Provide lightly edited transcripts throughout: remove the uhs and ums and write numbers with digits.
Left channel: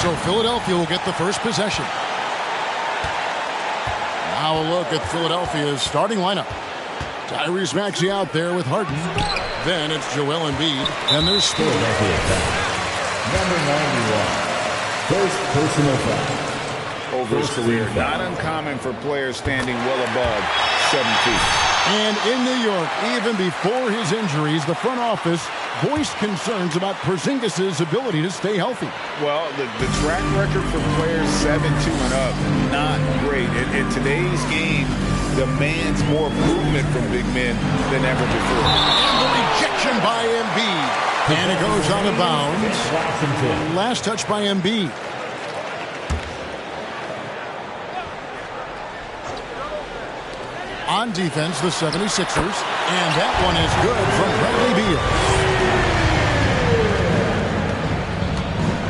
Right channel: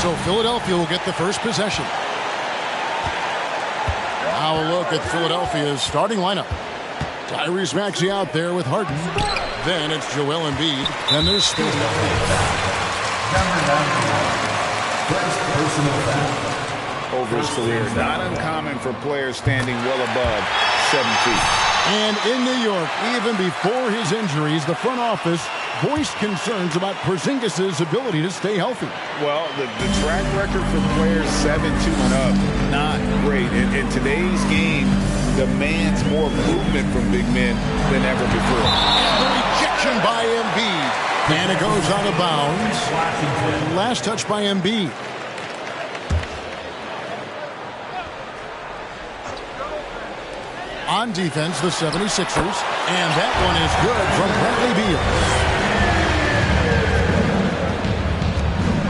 So Philadelphia will get the first possession. Now a look at Philadelphia's starting lineup. Tyrese Maxey out there with Harden. Then it's Joel Embiid. And there's Speedy. Number 91. First personal foul. Over his career, not uncommon for players standing well above 7 feet. And in New York, even before his injuries, the front office voiced concerns about Porzingis' ability to stay healthy. Well, the track record for players 7'2" and up, not great. And today's game demands more movement from big men than ever before. And the rejection by Embiid. And it goes out of bounds. Last touch by Embiid. On defense, the 76ers. And that one is good from Bradley Beal.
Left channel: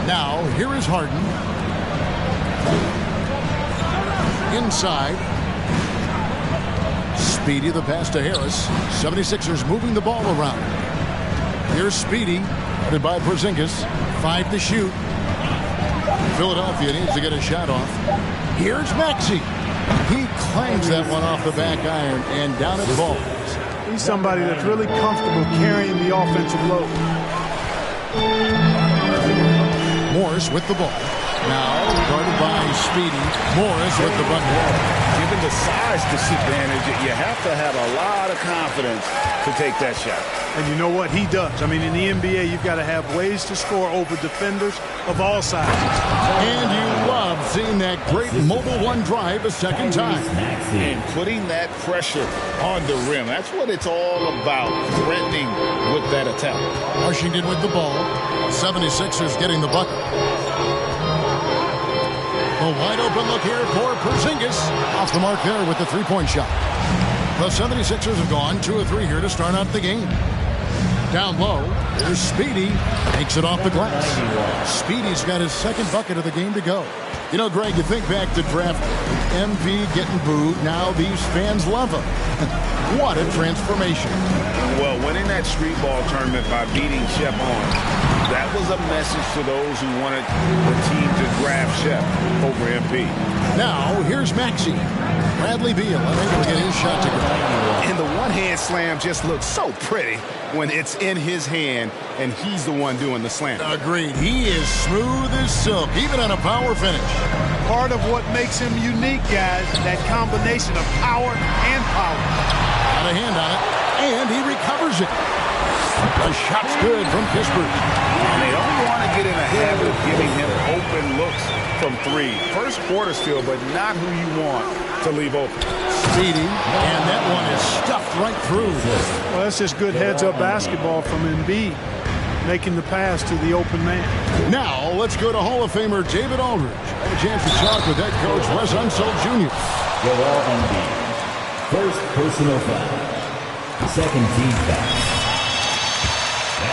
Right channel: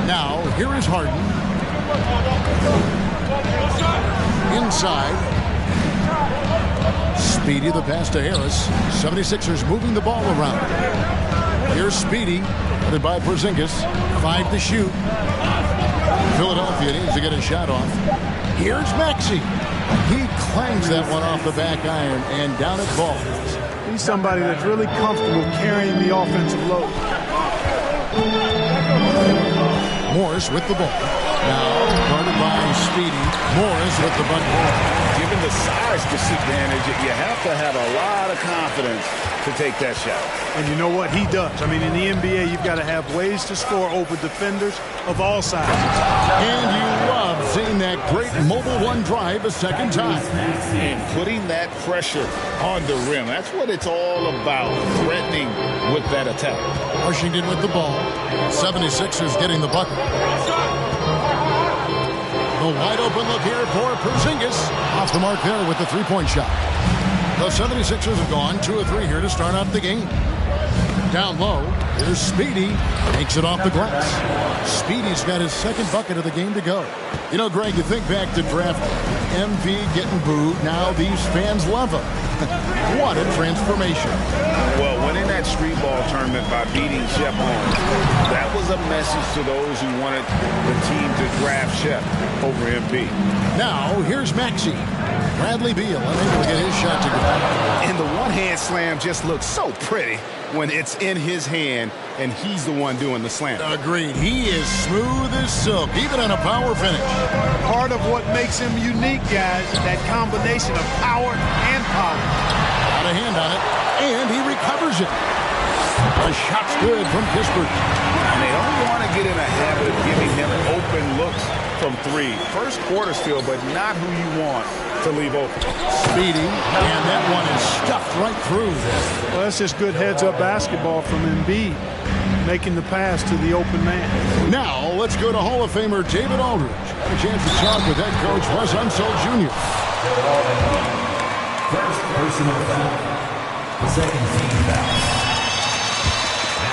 Now, here is Harden. Inside. Speedy, the pass to Harris. 76ers moving the ball around. Here's Speedy, headed by Porzingis. 5 to shoot. Philadelphia needs to get a shot off. Here's Maxey. He clangs that one off the back iron and down it falls. He's somebody that's really comfortable carrying the offensive load. Morris with the ball. Now guarded by Speedy. Morris with the bucket. Given the size disadvantage, you have to have a lot of confidence to take that shot. And you know what? He does. I mean, in the NBA, you've got to have ways to score over defenders of all sizes. And you love seeing that great mobile one drive a second time. And putting that pressure on the rim. That's what it's all about, threatening with that attack. Washington with the ball. 76ers getting the bucket. The wide open look here for Porzingis. Off the mark there with the three-point shot. The 76ers have gone 2 of 3 here to start out the game. Down low, here's Speedy. Takes it off the glass. Speedy's got his second bucket of the game to go. You know, Greg, you think back to draft MV getting booed. Now these fans love him. What a transformation. Well, winning that street ball tournament by beating Shep Owens, that was a message to those who wanted the team to draft Shep over MP. Now, here's Maxey. Bradley Beal unable to get his shot to go. And the one-hand slam just looks so pretty when it's in his hand and he's the one doing the slam. Agreed. He is smooth as silk, even on a power finish. Part of what makes him unique, guys, that combination of power and power. Got a hand on it, and he recovers it. The shot's good from Kispert. And they don't want to get in a habit of giving him open looks from 3. First quarter still, but not who you want to leave open. Speedy, and that one is stuffed right through. Well, that's just good heads-up basketball from Embiid, making the pass to the open man. Now, let's go to Hall of Famer David Aldridge. Had a chance to talk with head coach Wes Unseld Jr. Joel Embiid. First personal foul. The second team foul.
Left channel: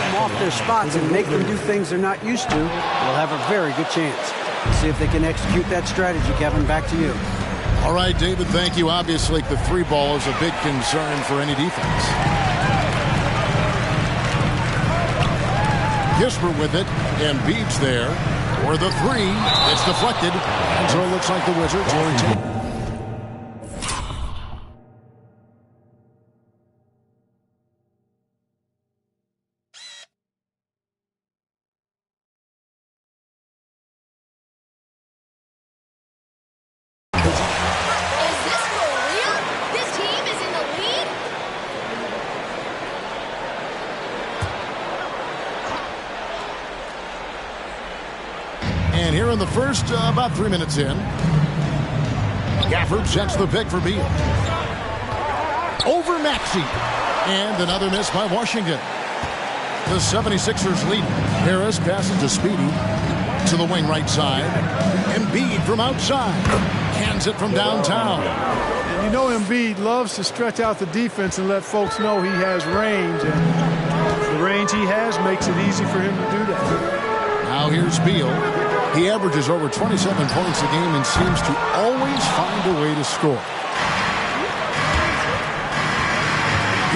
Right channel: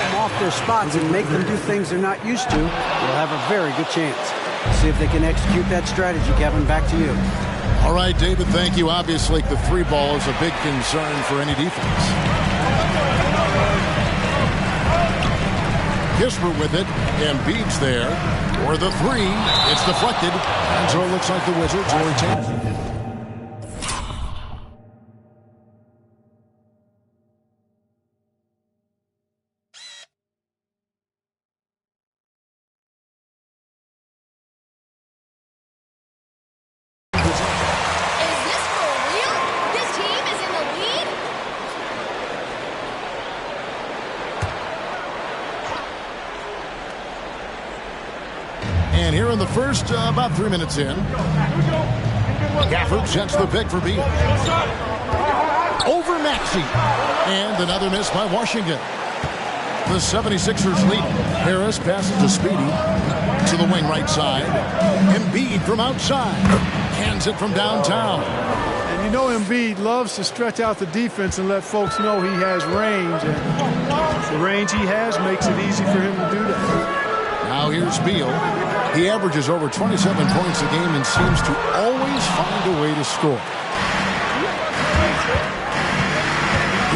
Them off their spots and make them do things they're not used to, we'll have a very good chance. See if they can execute that strategy, Kevin. Back to you. All right, David, thank you. Obviously, the 3 ball is a big concern for any defense. Kispert with it. Embiid's there for the 3. It's deflected. And so it looks like the Wizards will retain. And here in the first, about 3 minutes in, Gafford sets the pick for Beal. Over Maxey. And another miss by Washington. The 76ers lead. Harris passes to Speedy. To the wing right side. Embiid from outside. Cans it from downtown. And you know Embiid loves to stretch out the defense and let folks know he has range. And the range he has makes it easy for him to do that. Now here's Beal. He averages over 27 points a game and seems to always find a way to score.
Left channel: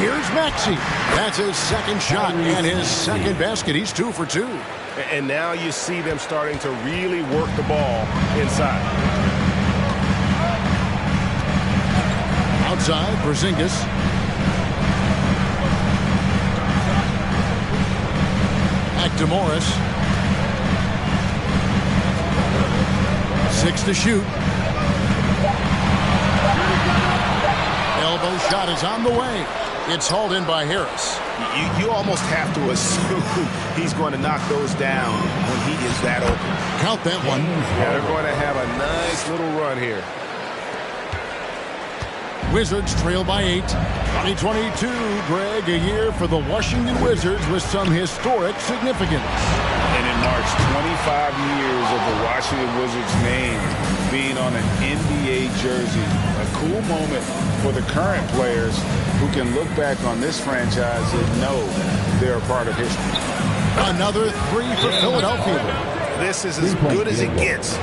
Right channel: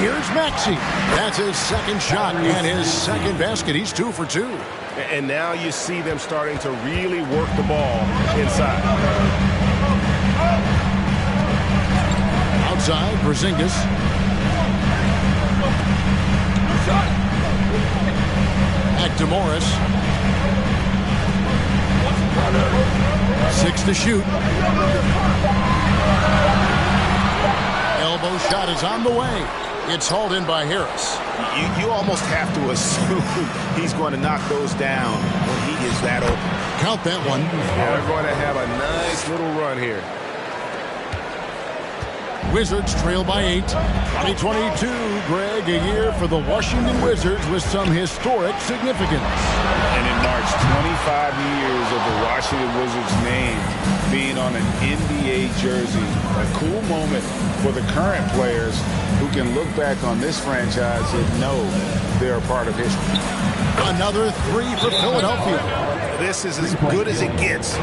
Here's Maxey. That's his second shot and his second basket. He's 2 for 2. And now you see them starting to really work the ball inside. Outside, Porzingis. Back to Morris. 6 to shoot. Elbow shot is on the way. It's hauled in by Harris. You almost have to assume he's going to knock those down when he is that open. Count that one. Yeah, they're going to have a nice little run here. Wizards trail by 8. 2022, Greg, a year for the Washington Wizards with some historic significance. And it marks 25 years of the Washington Wizards name being on an NBA jersey. A cool moment for the current players who can look back on this franchise and know they're a part of history. Another 3 for Philadelphia. This is as good as it gets.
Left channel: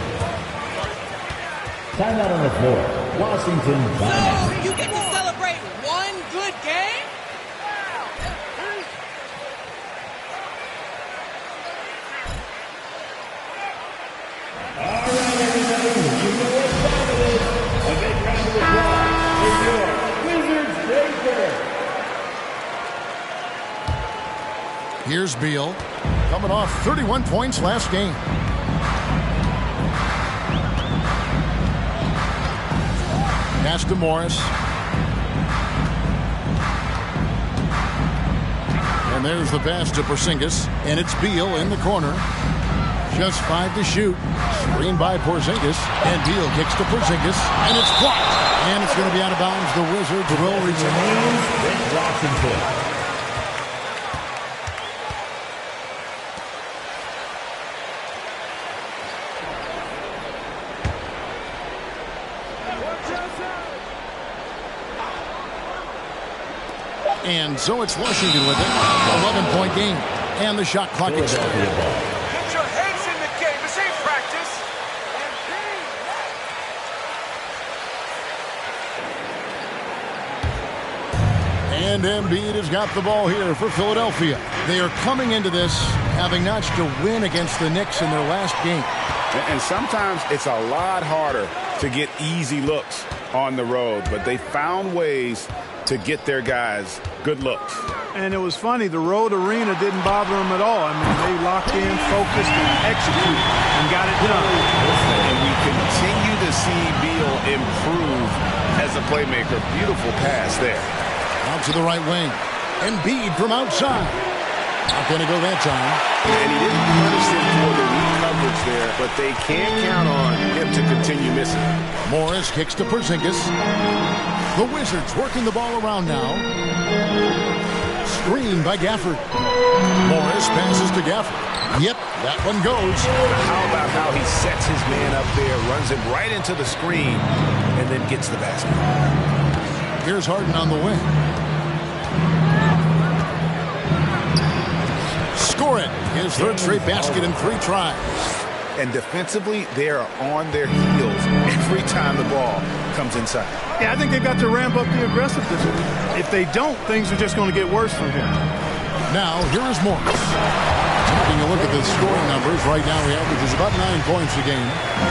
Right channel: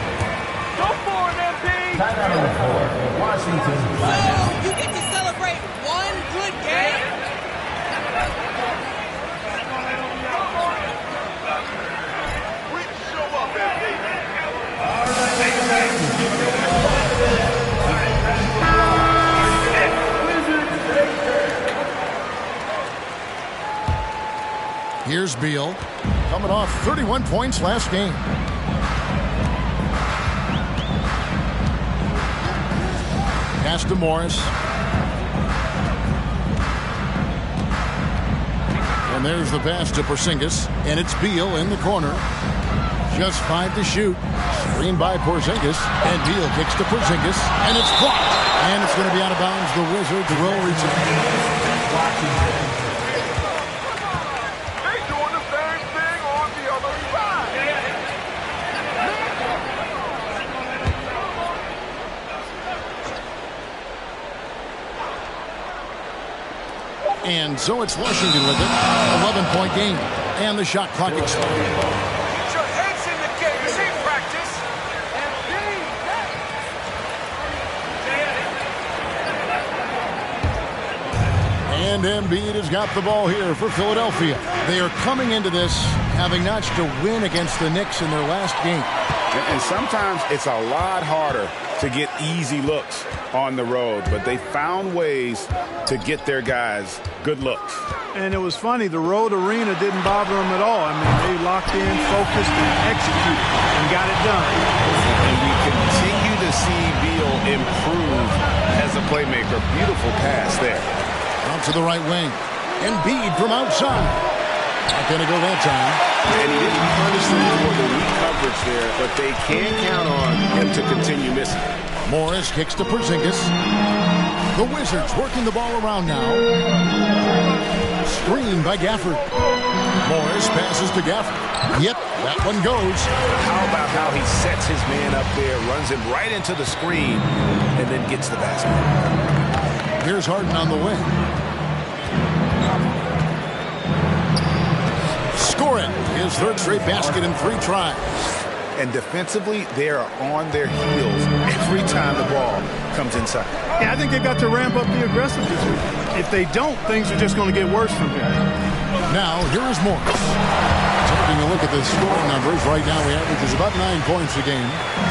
Timeout on the floor. Washington. So you get to celebrate one good game? Here's Beal, coming off 31 points last game. Pass to Morris. And there's the pass to Porzingis. And it's Beal in the corner. Just 5 to shoot. Screen by Porzingis. And Beal kicks to Porzingis. And it's blocked. And it's going to be out of bounds. The Wizards will return. Washington. And so it's Washington with it. 11-point game. And the shot clock expired. Get your heads in the game. This ain't practice. And Embiid has got the ball here for Philadelphia. They are coming into this having notched a win against the Knicks in their last game. And sometimes it's a lot harder to get easy looks on the road, but they found ways to get their guys good looks. And it was funny, the road arena didn't bother them at all. I mean, they locked in, focused, and executed, and got it done. And we continue to see Beal improve as a playmaker. Beautiful pass there. Out to the right wing. Embiid from outside. Not going to go that time. And he didn't punish them for the weak coverage there, but they can count on him to continue missing. Morris kicks to Porzingis. The Wizards working the ball around now. Screen by Gafford. Morris passes to Gafford. Yep, that one goes. How about how he sets his man up there, runs him right into the screen, and then gets the basket. Here's Harden on the wing. Score it. His third straight basket in 3 tries. And defensively, they are on their heels every time the ball comes inside. Yeah, I think they've got to ramp up the aggressiveness. If they don't, things are just going to get worse from here. Now, here is Morris. Taking a look at the scoring numbers, right now he averages about 9 points a game.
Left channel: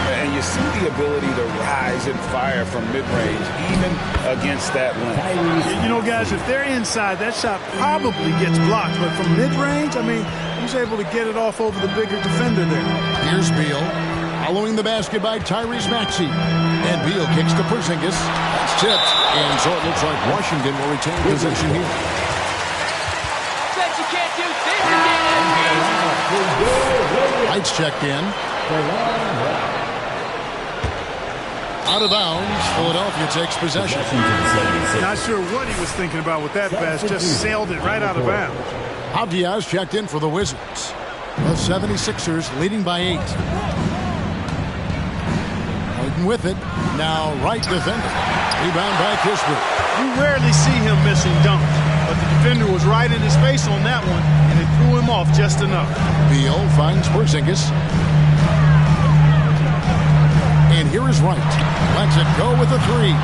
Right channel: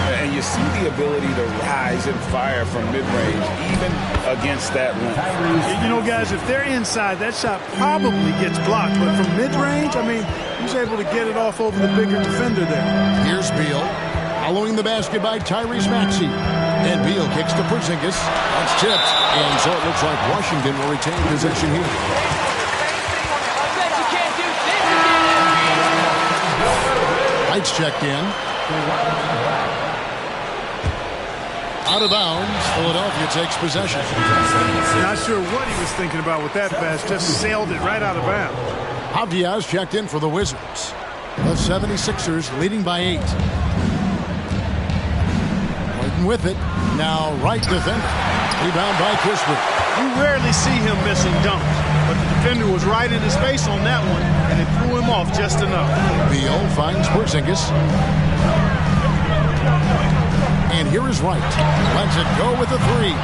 And you see the ability to rise and fire from mid-range, even against that length. You know, guys, if they're inside, that shot probably gets blocked. But from mid-range, I mean, he's able to get it off over the bigger defender there. Here's Beal. Following the basket by Tyrese Maxey. And Beal kicks to Porzingis. That's tipped. And so it looks like Washington will retain possession here. I bet you can't do this again. Lights checked in. Out of bounds. Philadelphia takes possession. Not sure what he was thinking about with that pass. Just sailed it right out of bounds. Avdiaz checked in for the Wizards. The 76ers leading by 8. Waiting with it. Now right defender. Rebound by Kispert. You rarely see him missing dunks. But the defender was right in his face on that one, and it threw him off just enough. Beal finds Porzingis. And here is Wright. Lets it go with a 3.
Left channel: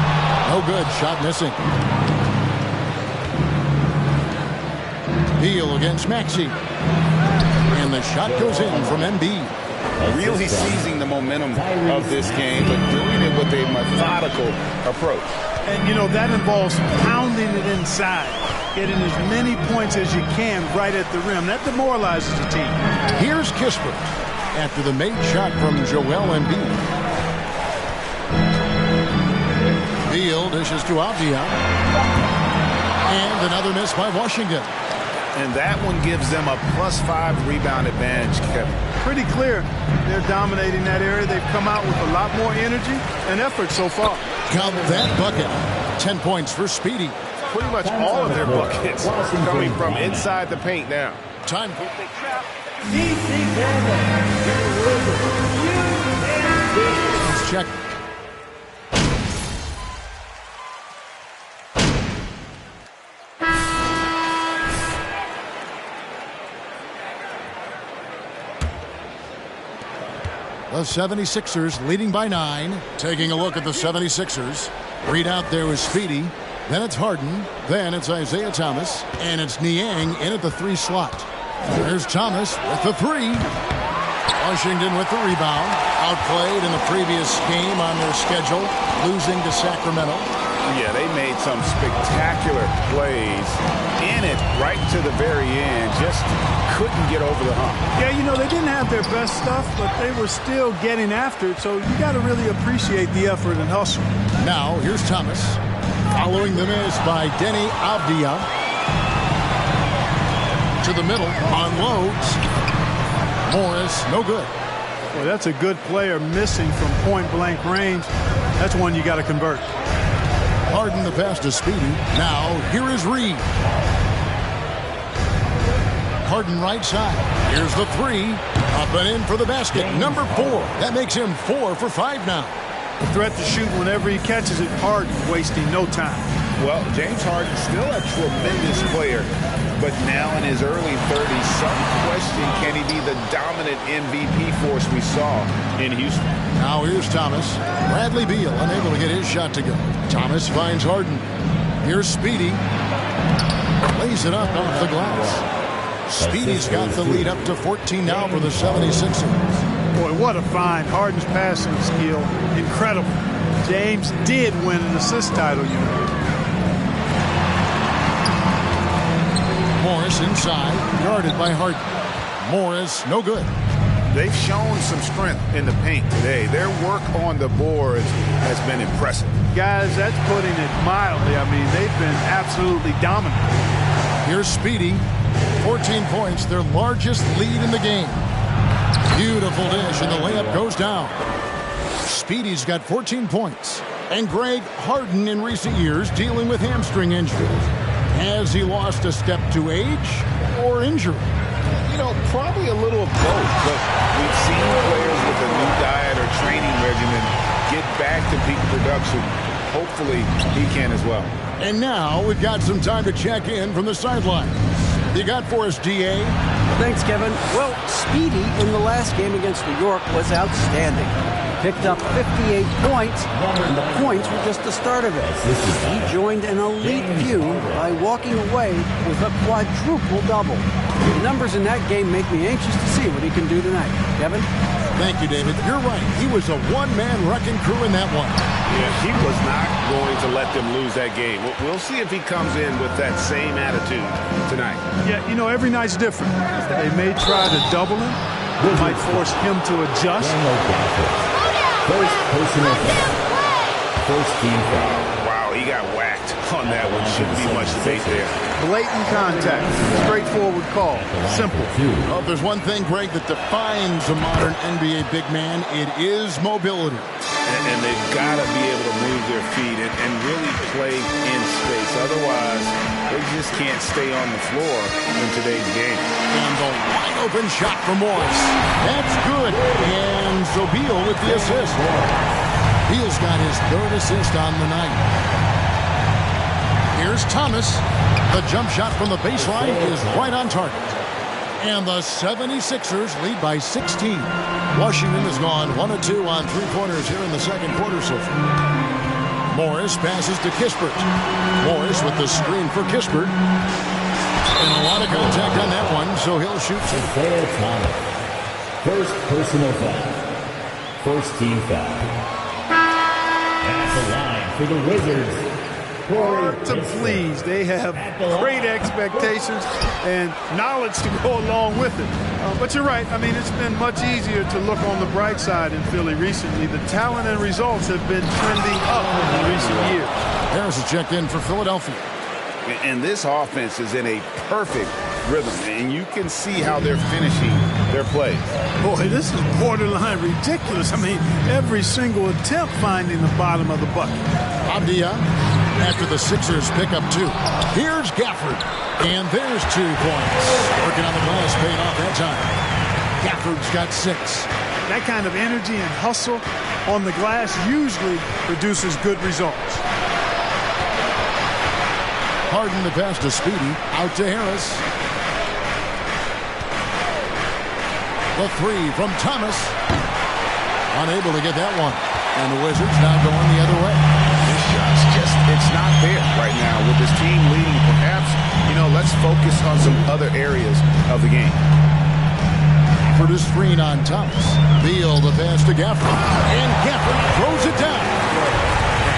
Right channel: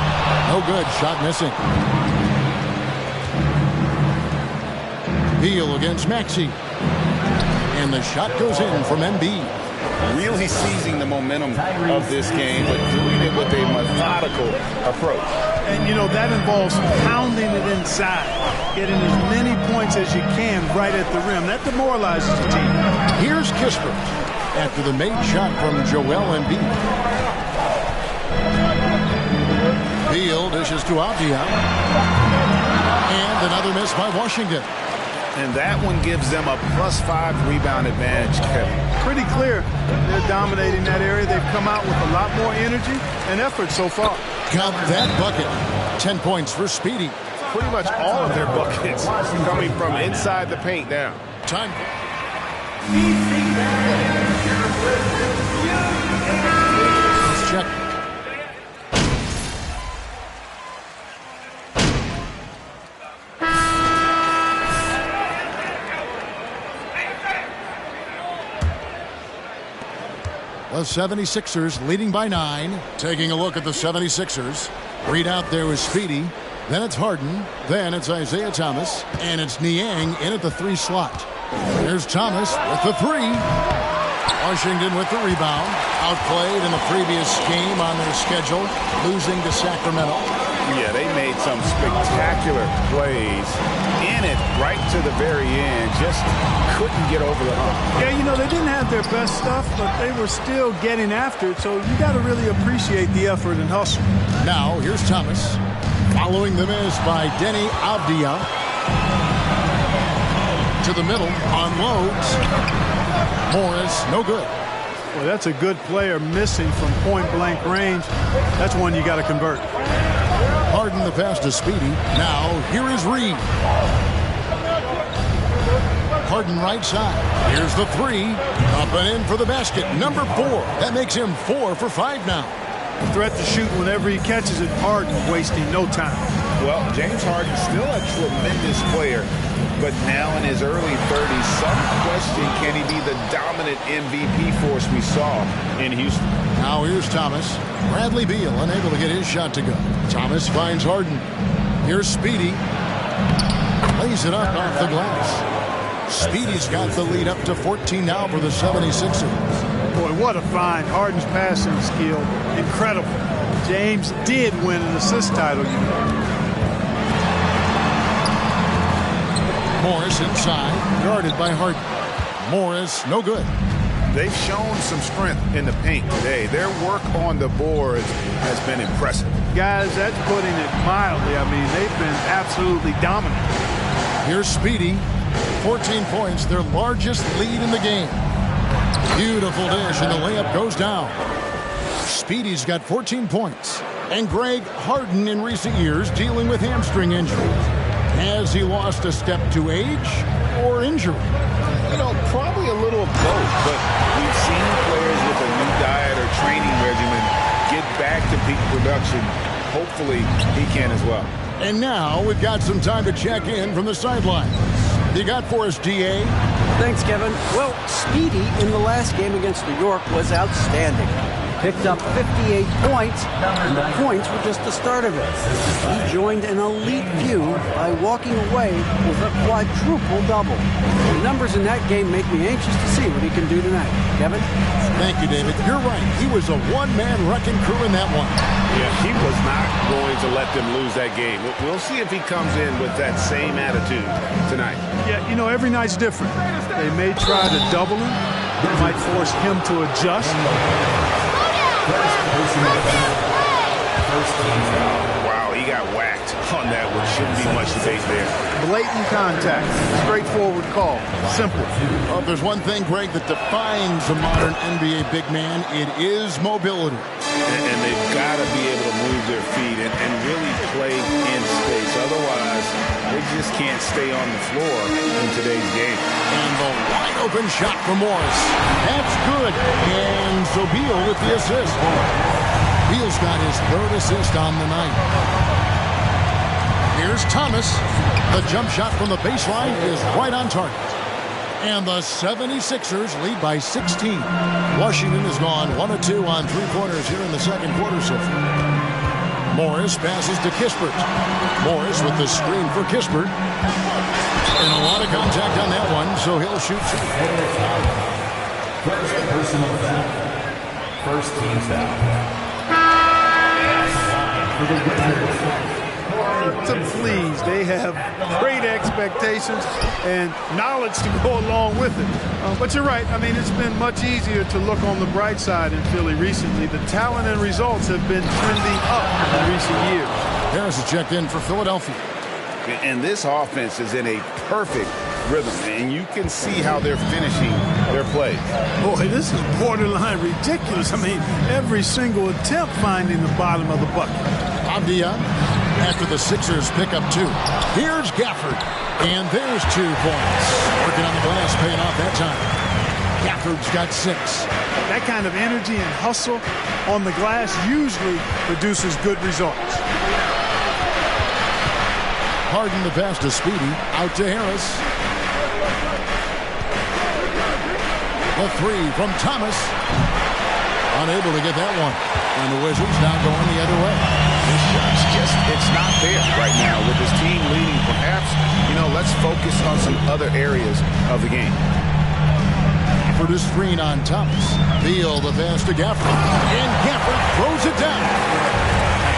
No good. Shot missing. Beal against Maxey. And the shot goes in from Embiid. Really seizing the momentum of this game, but doing it with a methodical approach. And, you know, that involves pounding it inside, getting as many points as you can right at the rim. That demoralizes the team. Here's Kispert after the made shot from Joel Embiid. Beal dishes to Avdia. And another miss by Washington. And that one gives them a +5 rebound advantage, Kevin. Pretty clear. They're dominating that area. They've come out with a lot more energy and effort so far. Count that bucket. 10 points for Speedy. Pretty much all of their buckets coming from inside the paint now. Time. Let's check. The 76ers leading by 9. Taking a look at the 76ers. Read out there is Speedy. Then it's Harden. Then it's Isaiah Thomas. And it's Niang in at the 3 slot. There's Thomas with the 3. Washington with the rebound. Outplayed in the previous game on their schedule. Losing to Sacramento. Yeah, they made some spectacular plays in it right to the very end. Just couldn't get over the hump. Yeah, you know, they didn't have their best stuff, but they were still getting after it. So you got to really appreciate the effort and hustle. Now, here's Thomas. Following the miss by Denny Avdia. To the middle, unloads. Morris, no good. Well, that's a good player missing from point-blank range. That's one you got to convert. Harden the pass to Speedy. Now, here is Reed. Harden right side. Here's the 3. Up and in for the basket. Number 4. That makes him 4 for 5 now. The threat to shoot whenever he catches it. Harden wasting no time. Well, James Harden still a tremendous player, but now in his early 30s, some question, can he be the dominant MVP force we saw in Houston? Now here's Thomas. Bradley Beal unable to get his shot to go. Thomas finds Harden. Here's Speedy. Lays it up off the glass. Speedy's got the lead up to 14 now for the 76ers. Boy, what a find. Harden's passing skill. Incredible. James did win an assist title, you know. Morris inside. Guarded by Harden. Morris, no good. They've shown some strength in the paint today. Their work on the boards has been impressive. Guys, that's putting it mildly. I mean, they've been absolutely dominant. Here's Speedy. 14 points, their largest lead in the game. Beautiful dish, and the layup goes down. Speedy's got 14 points. And Greg, Harden in recent years dealing with hamstring injuries. Has he lost a step to age or injury? You know, probably a little of both, but we've seen players with a new diet or training regimen get back to peak production. Hopefully, he can as well. And now we've got some time to check in from the sidelines. You got for us, DA? Thanks, Kevin. Well, Speedy in the last game against New York was outstanding. Picked up 58 points, and the points were just the start of it. He joined an elite few by walking away with a quadruple-double. The numbers in that game make me anxious to see what he can do tonight. Kevin? Thank you, David. You're right. He was a one-man wrecking crew in that one. Yeah, he was not going to let them lose that game. We'll see if he comes in with that same attitude tonight. Yeah, you know, every night's different. They may try to double him. It might force him to adjust. First personal foul. First team foul. Wow, he got whacked on that one. Shouldn't be much debate there. Blatant contact. Straightforward call. Simple. Well, if there's one thing, Greg, that defines a modern NBA big man, it is mobility. And they've got to be able to move their feet and really play in space. Otherwise, they just can't stay on the floor in today's game. And the wide open shot from Morris. That's good. And so Beal with the assist. Beal's got his 3rd assist on the night. Here's Thomas. The jump shot from the baseline is right on target. And the 76ers lead by 16. Washington has gone 1 of 2 on 3-pointers here in the second quarter so far. Morris passes to Kispert. Morris with the screen for Kispert. And a lot of contact on that one, so he'll shoot two. Isaiah Thomas. First personal foul. First team foul. At the line for the Wizards. Hard to please. They have great expectations and knowledge to go along with it. But you're right. I mean, it's been much easier to look on the bright side in Philly recently. The talent and results have been trending up in recent years. Harris is checked in for Philadelphia. And this offense is in a perfect rhythm, and you can see how they're finishing their plays. Boy, this is borderline ridiculous. I mean, every single attempt finding the bottom of the bucket. Avdia after the Sixers pick up two. Here's Gafford, and there's 2 points. Working on the glass, paying off that time. Gafford's got 6. That kind of energy and hustle on the glass usually produces good results. Harden the pass to Speedy, out to Harris. The 3 from Thomas. Unable to get that one. And the Wizards now going the other way. This shot's just, it's not there right now with this team leading. Perhaps, let's focus on some other areas of the game. For the screen on Thomas. Beal the pass to Gafford. And Gafford throws it down.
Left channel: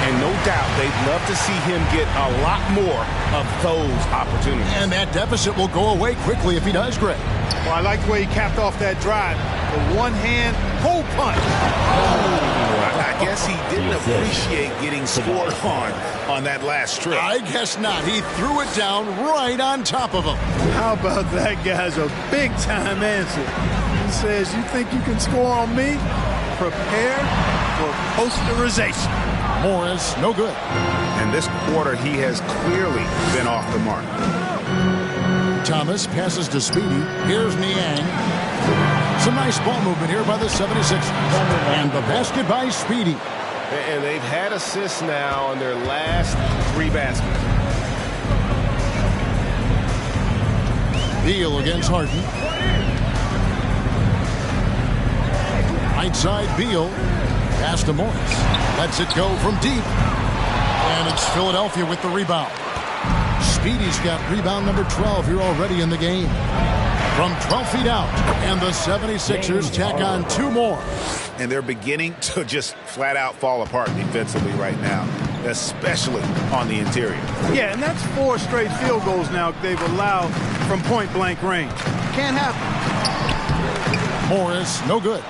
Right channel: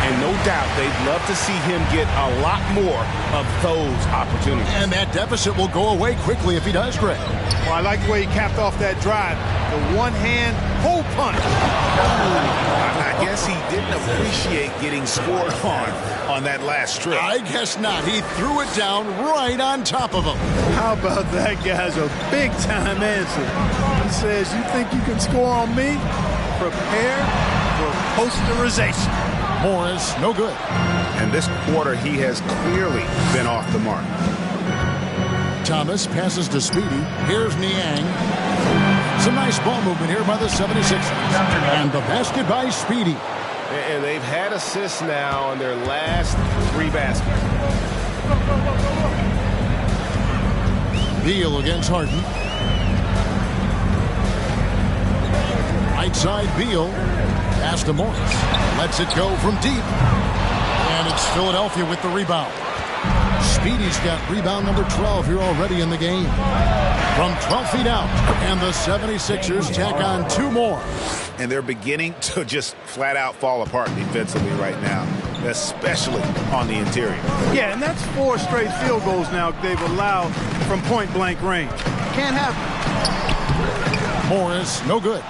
And no doubt they'd love to see him get a lot more of those opportunities. And that deficit will go away quickly if he does, Greg. Well, I like the way he capped off that drive. The one-hand hole punch. I guess he didn't appreciate getting scored on that last trip. I guess not. He threw it down right on top of him. How about that guy's a big-time answer? He says, you think you can score on me? Prepare for posterization. Morris, no good. And this quarter, he has clearly been off the mark. Thomas passes to Speedy. Here's Niang. Some nice ball movement here by the 76ers. And the basket by Speedy. And they've had assists now on their last 3 baskets. Beal against Harden. Right side, Beal. Pass to Morris. Lets it go from deep. And it's Philadelphia with the rebound. Speedy's got rebound number 12 here already in the game. From 12 feet out. And the 76ers tack on 2 more. And they're beginning to just flat out fall apart defensively right now, especially on the interior. Yeah, and that's 4 straight field goals now they've allowed from point-blank range. Can't happen. Morris, no good.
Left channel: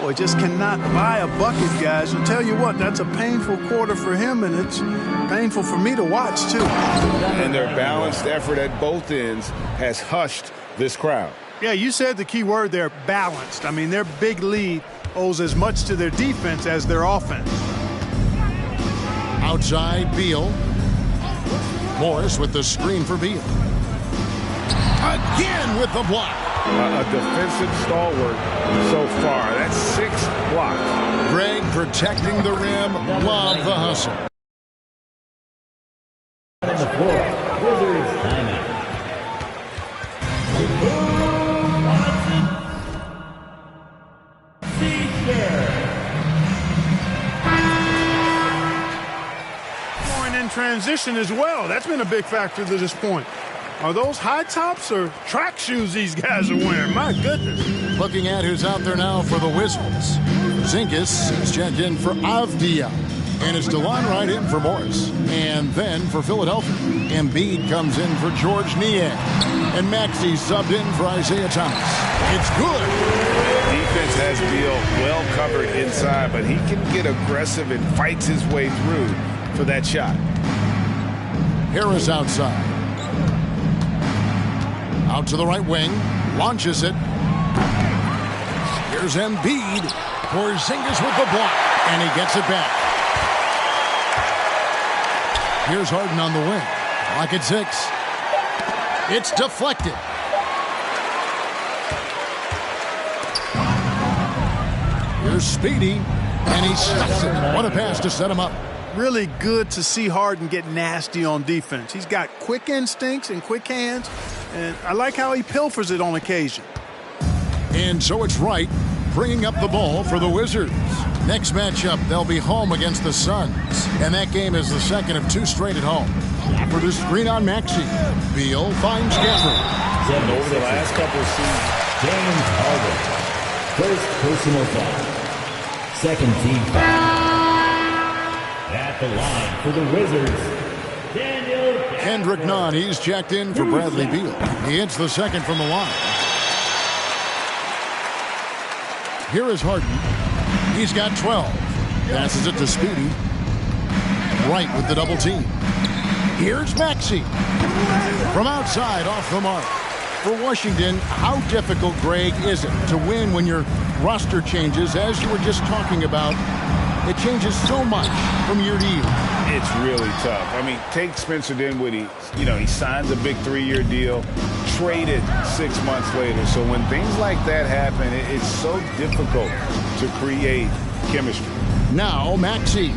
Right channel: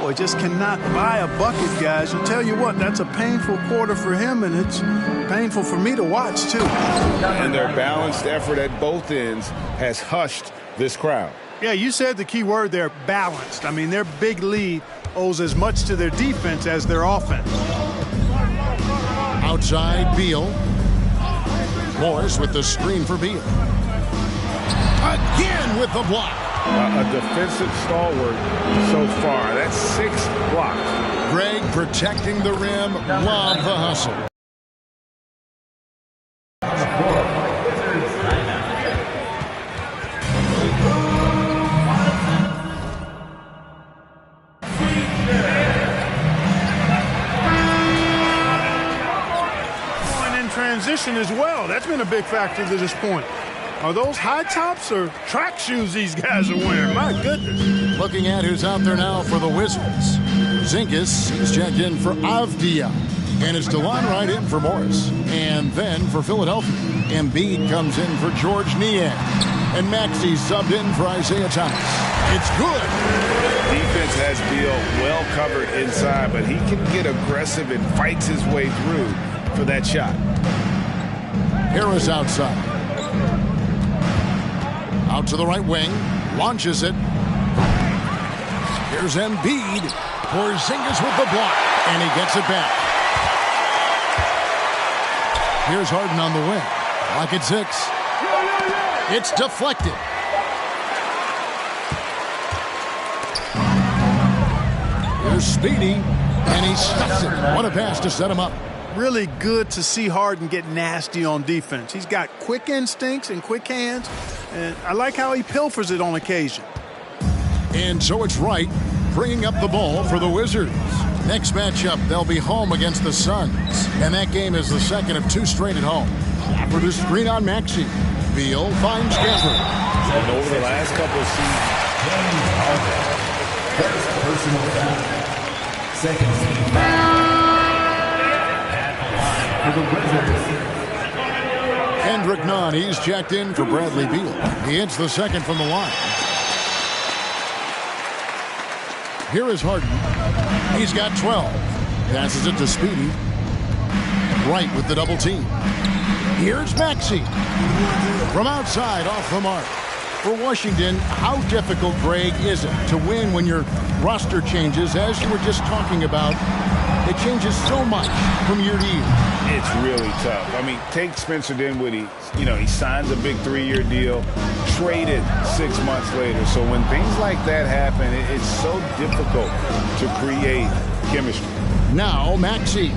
Boy, just cannot buy a bucket, guys. I'll tell you what, that's a painful quarter for him, and it's painful for me to watch, too. And their balanced effort at both ends has hushed this crowd. Yeah, you said the key word there, balanced. I mean, their big lead owes as much to their defense as their offense. Outside, Beal. Morris with the screen for Beal. Again with the block. A defensive stalwart so far. That's 6 blocks. Greg protecting the rim. Love the hustle. On the floor, Wizards timeout. Going in transition as well. That's been a big factor to this point. Are those high tops or track shoes these guys are wearing? My goodness. Looking at who's out there now for the Wizards. Zinkis is checked in for Avdia. And it's DeLon right in for Morris. And then for Philadelphia, Embiid comes in for George Niang. And Maxey subbed in for Isaiah Thomas. It's good. Defense has Beal well covered inside, but he can get aggressive and fights his way through for that shot. Harris outside. Out to the right wing. Launches it. Here's Embiid. Porzingis with the block. And he gets it back. Here's Harden on the wing. Clock at 6. It's deflected. Here's Speedy. And he stuffs it. What a pass to set him up. Really good to see Harden get nasty on defense. He's got quick instincts and quick hands. And I like how he pilfers it on occasion. And so it's Wright bringing up the ball for the Wizards. Next matchup, they'll be home against the Suns. And that game is the second of 2 straight at home. For the screen on Maxey. Beal finds Gafford. And over the last couple of seasons, James Harden. First personal foul. Second team foul. At the line for the Wizards. Kendrick Nunn, he's checked in for Bradley Beal. He hits the second from the line. Here is Harden. He's got 12. Passes it to Speedy. Wright with the double team. Here's Maxey. From outside, off the mark. For Washington, how difficult, Greg, is it to win when your roster changes, as you were just talking about? It changes so much from year to year. it's really tough. I mean, take Spencer Dinwiddie. You know, he signs a big 3-year deal, traded 6 months later. So when things like that happen, it's so difficult to create chemistry. Now, Maxey,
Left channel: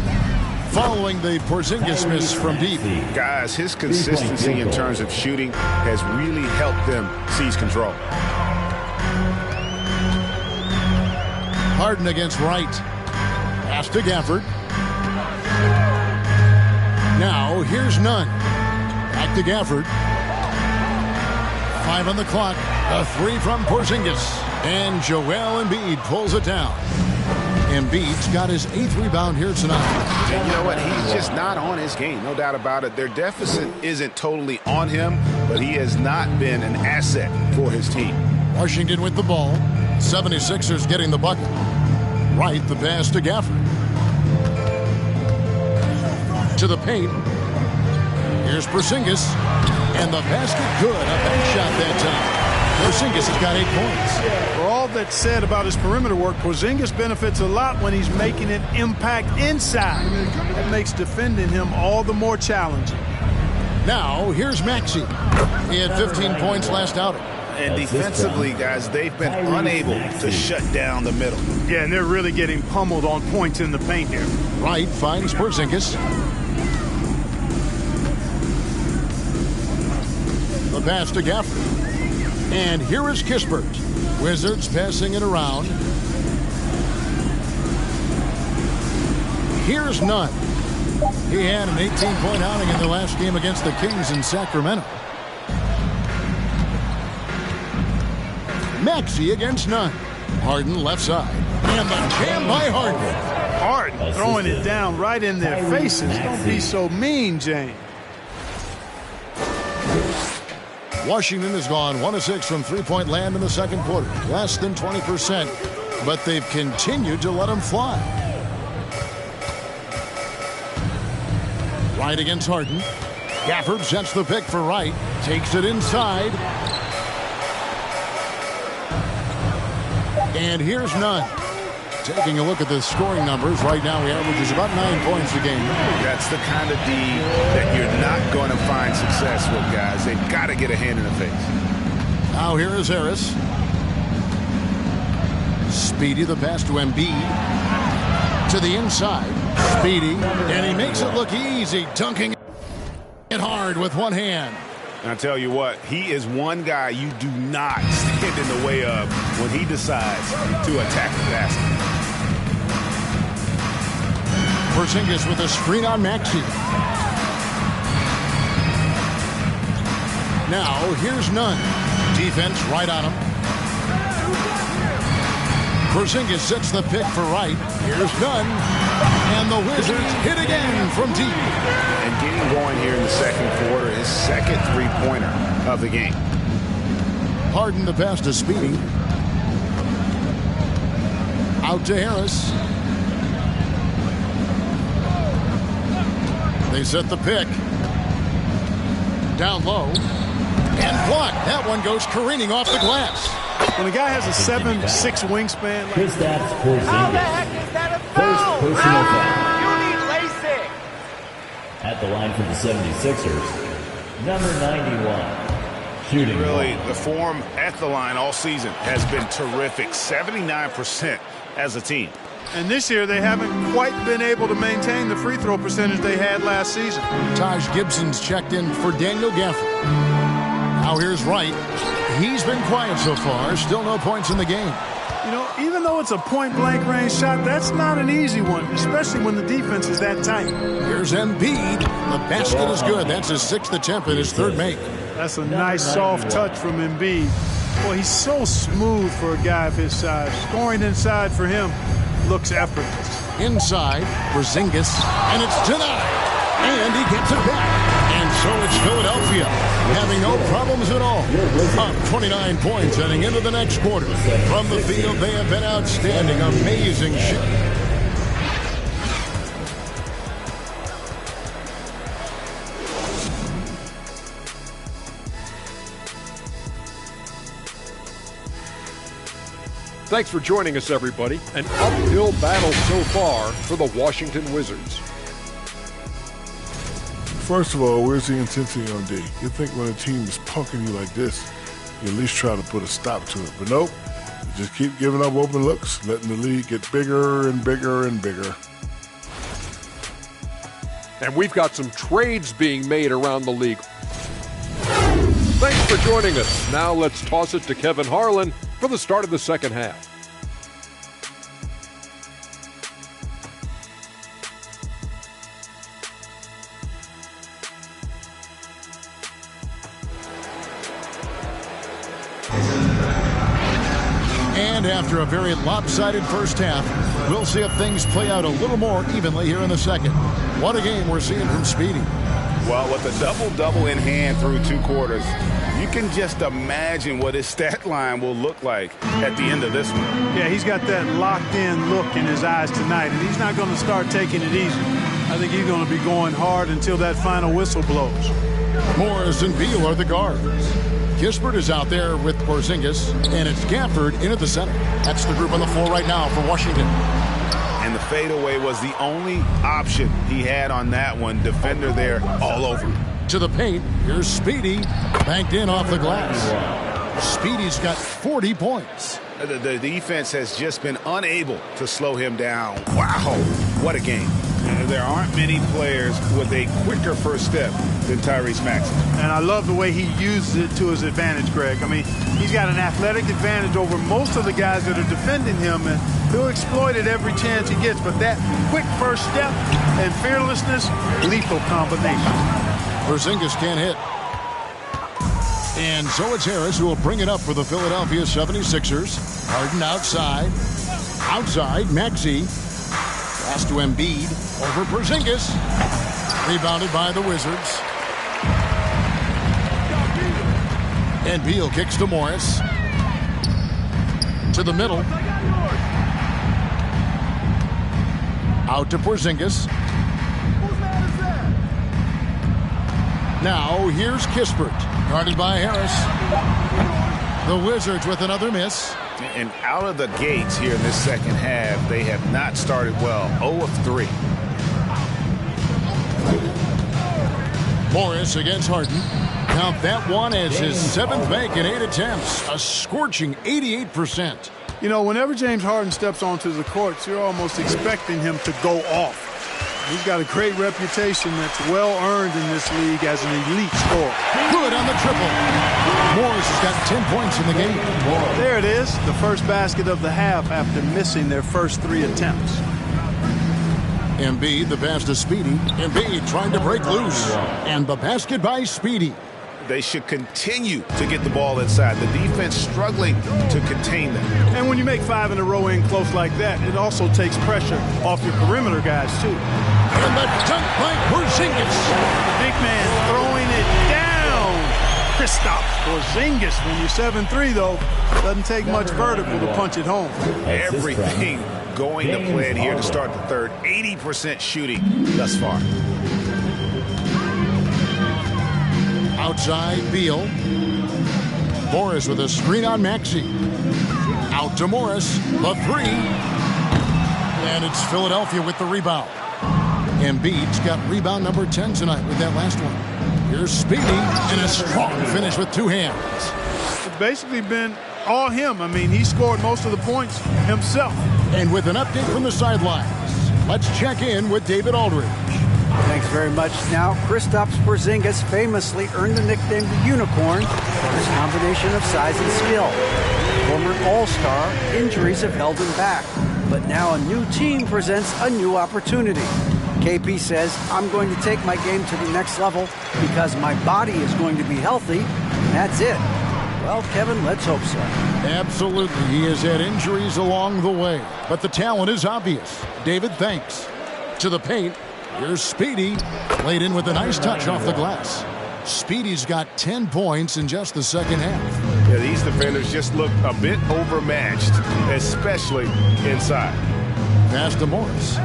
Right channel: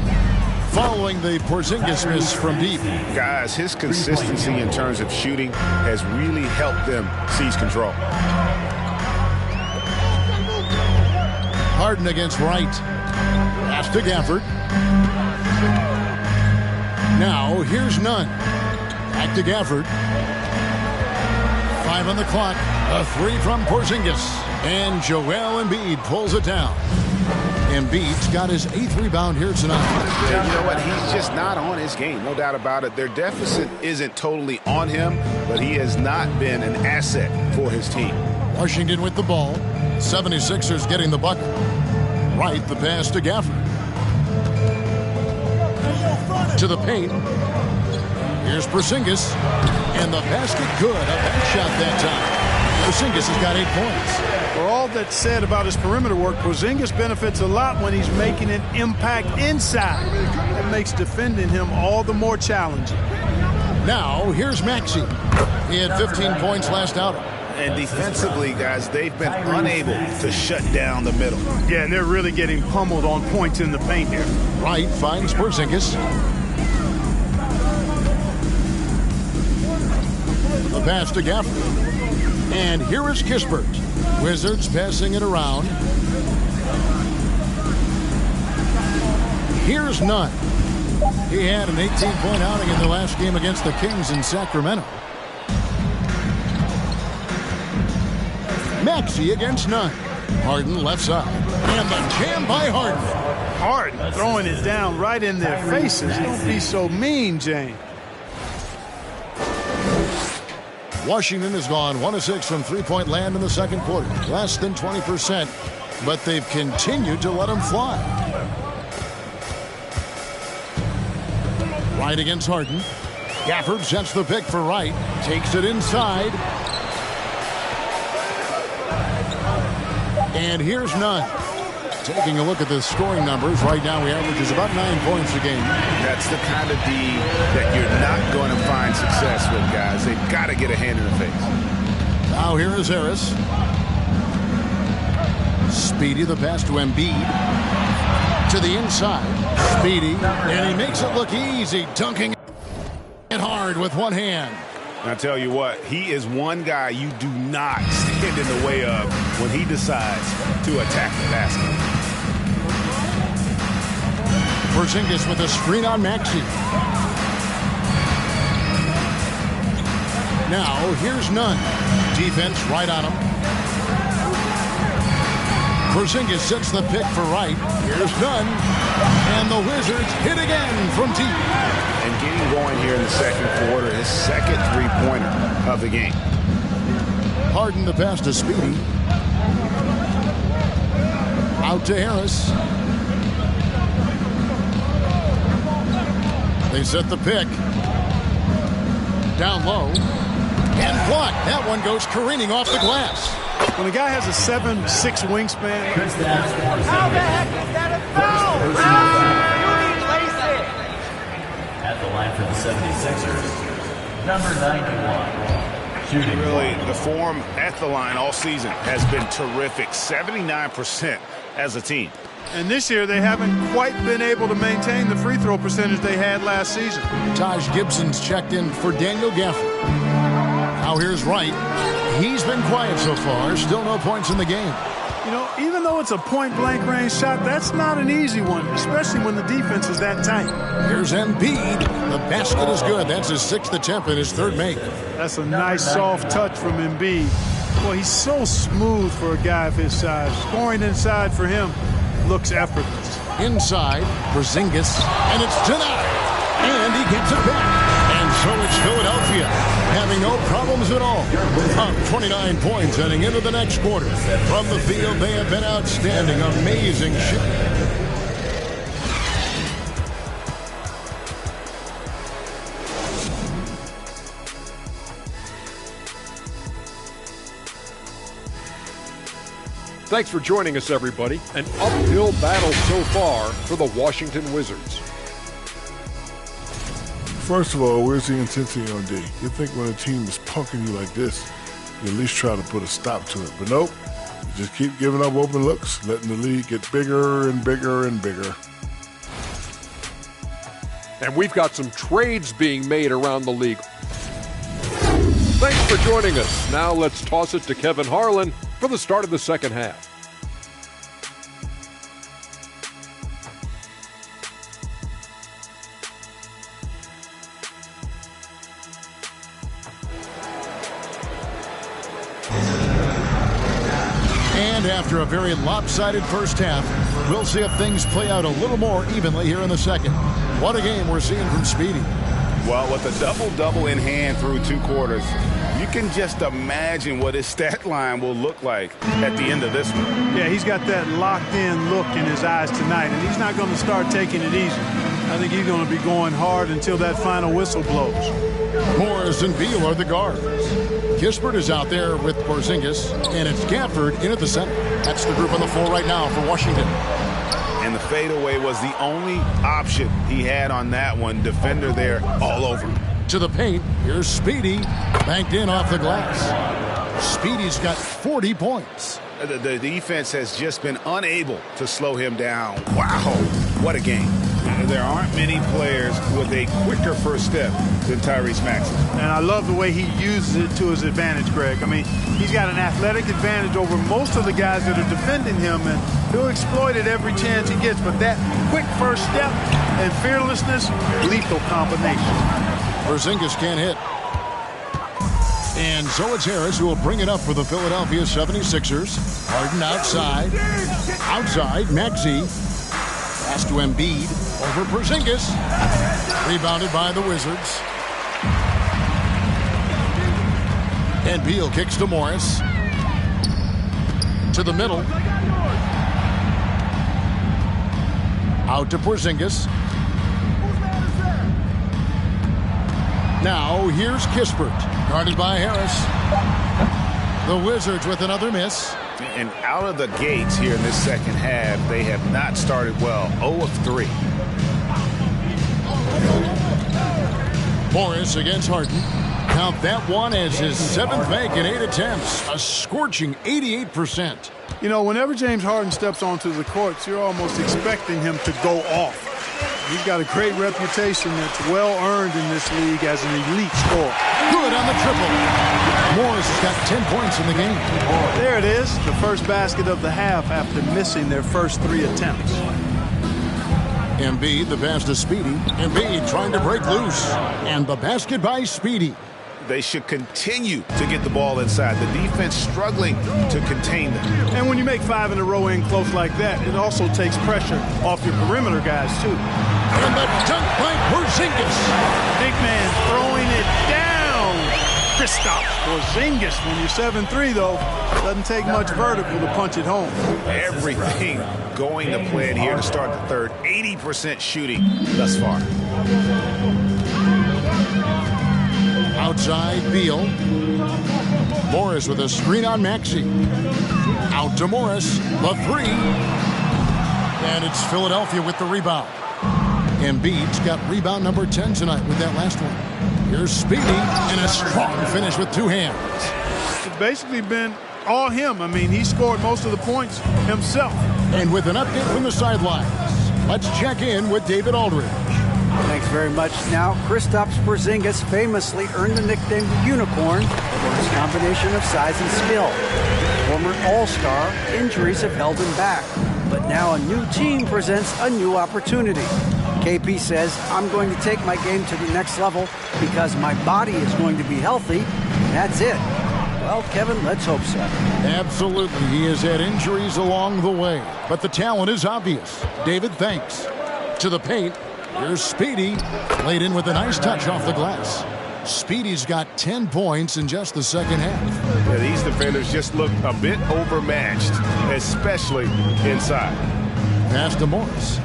following the Porzingis miss from deep. Guys, his consistency in terms of shooting has really helped them seize control. Harden against Wright. Pass to Gafford. Now, here's Nunn. Back to Gafford. 5 on the clock. A 3 from Porzingis. And Joel Embiid pulls it down. Embiid's got his 8th rebound here tonight. And you know what? He's just not on his game. No doubt about it. Their deficit isn't totally on him, but he has not been an asset for his team. Washington with the ball. 76ers getting the bucket. Wright, the pass to Gafford. To the paint. Here's Porzingis. And the basket good. A bank shot that time. Porzingis has got 8 points. For all that's said about his perimeter work, Porzingis benefits a lot when he's making an impact inside. That makes defending him all the more challenging. Now, here's Maxey. He had 15 points last outing. And defensively, guys, they've been unable to shut down the middle. Yeah, and they're really getting pummeled on points in the paint here. Wright finds Porzingis. The pass to Gafford. And here is Kispert. Wizards passing it around. Here's Nunn. He had an 18-point outing in the last game against the Kings in Sacramento. Maxey against Nunn. Harden left side. And the jam by Harden. Harden throwing it down right in their faces. Don't be so mean, James. Washington has gone 1 of 6 from three-point land in the second quarter. Less than 20%, but they've continued to let them fly. Wright against Harden. Gafford sets the pick for Wright. Takes it inside. And here's Nunn. Taking a look at the scoring numbers, right now he averages about 9 points a game. That's the kind of D that you're not going to find success with, guys. They've got to get a hand in the face. Now here is Harris. Speedy, the pass to Embiid. To the inside. Speedy, and he makes it look easy, dunking it hard with one hand. And I tell you what, he is one guy you do not stand in the way of when he decides to attack the basket. Porzingis with a screen on Maxey. Now, here's Nunn. Defense right on him. Porzingis sets the pick for Wright. Here's Nunn. And the Wizards hit again from deep. And getting going here in the second quarter, his second three-pointer of the game. Harden the pass to Speedy. Out to Harris. They set the pick. Down low. And blocked. That one goes careening off the glass. When a guy has a 7'6" wingspan. How the heck is that a foul? You need LASIK. At the line for the 76ers, number 91. Shooting. Really, the form at the line all season has been terrific. 79% as a team. And this year, they haven't quite been able to maintain the free throw percentage they had last season. Taj Gibson's checked in for Daniel Gafford. Now here's Wright. He's been quiet so far. Still no points in the game. You know, even though it's a point-blank range shot, that's not an easy one, especially when the defense is that tight. Here's Embiid. The basket is good. That's his 6th attempt and his 3rd make. That's a nice soft touch from Embiid. Boy, he's so smooth for a guy of his size. Scoring inside for him looks effortless. Inside, Porzingis, and it's denied. And he gets it back. And so it's Philadelphia, having no problems at all. Up 29 points heading into the next quarter. From the field, they have been outstanding. Amazing shot. Thanks for joining us, everybody. An uphill battle so far for the Washington Wizards. First of all, where's the intensity on D? You'd think when a team is punking you like this, you at least try to put a stop to it. But nope, you just keep giving up open looks, letting the lead get bigger and bigger and bigger. And we've got some trades being made around the league. Thanks for joining us. Now let's toss it to Kevin Harlan for the start of the second half. And after a very lopsided first half, we'll see if things play out a little more evenly here in the second. What a game we're seeing from Speedy. Well, with a double-double in hand through 2 quarters, you can just imagine what his stat line will look like at the end of this one. Yeah, he's got that locked-in look in his eyes tonight, and he's not going to start taking it easy. I think he's going to be going hard until that final whistle blows. Morris and Beal are the guards. Kispert is out there with Porzingis, and it's Gafford in at the center. That's the group on the floor right now for Washington. And the fadeaway was the only option he had on that one. Defender there all over him. To the paint, here's Speedy, banked in off the glass. Speedy's got 40 points. The defense has just been unable to slow him down. Wow, what a game. There aren't many players with a quicker first step than Tyrese Maxey. And I love the way he uses it to his advantage, Greg. I mean, he's got an athletic advantage over most of the guys that are defending him, and he'll exploit it every chance he gets. But that quick first step and fearlessness, lethal combination. Porzingis can't hit. And so it's Harris who will bring it up for the Philadelphia 76ers. Harden outside. Outside, Maxey. Pass to Embiid. Over Porzingis. Rebounded by the Wizards. And Beal kicks to Morris. To the middle. Out to Porzingis. Now here's Kispert. Guarded by Harris. The Wizards with another miss. And out of the gates here in this second half, they have not started well. 0 of 3. Morris against Harden. Count that one as his 7th make in 8 attempts. A scorching 88%. You know, whenever James Harden steps onto the courts, you're almost expecting him to go off. He's got a great reputation that's well earned in this league as an elite scorer. Good on the triple. Morris has got 10 points in the game. There it is, the first basket of the half after missing their first 3 attempts. Embiid, the pass to Speedy. Embiid trying to break loose. And the basket by Speedy. They should continue to get the ball inside. The defense struggling to contain them. And when you make 5 in a row in close like that, it also takes pressure off your perimeter guys, too. And the dunk by Porzingis. Big man throwing it down. Kristaps Porzingis. When you're 7'3", though, doesn't take much vertical to punch it home. Everything going to plan here to start the third. 80% shooting thus far. Outside, Beal. Morris with a screen on Maxey. Out to Morris. The 3. And it's Philadelphia with the rebound. Embiid's got rebound number 10 tonight with that last one. Here's Speedy, and a strong finish with 2 hands. It's basically been all him. I mean, he scored most of the points himself. And with an update from the sidelines, let's check in with David Aldridge. Thanks very much. Now, Kristaps Porzingis famously earned the nickname the Unicorn for his combination of size and skill. Former All-Star, injuries have held him back, but now a new team presents a new opportunity. KP says, I'm going to take my game to the next level because my body is going to be healthy, and that's it. Well, Kevin, let's hope so. Absolutely. He has had injuries along the way, but the talent is obvious. David, thanks. To the paint. Here's Speedy. Laid in with a nice touch off the glass. Speedy's got 10 points in just the second half. Yeah, these defenders just look a bit overmatched, especially inside. Pass to Morris.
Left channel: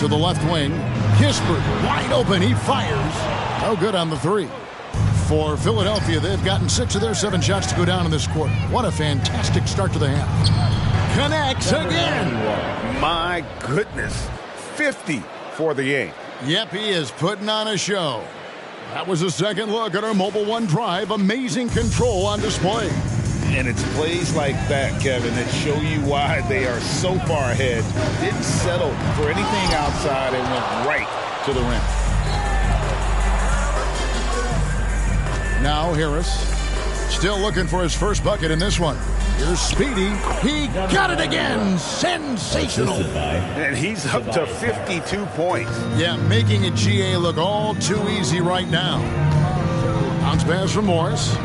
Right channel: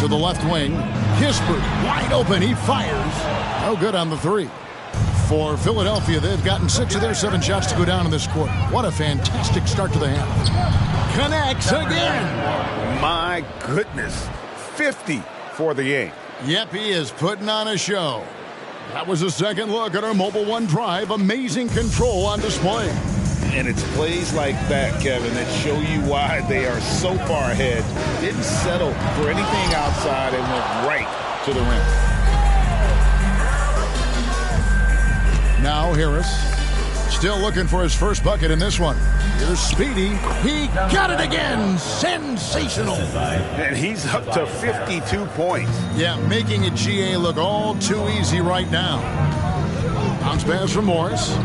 To the left wing. Kispert wide open. He fires. No good on the three. For Philadelphia, they've gotten 6 of their 7 shots to go down in this quarter. What a fantastic start to the half. Connects again. My goodness. 50 for the game. Yep, he is putting on a show. That was a second look at our Mobile One drive. Amazing control on display. And it's plays like that, Kevin, that show you why they are so far ahead. Didn't settle for anything outside and went right to the rim. Now Harris, still looking for his first bucket in this one. Here's Speedy. He got it again. Sensational. And he's up to 52 points. Yeah, making a GA look all too easy right now. Bounce pass from Morris.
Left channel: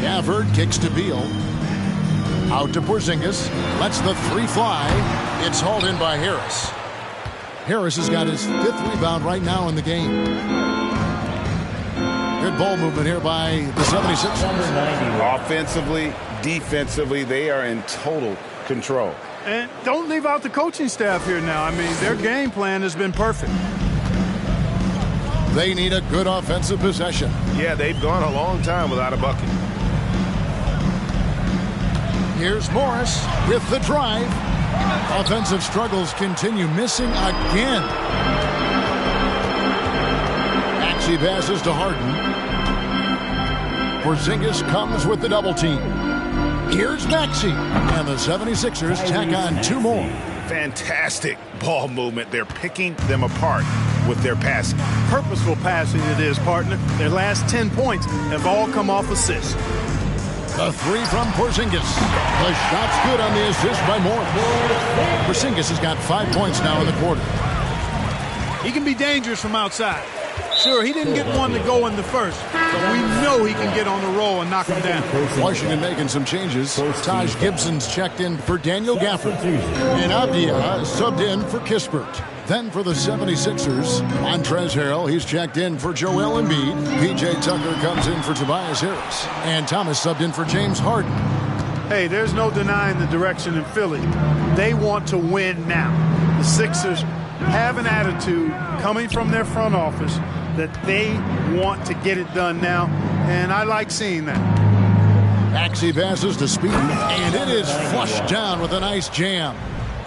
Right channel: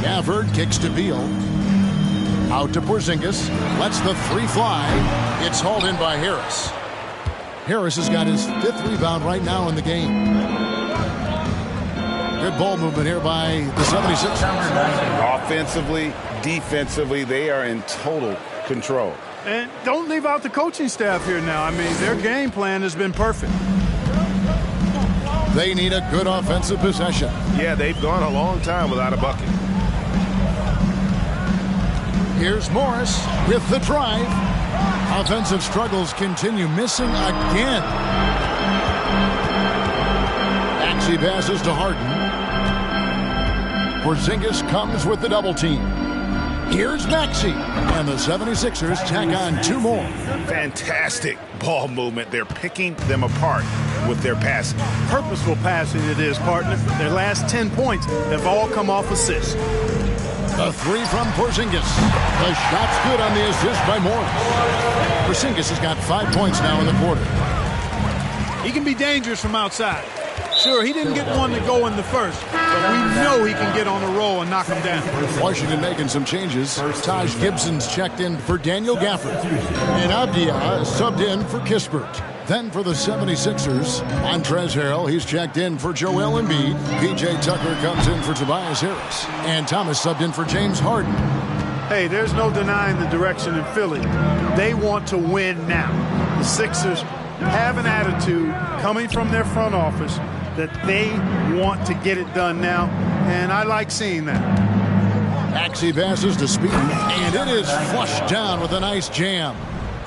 Gafford kicks to Beal. Out to Porzingis. Lets the three fly. It's hauled in by Harris. Harris has got his 5th rebound right now in the game. Good ball movement here by the 76ers. Offensively, defensively, they are in total control. And don't leave out the coaching staff here now. I mean, their game plan has been perfect. They need a good offensive possession. Yeah, they've gone a long time without a bucket. Here's Morris with the drive. Offensive struggles continue, missing again. Maxey passes to Harden. Porzingis comes with the double team. Here's Maxey. And the 76ers tack on 2 more. Fantastic ball movement. They're picking them apart with their passing. Purposeful passing it is, partner. Their last 10 points have all come off assists. The three from Porzingis. The shot's good on the assist by Morris. Porzingis has got 5 points now in the quarter. He can be dangerous from outside. Sure, he didn't get one to go in the first, but we know he can get on the roll and knock him down. Washington making some changes. Taj Gibson's checked in for Daniel Gafford. And Avdia subbed in for Kispert. Then for the 76ers, Montrezl Harrell, he's checked in for Joel Embiid. P.J. Tucker comes in for Tobias Harris. And Thomas subbed in for James Harden. Hey, there's no denying the direction in Philly. They want to win now. The Sixers have an attitude coming from their front office that they want to get it done now, and I like seeing that. Maxey passes to Speedy, and it is flushed down with a nice jam.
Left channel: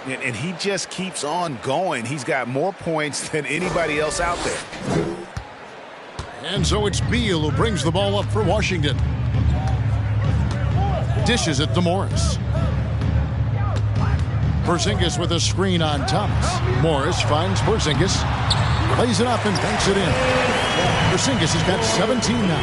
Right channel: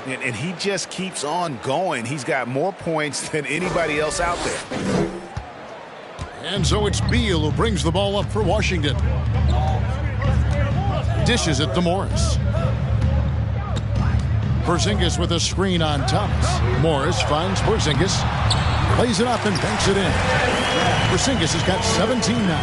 And he just keeps on going. He's got more points than anybody else out there. And so it's Beal who brings the ball up for Washington. Dishes it to Morris. Porzingis with a screen on Thomas. Morris finds Porzingis. Lays it up and banks it in. Porzingis has got 17 now.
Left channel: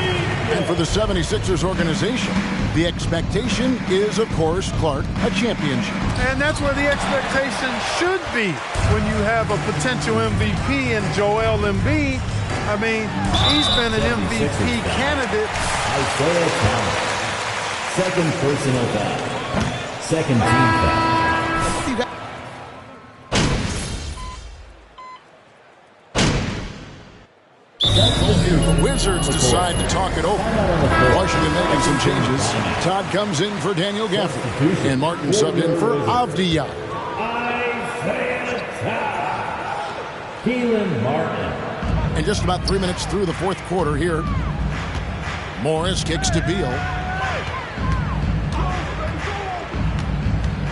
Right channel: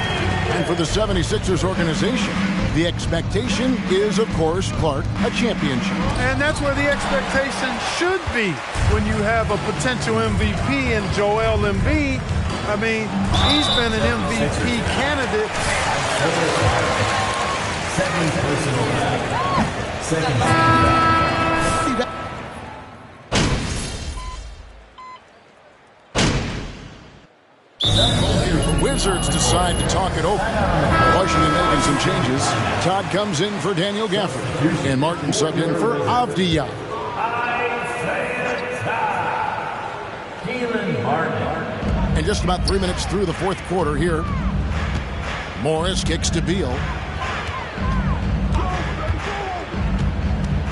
And for the 76ers organization, the expectation is, of course, Clark, a championship. And that's where the expectation should be when you have a potential MVP in Joel Embiid. I mean, he's been an MVP candidate. Second personal foul. Second team foul. The Wizards decide to talk it over. Washington making some changes. Todd comes in for Daniel Gafford. And Martin subbed in for Avdia. Keelan Martin. And just about 3 minutes through the fourth quarter here. Morris kicks to Beal.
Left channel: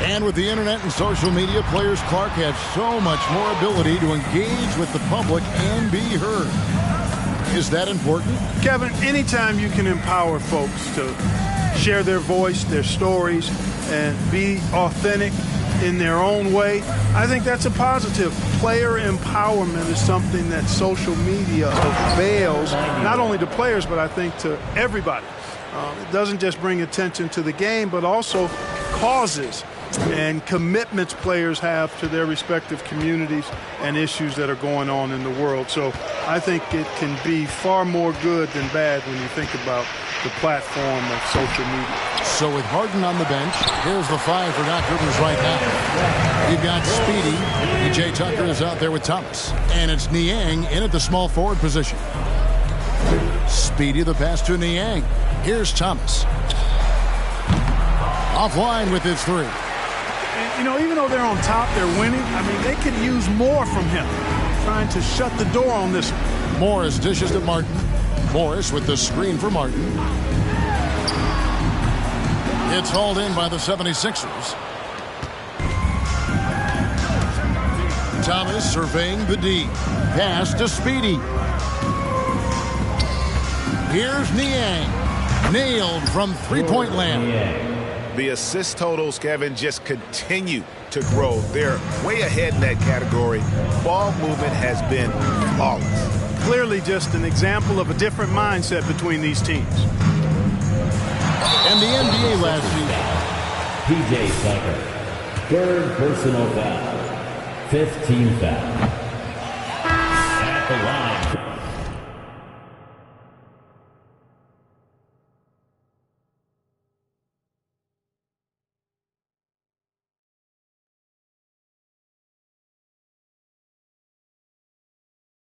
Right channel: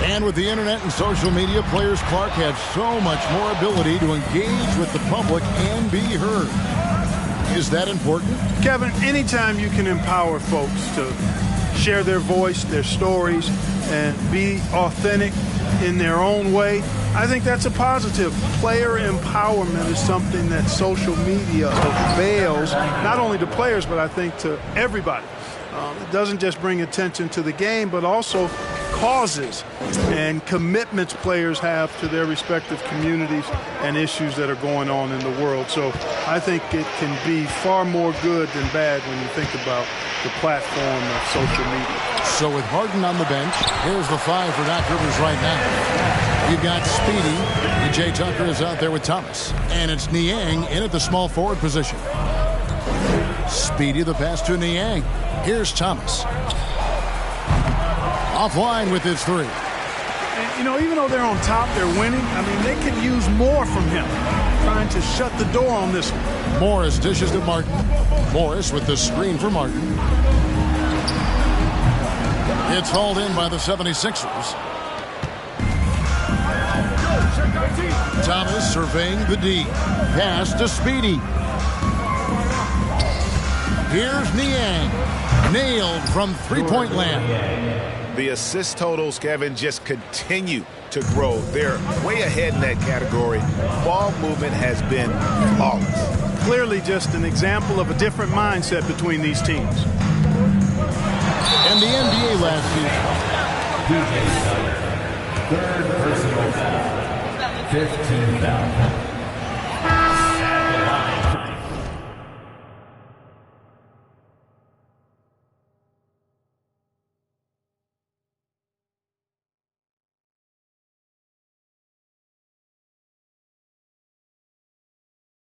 And with the internet and social media, players Clark have so much more ability to engage with the public and be heard. Is that important? Kevin, anytime you can empower folks to share their voice, their stories, and be authentic in their own way, I think that's a positive. Player empowerment is something that social media avails, not only to players, but I think to everybody. It doesn't just bring attention to the game, but also causes and commitments players have to their respective communities and issues that are going on in the world. So I think it can be far more good than bad when you think about the platform of social media. So with Harden on the bench, here's the 5 for Doc Rivers right now. You've got Speedy. P.J. Tucker is out there with Thomas. And it's Niang in at the small forward position. Speedy the pass to Niang. Here's Thomas. Offline with his 3. And, you know, even though they're on top, they're winning. I mean, they could use more from him. Trying to shut the door on this one. Morris dishes to Martin. Morris with the screen for Martin. It's hauled in by the 76ers. Thomas surveying the D. Pass to Speedy. Here's Niang. Nailed from three-point land. The assist totals, Kevin, just continue to grow. They're way ahead in that category. Ball movement has been flawless. Clearly just an example of a different mindset between these teams. And the NBA last season. P.J. Tucker, 3rd personal foul, 5th team foul. At the line.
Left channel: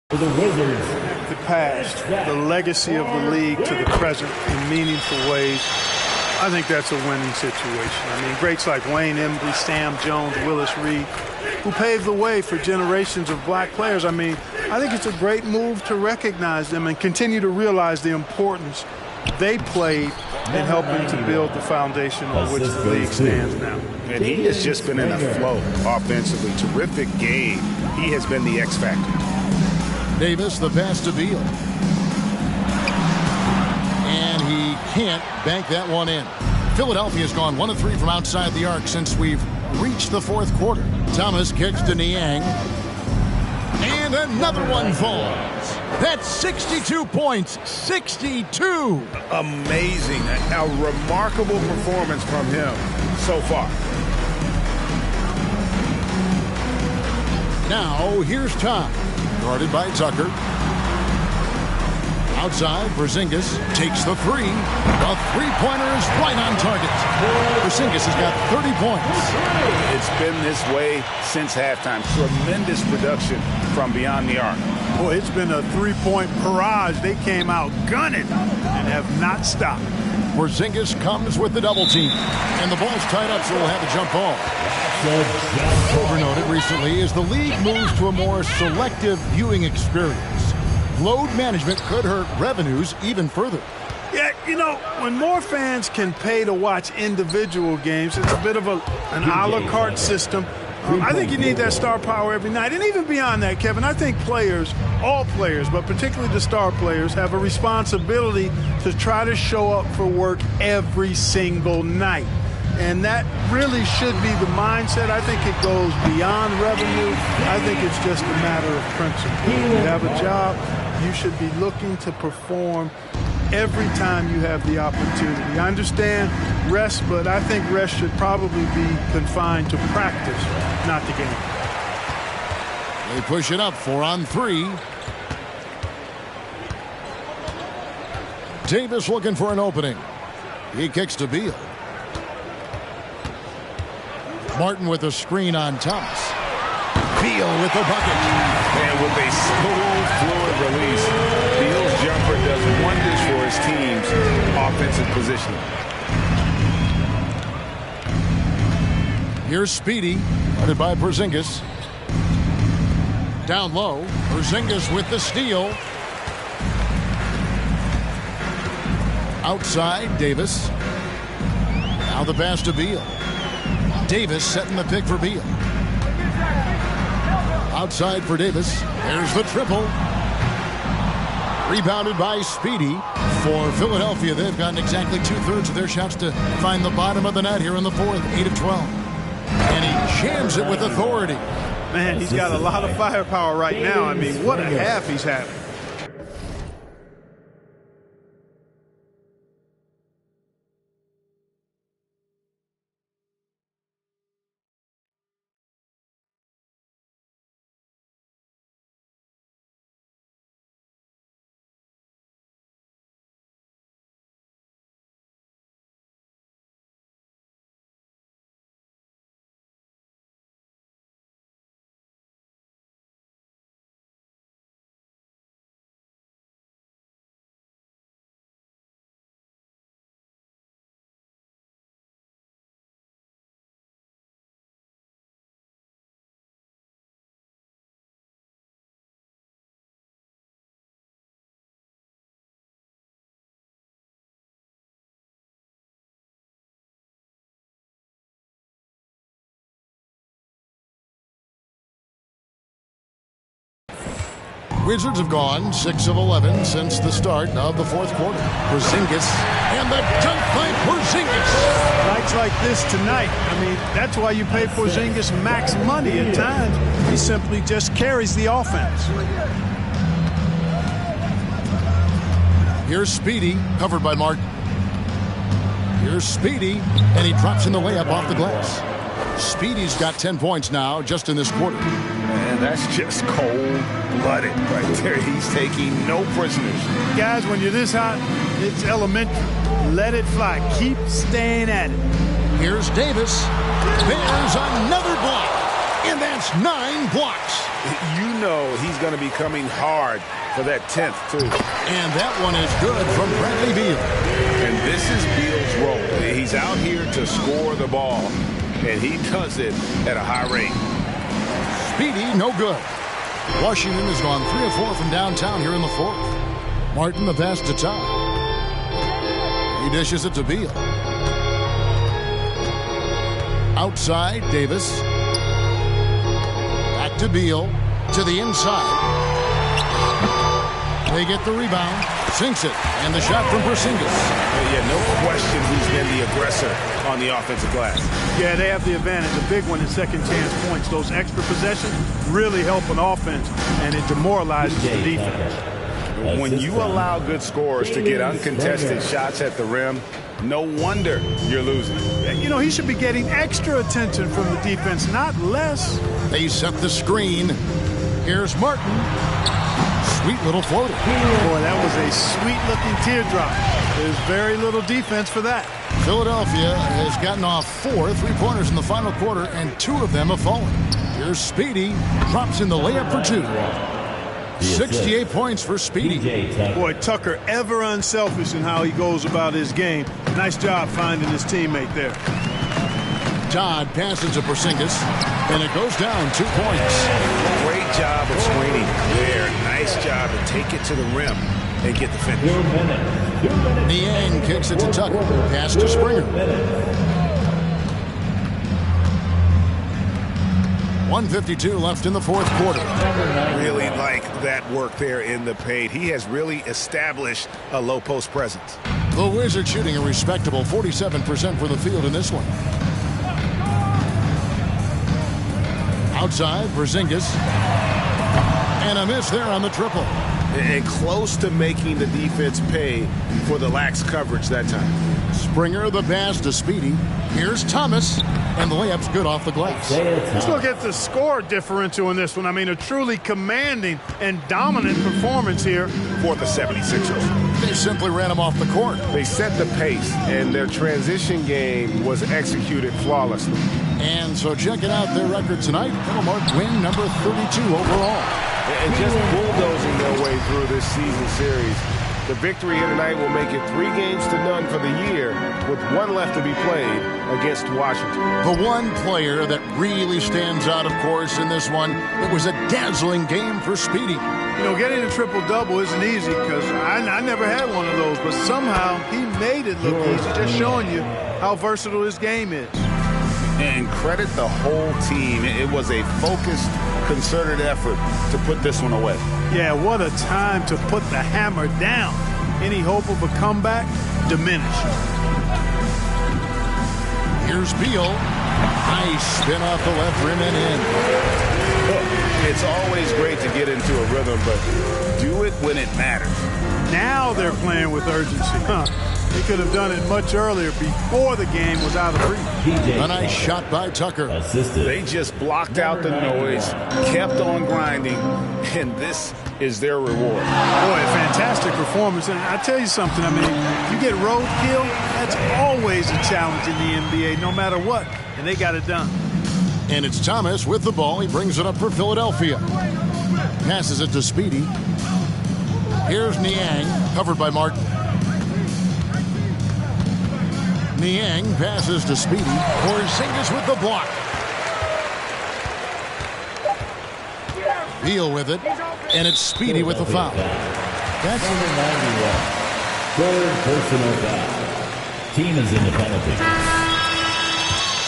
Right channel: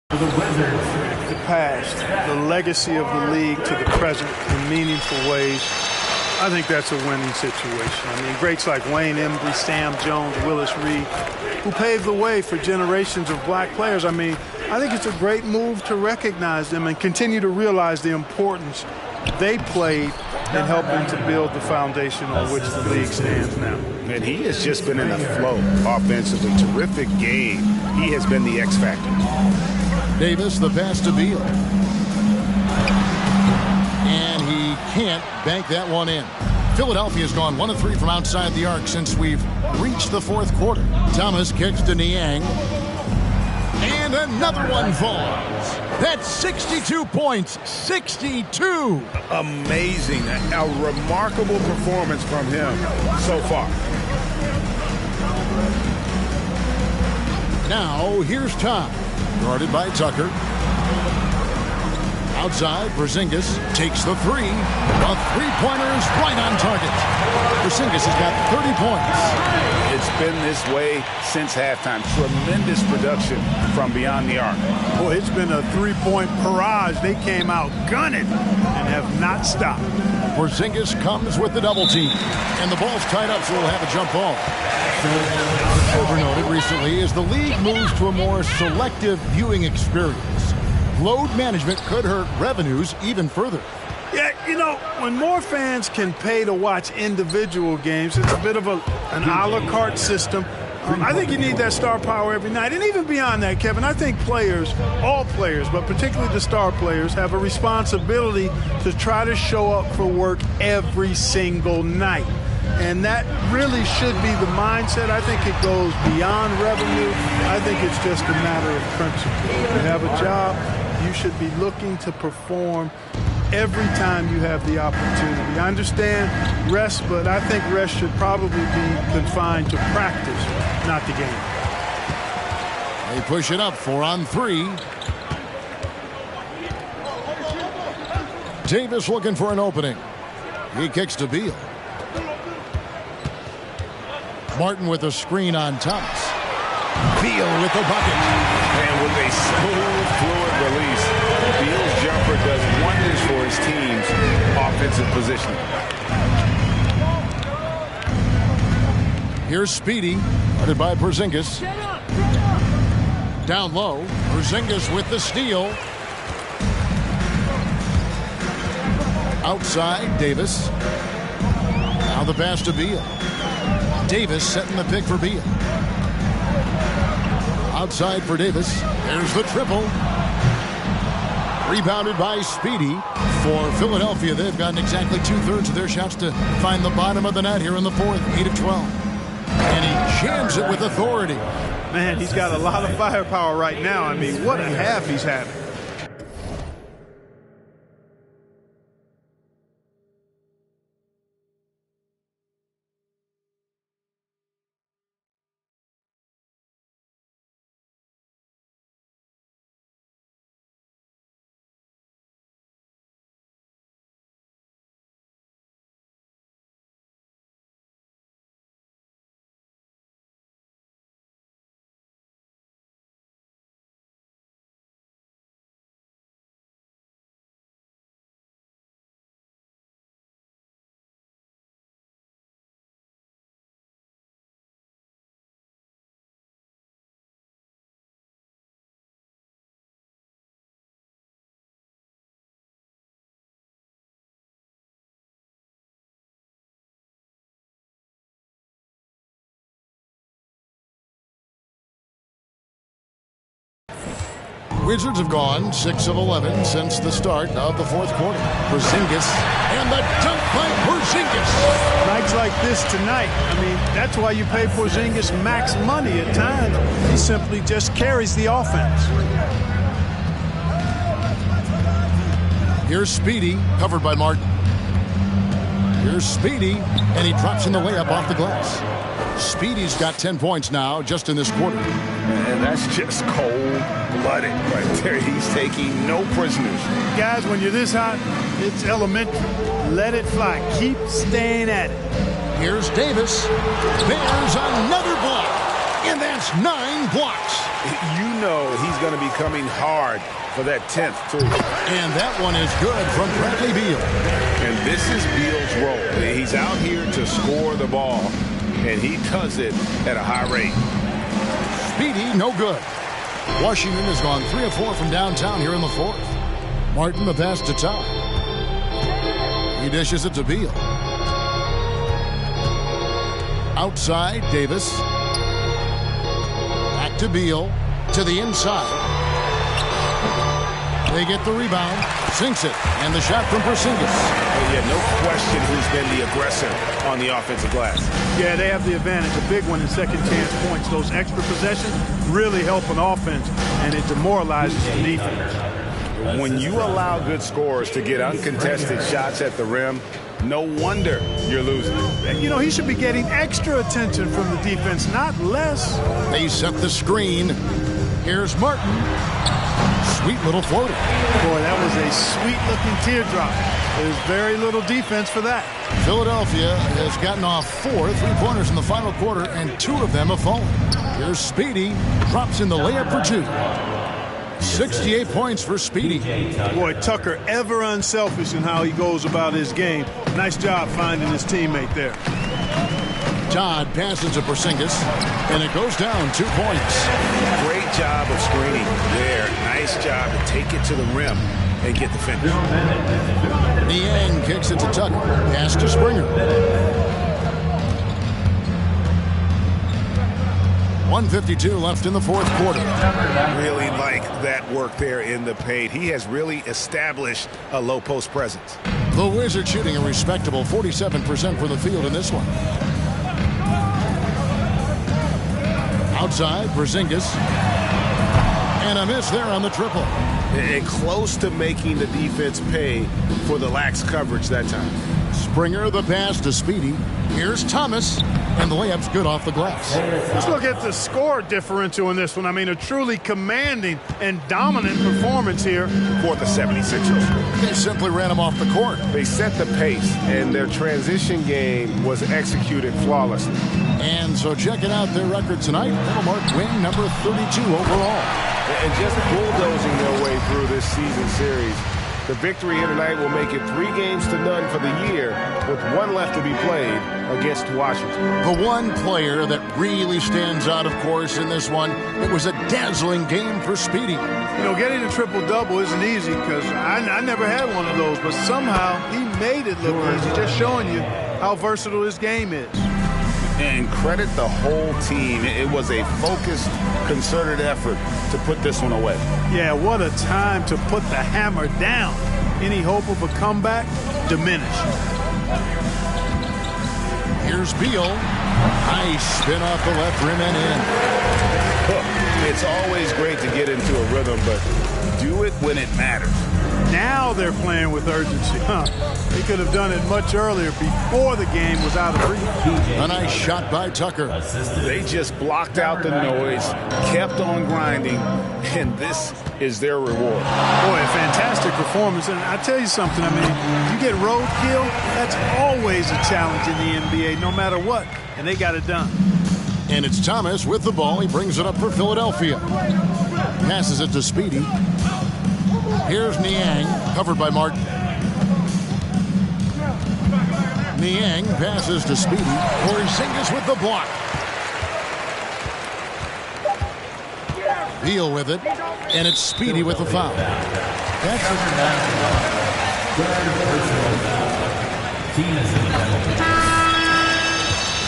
For the Wizards. The past, the legacy of the league to the present in meaningful ways. I think that's a winning situation. I mean, greats like Wayne Embry, Sam Jones, Willis Reed, who paved the way for generations of black players. I mean, I think it's a great move to recognize them and continue to realize the importance they played in helping to build the foundation on which the league stands now. And he has just been in a flow offensively. Terrific game. He has been the X factor. Davis, the pass to Beal. And he can't bank that one in. Philadelphia's gone 1 of 3 from outside the arc since we've reached the 4th quarter. Thomas kicks to Niang. And another one falls. That's 62 points. 62. Amazing. A remarkable performance from him so far. Now, here's Tom. Guarded by Tucker. Outside, Porzingis takes the 3. The three-pointer is right on target. Porzingis has got 30 points. It's been this way since halftime. Tremendous production from beyond the arc. Boy, it's been a three-point barrage. They came out gunning and have not stopped. Porzingis comes with the double team. And the ball's tied up, so we'll have a jump ball. Overnoted recently as the league moves to a more selective viewing experience. Load management could hurt revenues even further. Yeah, you know, when more fans can pay to watch individual games, it's a bit of an a la carte system. I think you need that star power every night. And even beyond that, Kevin, I think players, all players, but particularly the star players, have a responsibility to try to show up for work every single night. And that really should be the mindset. I think it goes beyond revenue. I think it's just a matter of principle. You have a job, you should be looking to perform every time you have the opportunity. I understand rest, but I think rest should probably be confined to practice, not the game. They push it up 4 on 3. Davis looking for an opening. He kicks to Beal. Martin with a screen on Thomas. Beal with the bucket. And with a smooth, fluid release, Beal's jumper does wonders for his team's offensive positioning. Here's Speedy, guarded by Porzingis. Down low, Porzingis with the steal. Outside, Davis. Now the pass to Beal. Davis setting the pick for Beal. Outside for Davis. There's the triple. Rebounded by Speedy. For Philadelphia, they've gotten exactly 2/3 of their shots to find the bottom of the net here in the 4th, 8 of 12. And he jams it with authority. Man, he's got a lot of firepower right now. I mean, what a half he's having. Wizards have gone 6 of 11 since the start of the fourth quarter. Porzingis, and the dunk by Porzingis. Nights like this tonight, I mean, that's why you pay Porzingis max money at times. He simply just carries the offense. Here's Speedy, covered by Martin. Here's Speedy, and he drops in the layup off the glass. Speedy's got 10 points now just in this quarter. And that's just cold-blooded right there. He's taking no prisoners. Guys, when you're this hot, it's elementary. Let it fly. Keep staying at it. Here's Davis. There's another block. And that's 9 blocks. You know he's going to be coming hard for that 10th, too. And that one is good from Bradley Beal. And this is Beal's role. He's out here to score the ball, and he does it at a high rate. Speedy, no good. Washington has gone 3 of 4 from downtown here in the fourth. Martin the pass to Todd. He dishes it to Beal. Outside, Davis. Back to Beal. To the inside. They get the rebound. Sinks it. And the shot from Porzingis. Yeah, no question who's been the aggressor on the offensive glass. Yeah, they have the advantage. A big one in second chance points. Those extra possessions really help an offense, and it demoralizes the defense. When you allow good scorers to get uncontested shots at the rim, no wonder you're losing. You know, he should be getting extra attention from the defense, not less. They set the screen. Here's Martin. Sweet little floater. Boy, that was a sweet-looking teardrop. There's very little defense for that. Philadelphia has gotten off 4 3-pointers in the final quarter, and 2 of them have fallen. Here's Speedy. Drops in the layup for 2. 68 points for Speedy. Boy, Tucker ever unselfish in how he goes about his game. Nice job finding his teammate there. Todd passes to Porzingis, and it goes down 2 points. Great job of screening there. Nice job to take it to the rim and get the finish. Niang kicks it to Tucker. Pass to Springer. 1:52 left in the fourth quarter. Really like that work there in the paint. He has really established a low post presence. The Wizards shooting a respectable 47% from the field in this one. Outside, Porzingis. And a miss there on the triple. And close to making the defense pay for the lax coverage that time. Springer the pass to Speedy. Here's Thomas. And the layup's good off the glass. Let's look at the score differential in this one. I mean, a truly commanding and dominant performance here for the 76ers. They simply ran him off the court. They set the pace, and their transition game was executed flawlessly. And so checking out their record tonight, that'll mark win number 32 overall. And just bulldozing their way through this season series. The victory here tonight will make it 3-0 for the year, with 1 left to be played against Washington. The one player that really stands out, of course, in this one, it was a dazzling game for Speedy. You know, getting a triple-double isn't easy because I never had one of those, but somehow he made it look easy, just showing you how versatile his game is. And credit the whole team. It was a focused, concerted effort to put this one away. Yeah, what a time to put the hammer down. Any hope of a comeback diminished. Here's Beal. Nice spin off the left rim and in. Look, it's always great to get into a rhythm, but do it when it matters. Now they're playing with urgency. They could have done it much earlier before the game was out of reach. A nice shot by Tucker. They just blocked out the noise, kept on grinding, and this is their reward. Boy, a fantastic performance. And I tell you something, I mean, you get roadkill, that's always a challenge in the NBA, no matter what. And they got it done. And it's Thomas with the ball. He brings it up for Philadelphia. Passes it to Speedy. Here's Niang, covered by Martin. Niang passes to Speedy. Porzingis with the block. Beal with it. And it's Speedy with the foul. That's number 91. Third personal foul. Team is in the penalty.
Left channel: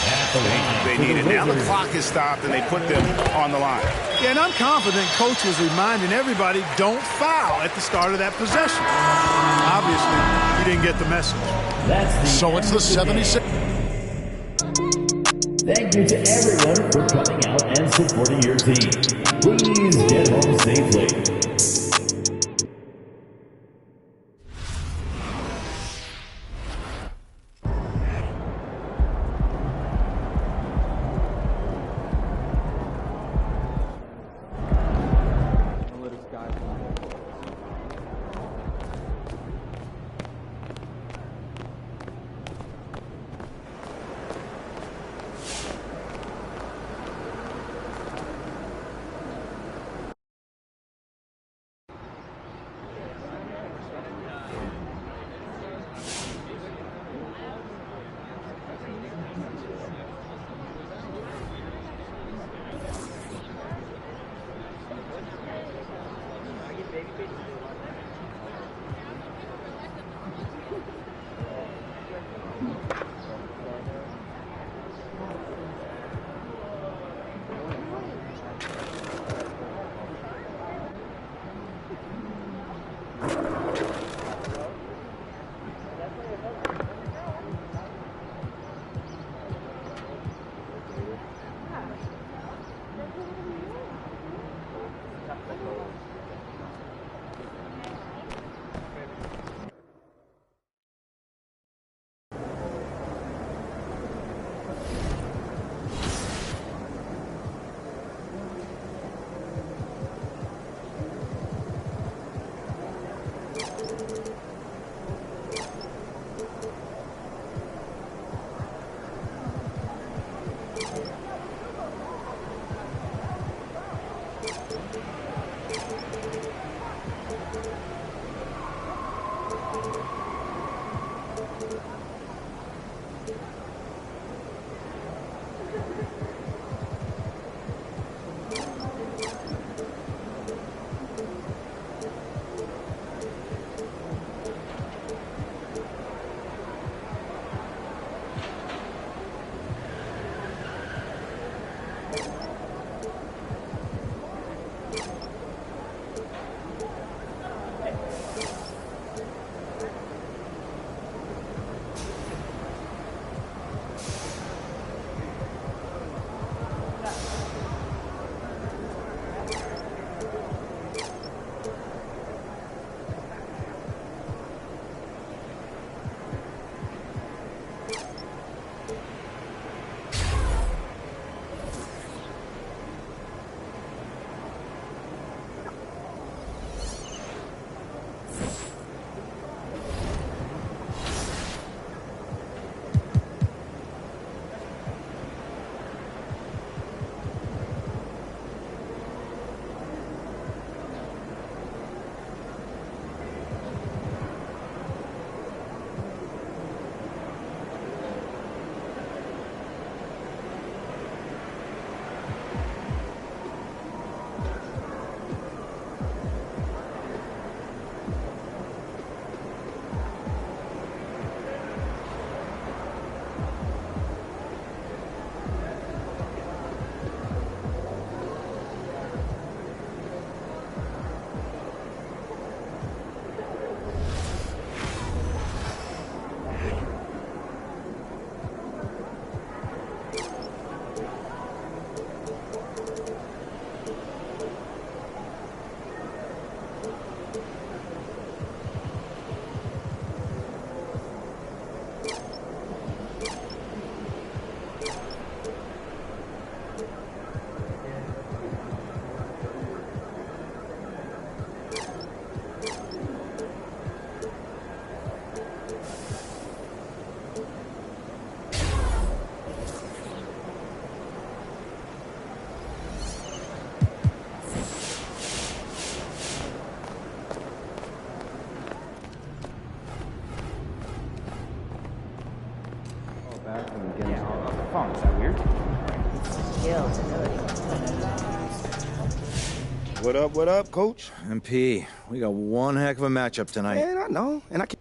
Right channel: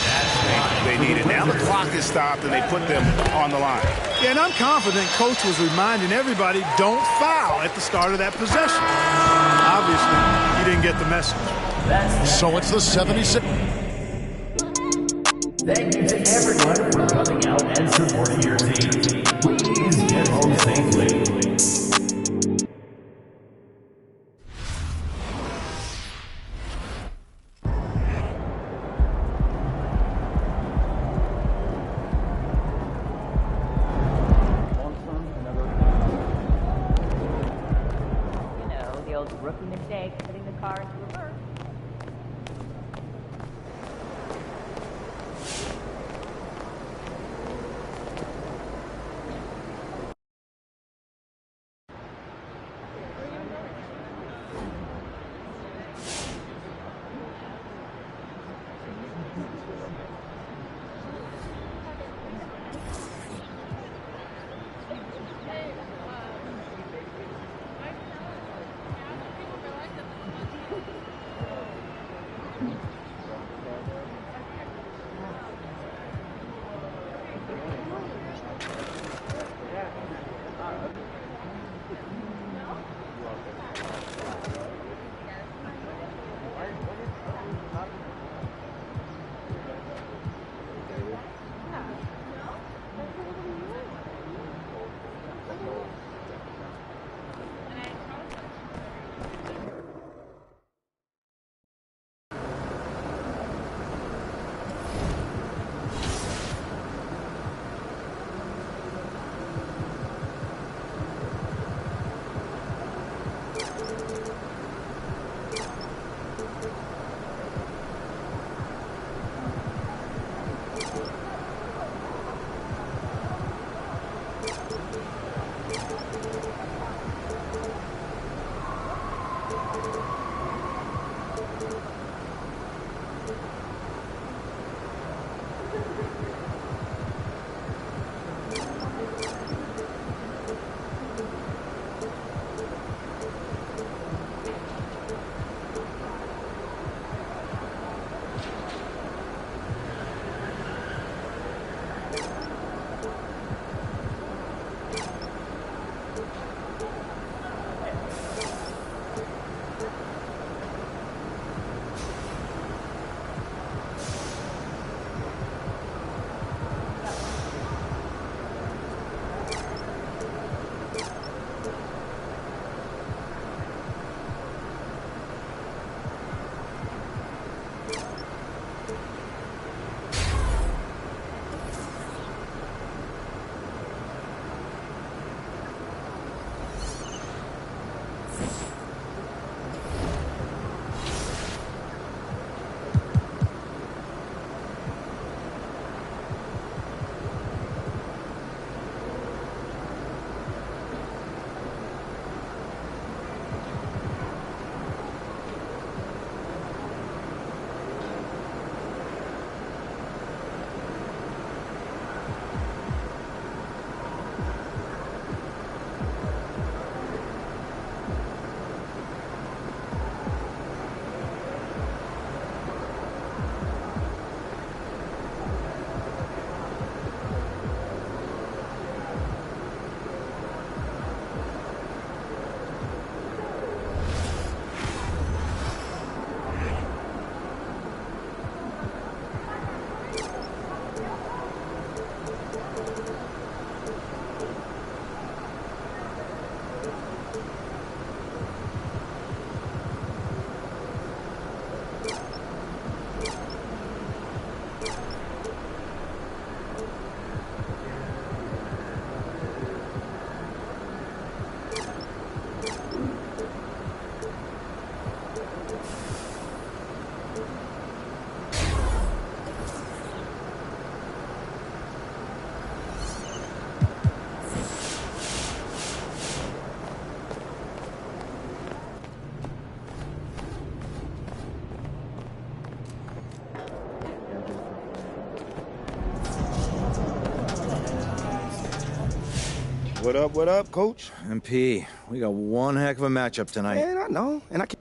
That's they needed. Now the clock is stopped, and they put them on the line. Yeah, and I'm confident Coach was reminding everybody, don't foul at the start of that possession. Obviously, he didn't get the message. So it's the 76. Thank you to everyone for coming out and supporting your team. Please get home safely. What up, Coach? MP, we got one heck of a matchup tonight. Man, I know, and I can't.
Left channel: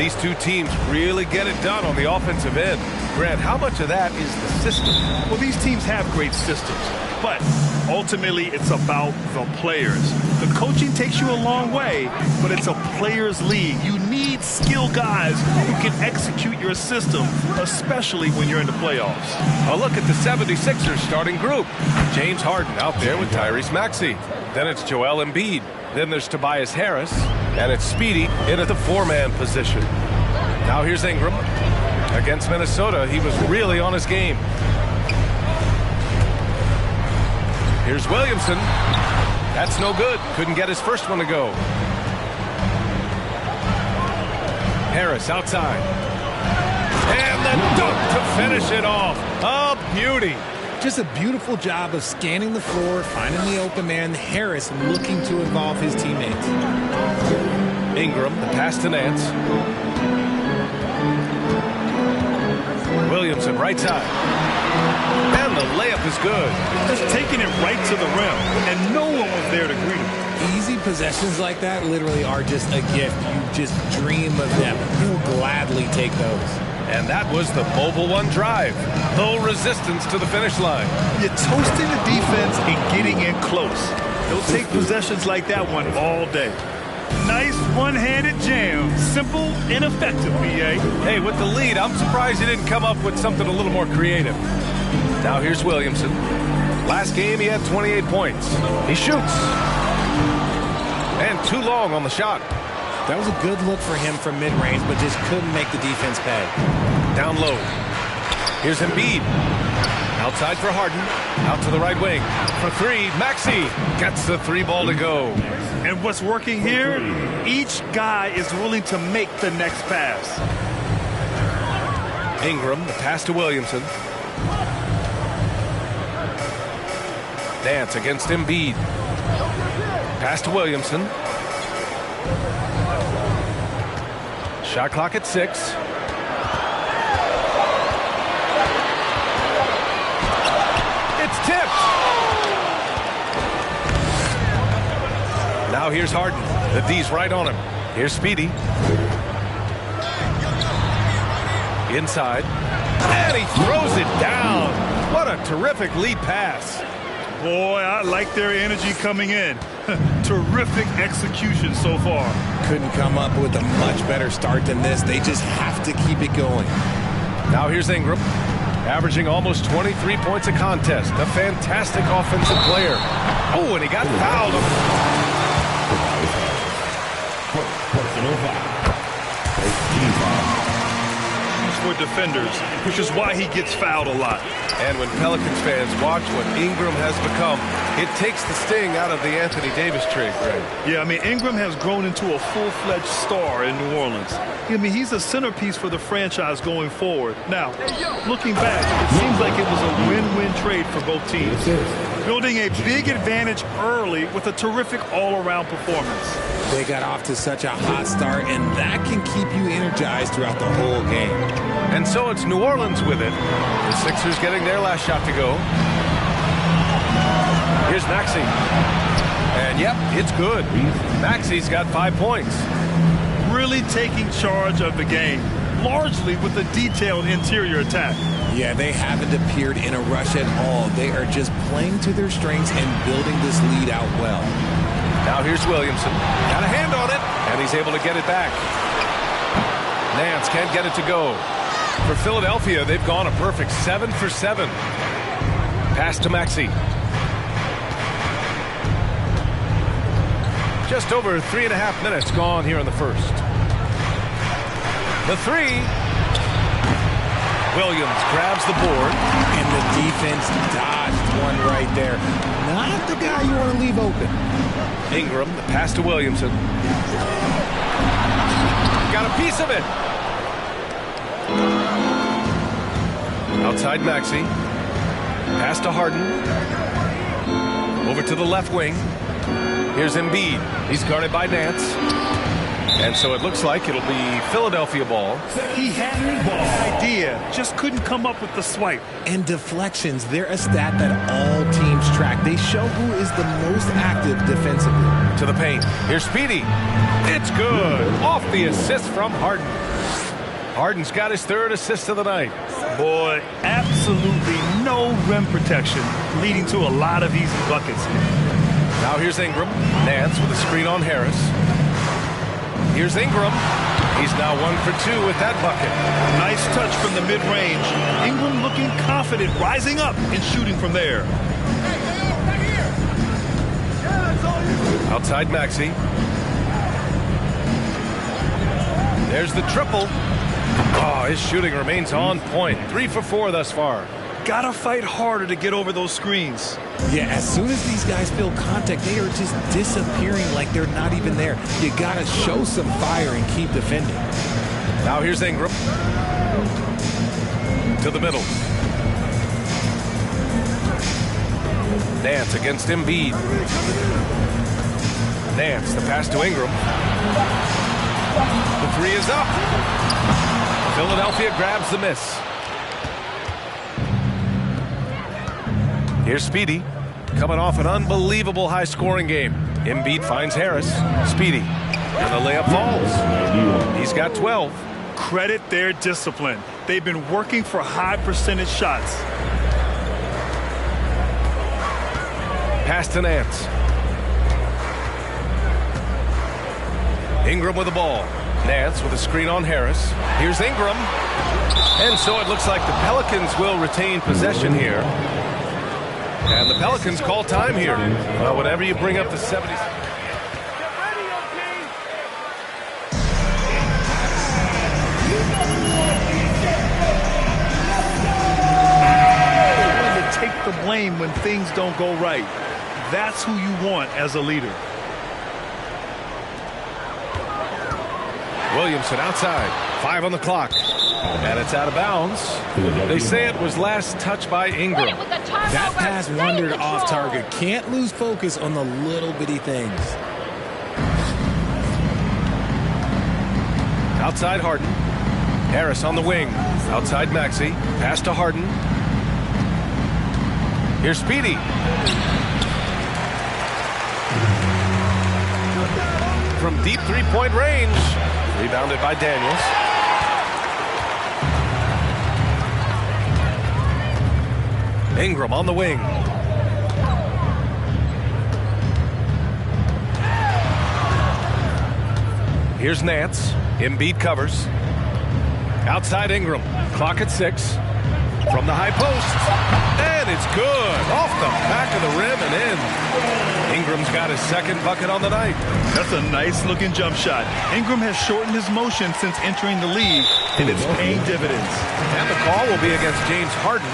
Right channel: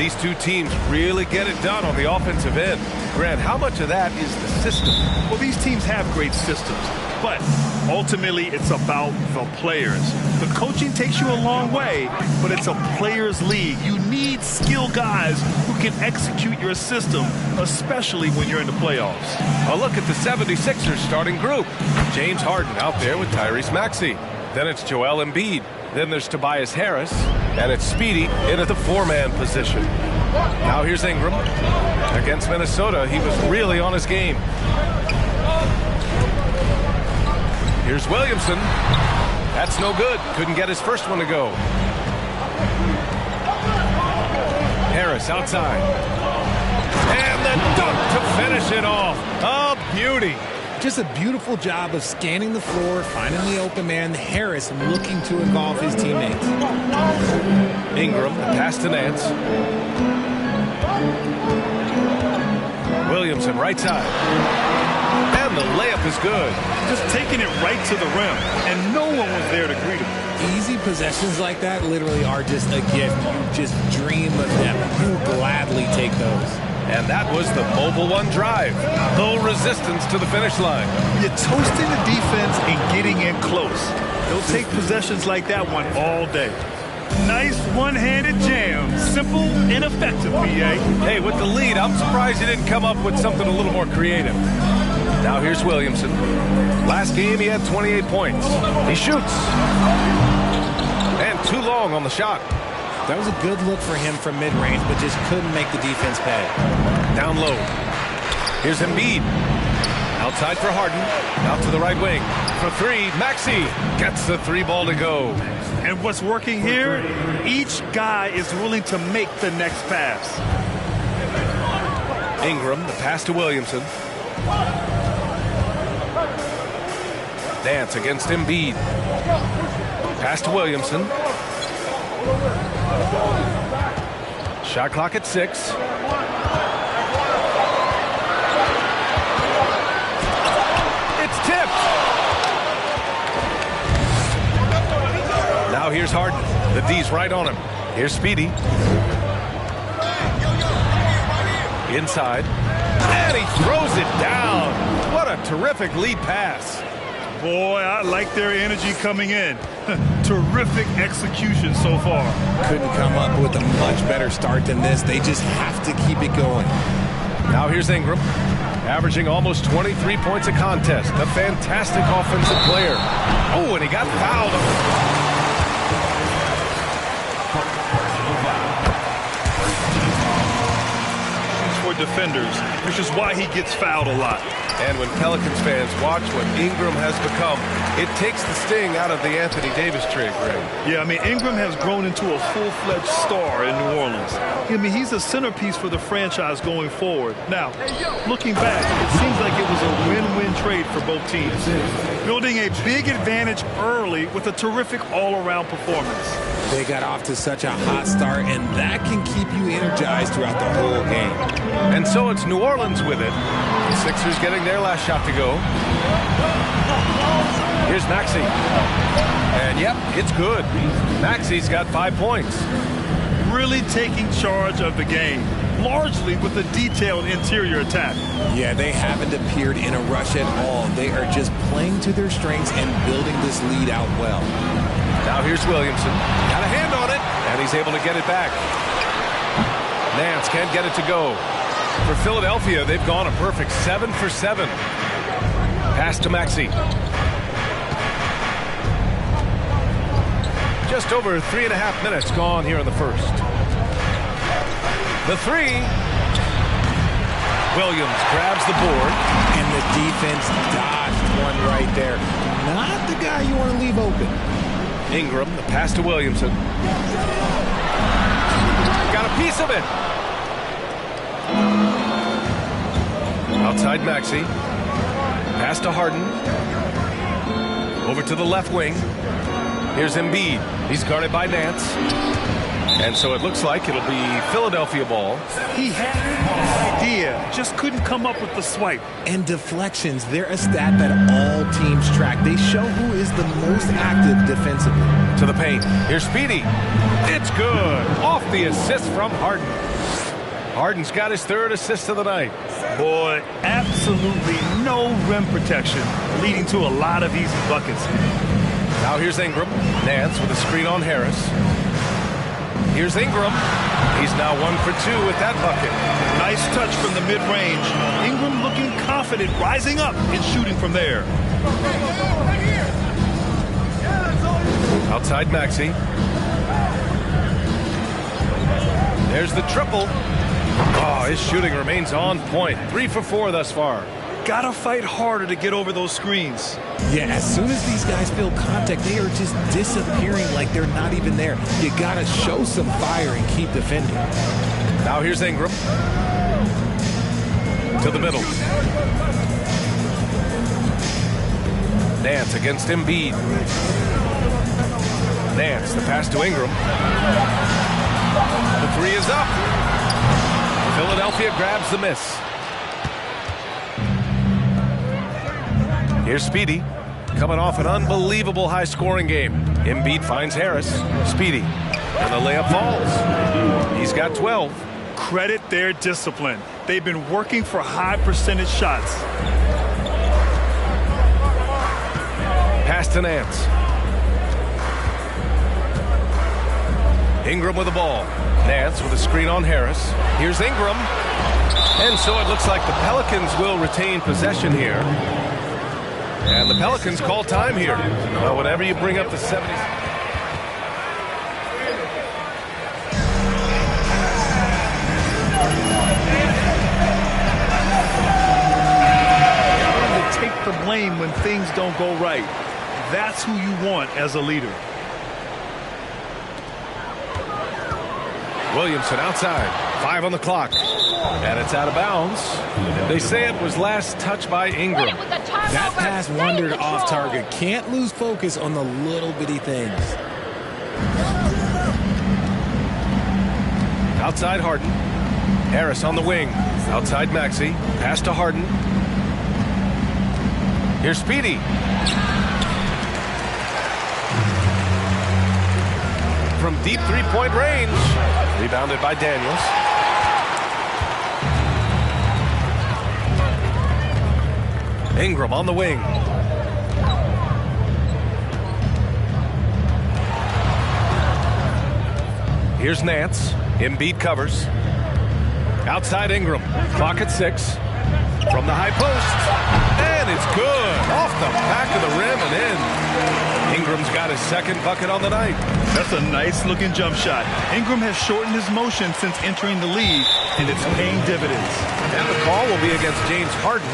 these two teams really get it done on the offensive end. Grant, how much of that is the system? Well, these teams have great systems, but ultimately it's about the players. The coaching takes you a long way, but it's a players' league. You need skilled guys who can execute your system, especially when you're in the playoffs. A look at the 76ers starting group. James Harden out there with Tyrese Maxey. Then it's Joel Embiid. Then there's Tobias Harris. And it's Speedy in at the four-man position. Now here's Ingram. Against Minnesota, he was really on his game. Here's Williamson. That's no good. Couldn't get his first one to go. Harris outside. And the dunk to finish it off. A beauty. Just a beautiful job of scanning the floor, finding the open man. Harris looking to involve his teammates. Ingram, the pass to Nance. Williamson, right side. And the layup is good. Just taking it right to the rim, and no one was there to greet him. Easy possessions like that literally are just a gift. You just dream of them. You'll gladly take those. And that was the mobile one drive. No resistance to the finish line. You're toasting the defense and getting in close. They'll take possessions like that one all day. Nice one-handed jam. Simple and effective, B.A. Hey, with the lead, I'm surprised he didn't come up with something a little more creative. Now here's Williamson. Last game, he had 28 points. He shoots. And too long on the shot. That was a good look for him from mid-range, but just couldn't make the defense pay. Down low. Here's Embiid. Outside for Harden. Out to the right wing. For three, Maxey gets the three ball to go. And what's working here, each guy is willing to make the next pass. Ingram, the pass to Williamson. Dance against Embiid. Pass to Williamson. Shot clock at 6. It's tipped. Now here's Harden. The D's right on him. Here's Speedy. Inside. And he throws it down. What a terrific lead pass. Boy, I like their energy coming in. Terrific execution so far. Couldn't come up with a much better start than this. They just have to keep it going. Now here's Ingram. Averaging almost 23 points a contest. A fantastic offensive player. Oh, and he got fouled on his... For defenders, which is why he gets fouled a lot. And when Pelicans fans watch what Ingram has become, it takes the sting out of the Anthony Davis trade, Greg. Yeah, I mean, Ingram has grown into a full-fledged star in New Orleans. I mean, he's a centerpiece for the franchise going forward. Now, looking back, it seems like it was a win-win trade for both teams. Building a big advantage early with a terrific all-around performance. They got off to such a hot start, and that can keep you energized throughout the whole game. And so it's New Orleans with it. The Sixers getting their last shot to go. Here's Maxey. And yep, it's good. Maxey's got 5 points. Really taking charge of the game, largely with a detailed interior attack. Yeah, they haven't appeared in a rush at all. They are just playing to their strengths and building this lead out well. Now here's Williamson. Got a hand on it, and he's able to get it back. Nance can't get it to go. For Philadelphia, they've gone a perfect 7 for 7. Pass to Maxey. Just over 3.5 minutes gone here in the first. The three. Williams grabs the board. And the defense dodged one right there. Not the guy you want to leave open. Ingram, the pass to Williamson. Got a piece of it. Outside Maxey. Pass to Harden. Over to the left wing. Here's Embiid. He's guarded by Nance. And so it looks like it'll be Philadelphia ball. He had an idea, just couldn't come up with the swipe. And deflections, they're a stat that all teams track. They show who is the most active defensively. To the paint. Here's Speedy. It's good. Off the assist from Harden. Harden's got his 3rd assist of the night. Boy, absolutely no rim protection, leading to a lot of easy buckets. Now here's Ingram. Nance with a screen on Harris. Here's Ingram. He's now 1 for 2 with that bucket. Nice touch from the mid-range. Ingram looking confident, rising up and shooting from there. Outside Maxey. There's the triple. Oh, his shooting remains on point. 3 for 4 thus far. Gotta fight harder to get over those screens. Yeah, as soon as these guys feel contact, they are just disappearing like they're not even there. You gotta show some fire and keep defending. Now here's Ingram. To the middle. Nance against Embiid. Nance, the pass to Ingram. The 3 is up. Philadelphia grabs the miss. Here's Speedy, coming off an unbelievable high-scoring game. Embiid finds Harris. Speedy, and the layup falls. He's got 12. Credit their discipline. They've been working for high percentage shots. Pass to Nance. Ingram with the ball. Nance with a screen on Harris. Here's Ingram. And so it looks like the Pelicans will retain possession here. And the Pelicans call time here. Well, whenever you bring up the 70s. To take the blame when things don't go right. That's who you want as a leader. Williamson outside. 5 on the clock. And it's out of bounds. They say it was last touched by Ingram. That pass wandered off target. Can't lose focus on the little bitty things. Outside Harden. Harris on the wing. Outside Maxey. Pass to Harden. Here's Speedy. From deep 3-point range. Rebounded by Daniels. Ingram on the wing. Here's Nance. Embiid covers. Outside Ingram. Clock at 6. From the high post. And it's good. Off the back of the rim and in. Ingram's got his 2nd bucket on the night. That's a nice looking jump shot. Ingram has shortened his motion since entering the league, and it's paying dividends. And the call will be against James Harden.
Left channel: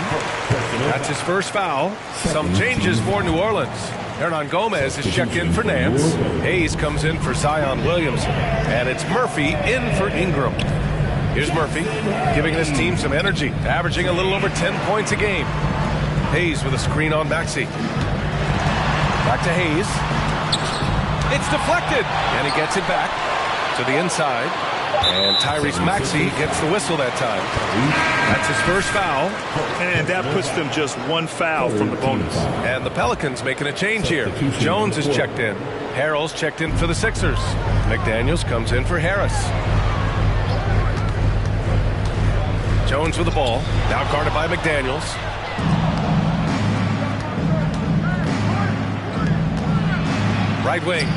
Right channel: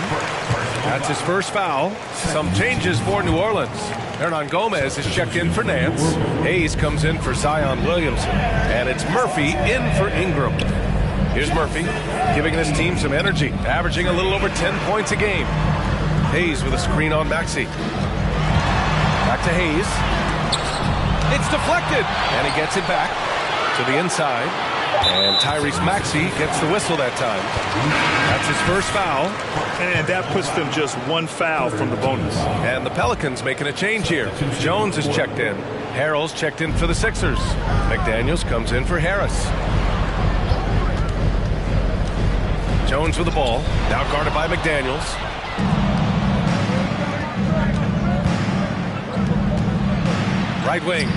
That's his 1st foul. Some changes for New Orleans. Hernan Gomez is checked in for Nance. Hayes comes in for Zion Williamson. And it's Murphy in for Ingram. Here's Murphy, giving this team some energy, averaging a little over 10 points a game. Hayes with a screen on Maxey. Back to Hayes. It's deflected, and he gets it back to the inside. And Tyrese Maxey gets the whistle that time. That's his 1st foul. And that puts them just 1 foul from the bonus. And the Pelicans making a change here. Jones is checked in. Harrell's checked in for the Sixers. McDaniels comes in for Harris. Jones with the ball. Now guarded by McDaniels. Right wing.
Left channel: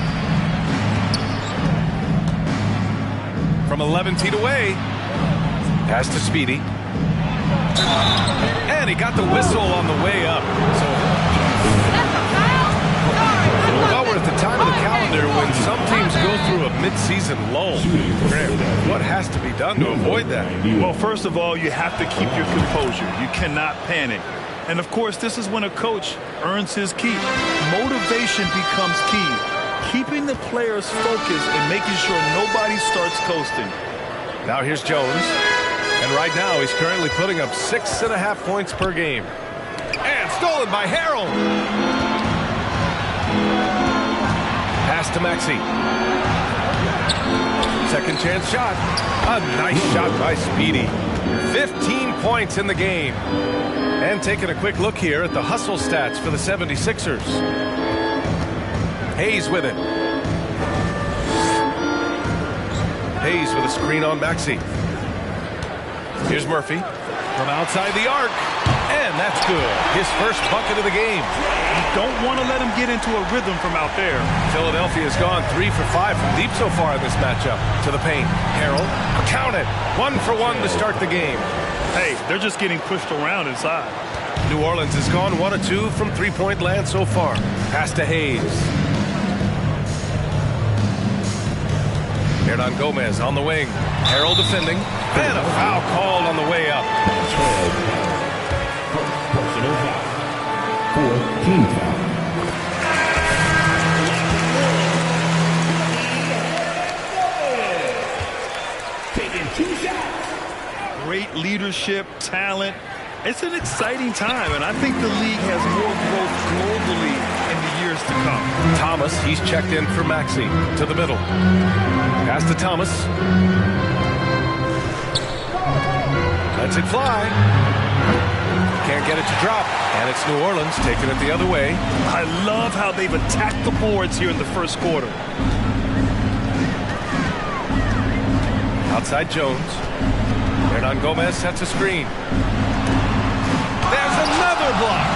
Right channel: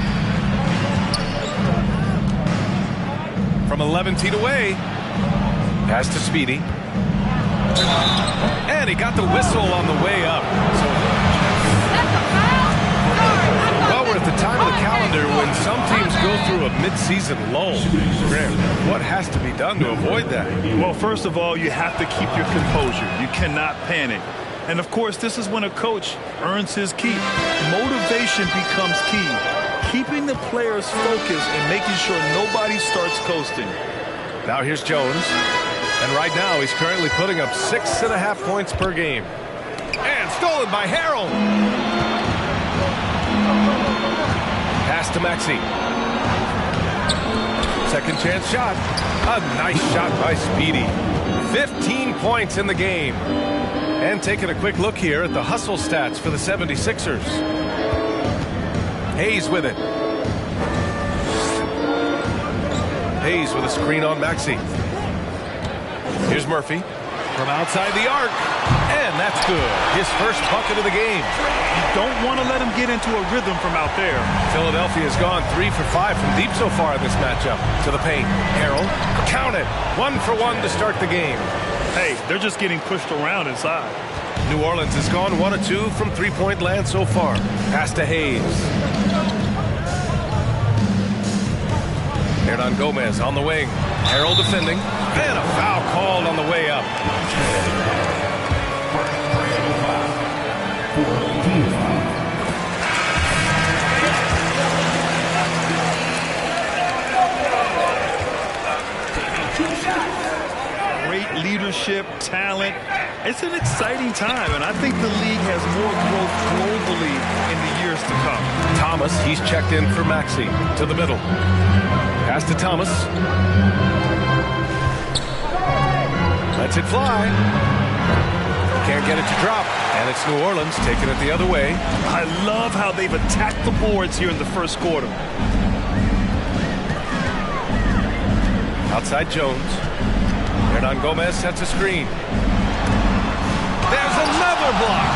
From 11 feet away. Pass to Speedy. And he got the whistle on the way up. So, well, we're at the time of the calendar when some teams go through a mid-season lull. Graham, what has to be done to avoid that? Well, first of all, you have to keep your composure. You cannot panic. And, of course, this is when a coach earns his keep. Motivation becomes key. Keeping the players focused and making sure nobody starts coasting. Now here's Jones. And right now he's currently putting up 6.5 points per game. And stolen by Harrell. Pass to Maxey. Second chance shot. A nice shot by Speedy. 15 points in the game. And taking a quick look here at the hustle stats for the 76ers. Hayes with it. Hayes with a screen on Maxey. Here's Murphy from outside the arc. And that's good. His first bucket of the game. You don't want to let him get into a rhythm from out there. Philadelphia has gone 3 for 5 from deep so far in this matchup. To the paint. Harrell. Count it. 1 for 1 to start the game. Hey, they're just getting pushed around inside. New Orleans has gone 1 of 2 from three-point land so far. Pass to Hayes. Hernan Gomez on the wing. Harrell defending. And a foul called on the way up. Personal foul. 4th team foul. Taking 2 shots. Great leadership, talent. It's an exciting time, and I think the league has more growth globally in the years to come. Thomas, he's checked in for Maxey. To the middle. Pass to Thomas. Lets it fly. Can't get it to drop. And it's New Orleans taking it the other way. I love how they've attacked the boards here in the first quarter. Outside Jones. Hernan Gomez sets a screen. There's another block.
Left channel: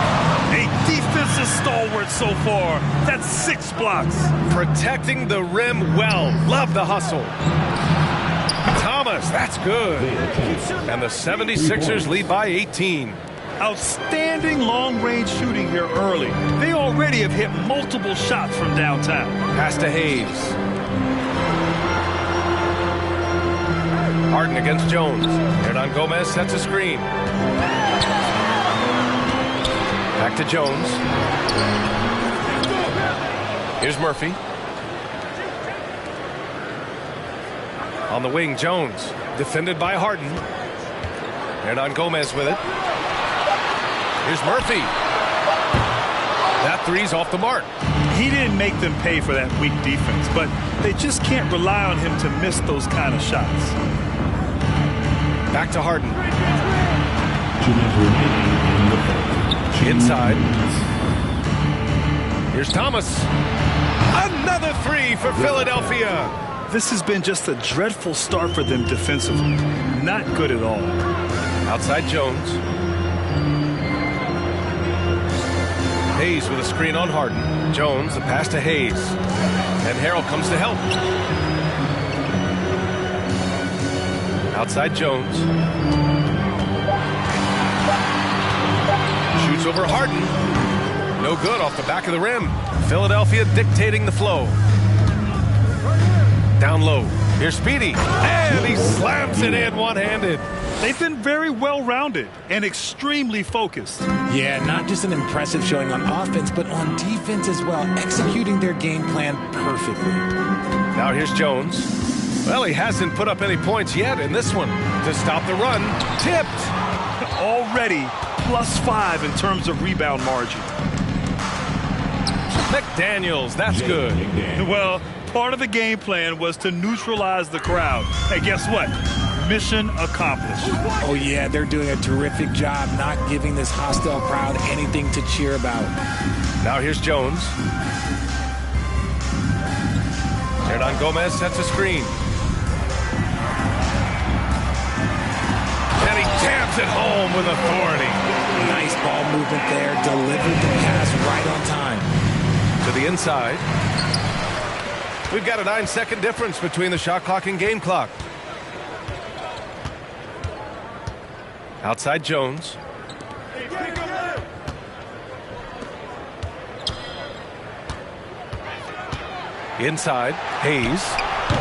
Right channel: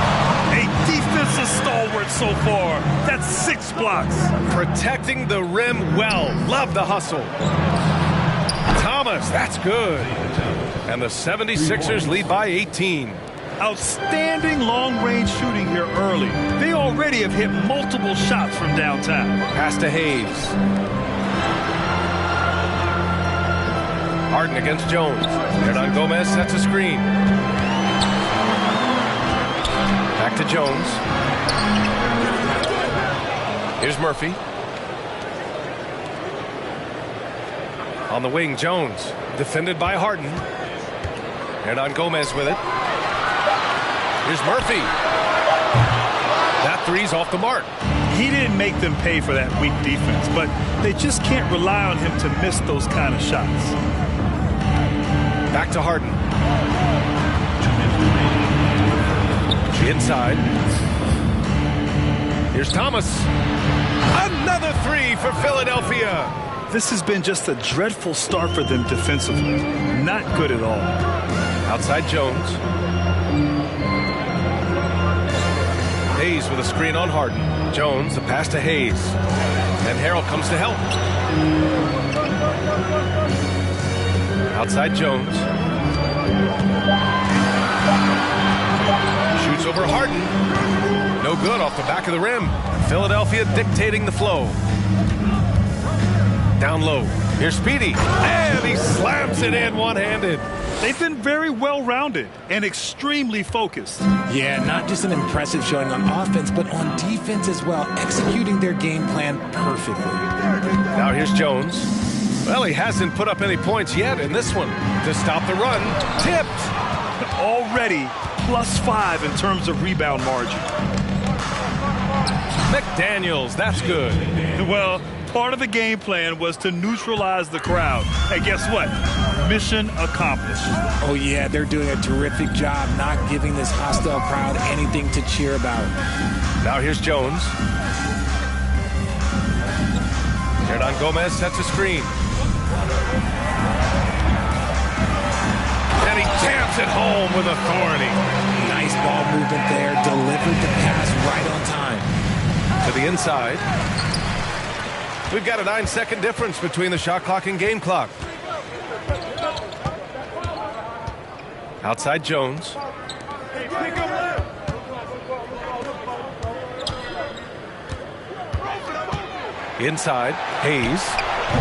A defensive stalwart so far. That's 6 blocks. Protecting the rim well. Love the hustle. Thomas, that's good. And the 76ers lead by 18. Outstanding long-range shooting here early. They already have hit multiple shots from downtown. Pass to Hayes. Harden against Jones. Hernan Gomez sets a screen. Back to Jones. Here's Murphy. On the wing, Jones. Defended by Harden. Hernan Gomez with it. Here's Murphy. That three's off the mark. He didn't make them pay for that weak defense, but they just can't rely on him to miss those kind of shots. Back to Harden. Inside. Here's Thomas. Another three for Philadelphia. This has been just a dreadful start for them defensively. Not good at all. Outside Jones. Hayes with a screen on Harden. Jones, the pass to Hayes. And Harrell comes to help. Outside Jones. Shoots over Harden. No good off the back of the rim. Philadelphia dictating the flow. Down low. Here's Speedy. And he slams it in one-handed. They've been very well-rounded and extremely focused. Yeah, not just an impressive showing on offense, but on defense as well, executing their game plan perfectly. Now here's Jones. Well, he hasn't put up any points yet in this one. To stop the run, tipped. Already +5 in terms of rebound margin. McDaniels, that's good. Well, part of the game plan was to neutralize the crowd. Hey, guess what? Mission accomplished. Oh, yeah, they're doing a terrific job not giving this hostile crowd anything to cheer about. Now here's Jones. Hernan Gomez sets a screen. And he jams it home with authority. Nice ball movement there. Delivered the pass right on time. To the inside. We've got a 9-second difference between the shot clock and game clock. Outside Jones. Inside, Hayes.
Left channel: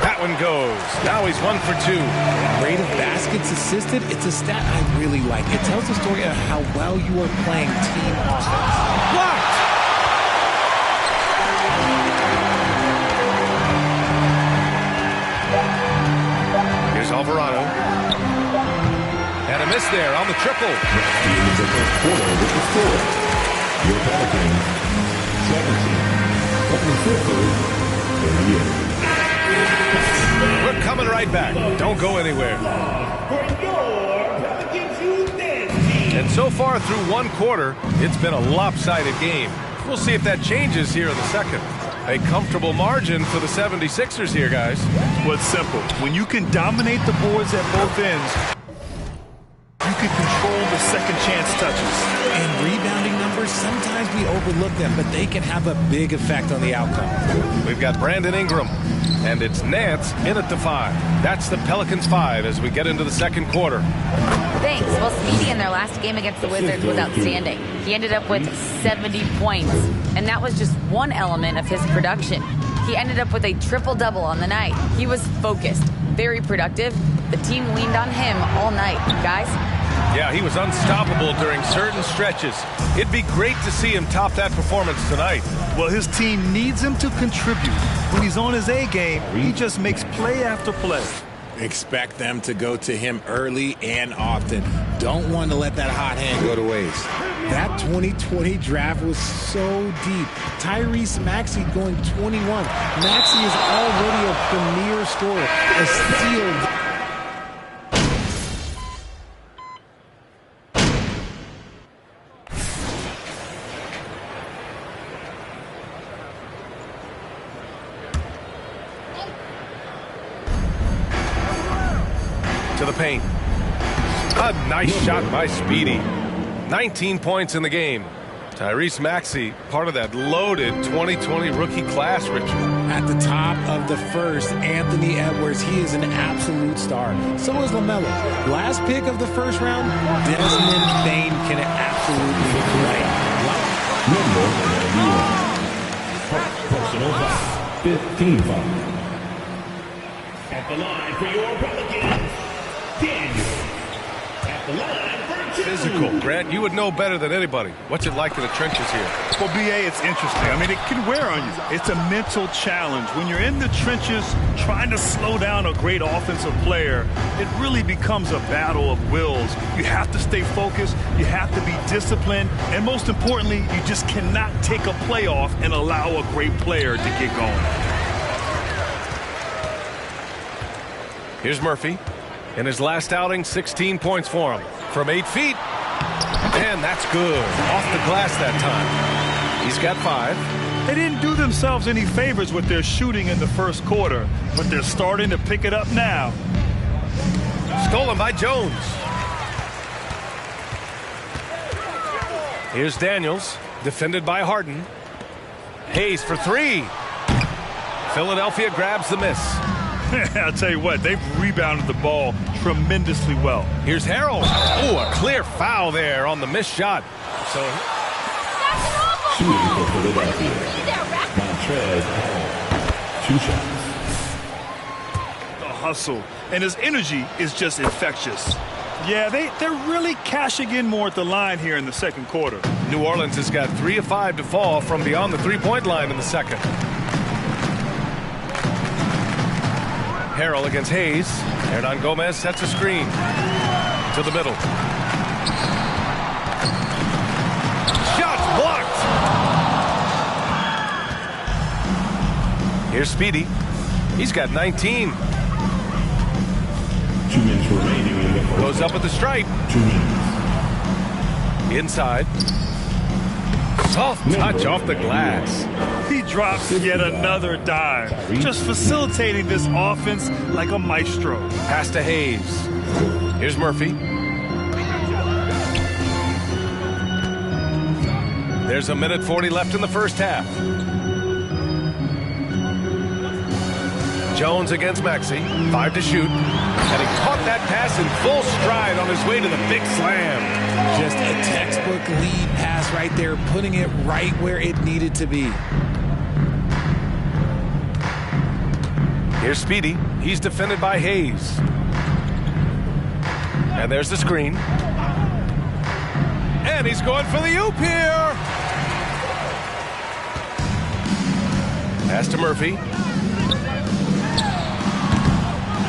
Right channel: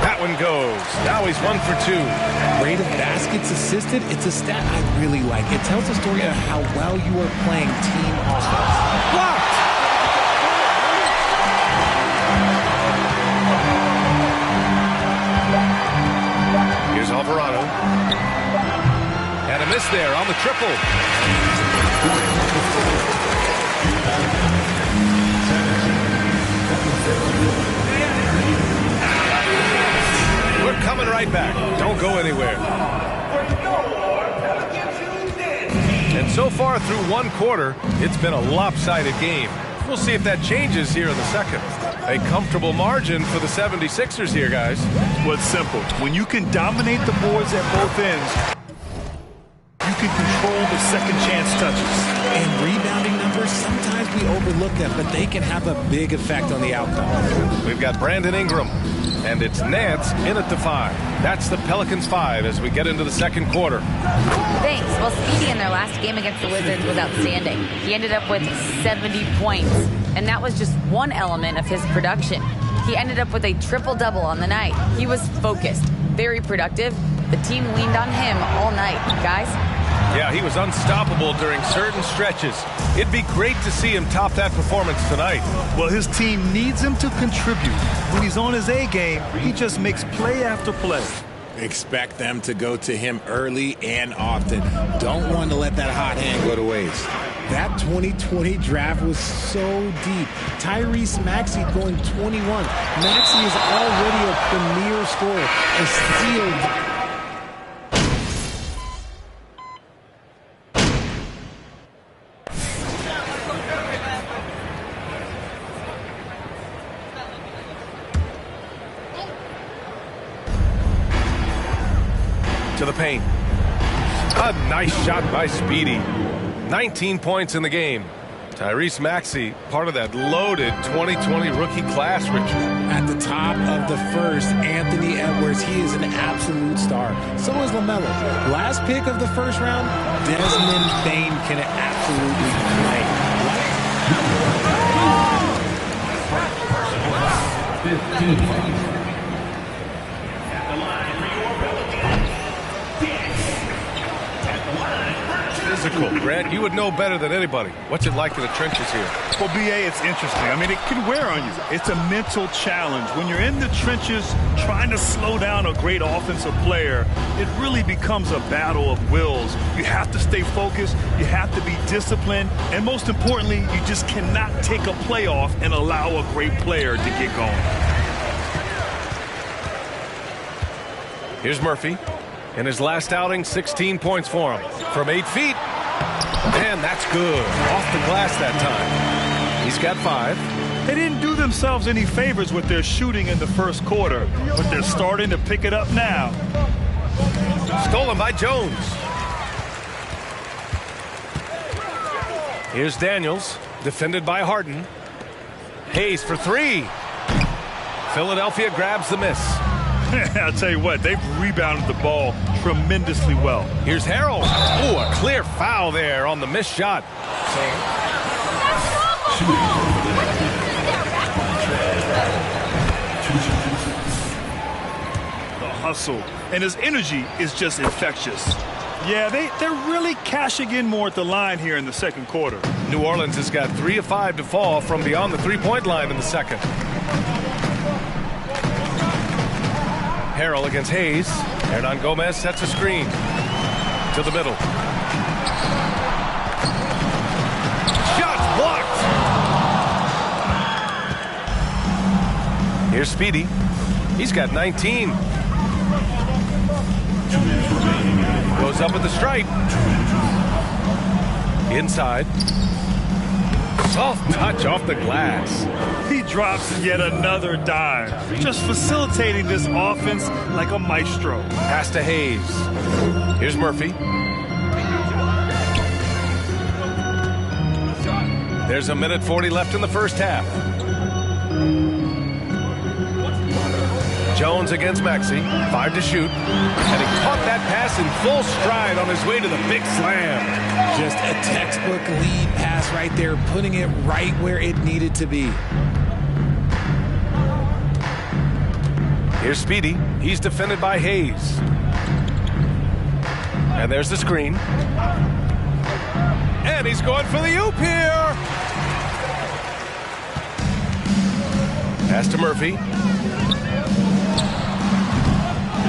That one goes. Now he's 1 for 2. Rate of baskets assisted, it's a stat I really like. It tells the story of how well you are playing team offense. Blocked! Here's Alvarado. And a miss there on the triple. We're We're coming right back. Don't go anywhere. And so far through one quarter, it's been a lopsided game. We'll see if that changes here in the second. A comfortable margin for the 76ers here, guys. Well, it's simple. When you can dominate the boards at both ends, you can control the second chance touches. And rebounding numbers, sometimes we overlook them, but they can have a big effect on the outcome. We've got Brandon Ingram, and it's Nance in at the 5. That's the Pelicans 5 as we get into the second quarter. Thanks. Well, Speedy in their last game against the Wizards was outstanding. He ended up with 70 points, and that was just one element of his production. He ended up with a triple-double on the night. He was focused, very productive. The team leaned on him all night. Guys? Yeah, he was unstoppable during certain stretches. It'd be great to see him top that performance tonight. Well, his team needs him to contribute. When he's on his A game, he just makes play after play. Expect them to go to him early and often. Don't want to let that hot hand go to waste. That 2020 draft was so deep. Tyrese Maxey going 21. Maxey is already a premier scorer, a steal. To the paint. A nice shot by Speedy. 19 points in the game. Tyrese Maxey, part of that loaded 2020 rookie class, Richard. At the top of the first, Anthony Edwards, he is an absolute star. So is LaMelo. Last pick of the first round, Desmond Bane can absolutely play. Personal foul. 15 foul. At the line for your Pelicans, Daniel. At the line for Physical. Grant, you would know better than anybody. What's it like in the trenches here? Well, BA, it's interesting. I mean, it can wear on you. It's a mental challenge. When you're in the trenches trying to slow down a great offensive player, it really becomes a battle of wills. You have to stay focused. You have to be disciplined. And most importantly, you just cannot take a play off and allow a great player to get going. Here's Murphy. In his last outing, 16 points for him. From 8 feet. And that's good. Off the glass that time. He's got 5. They didn't do themselves any favors with their shooting in the first quarter, but they're starting to pick it up now. Stolen by Jones. Here's Daniels. Defended by Harden. Hayes for 3. Philadelphia grabs the miss. I'll tell you what, they've rebounded the ball tremendously well. Here's Harrell. Oh, a clear foul there on the missed shot. So shooting for Philadelphia. Montrez Harrell. 2 shots. The hustle and his energy is just infectious. Yeah, they're really cashing in more at the line here in the second quarter. New Orleans has got 3 of 5 to fall from beyond the three-point line in the second. Harrell against Hayes. Hernan Gomez sets a screen. To the middle. Shots blocked! Here's Speedy. He's got 19. 2 minutes remaining in the first. Goes up with the stripe. 2 minutes. Inside. Soft touch off the glass. He drops yet another dime, just facilitating this offense like a maestro. Pass to Hayes. Here's Murphy. There's a minute 40 left in the first half. Jones against Maxey. 5 to shoot. And he caught that pass in full stride on his way to the big slam. Just a textbook lead pass right there, putting it right where it needed to be. Here's Speedy. He's defended by Hayes. And there's the screen. And he's going for the oop here. Pass to Murphy.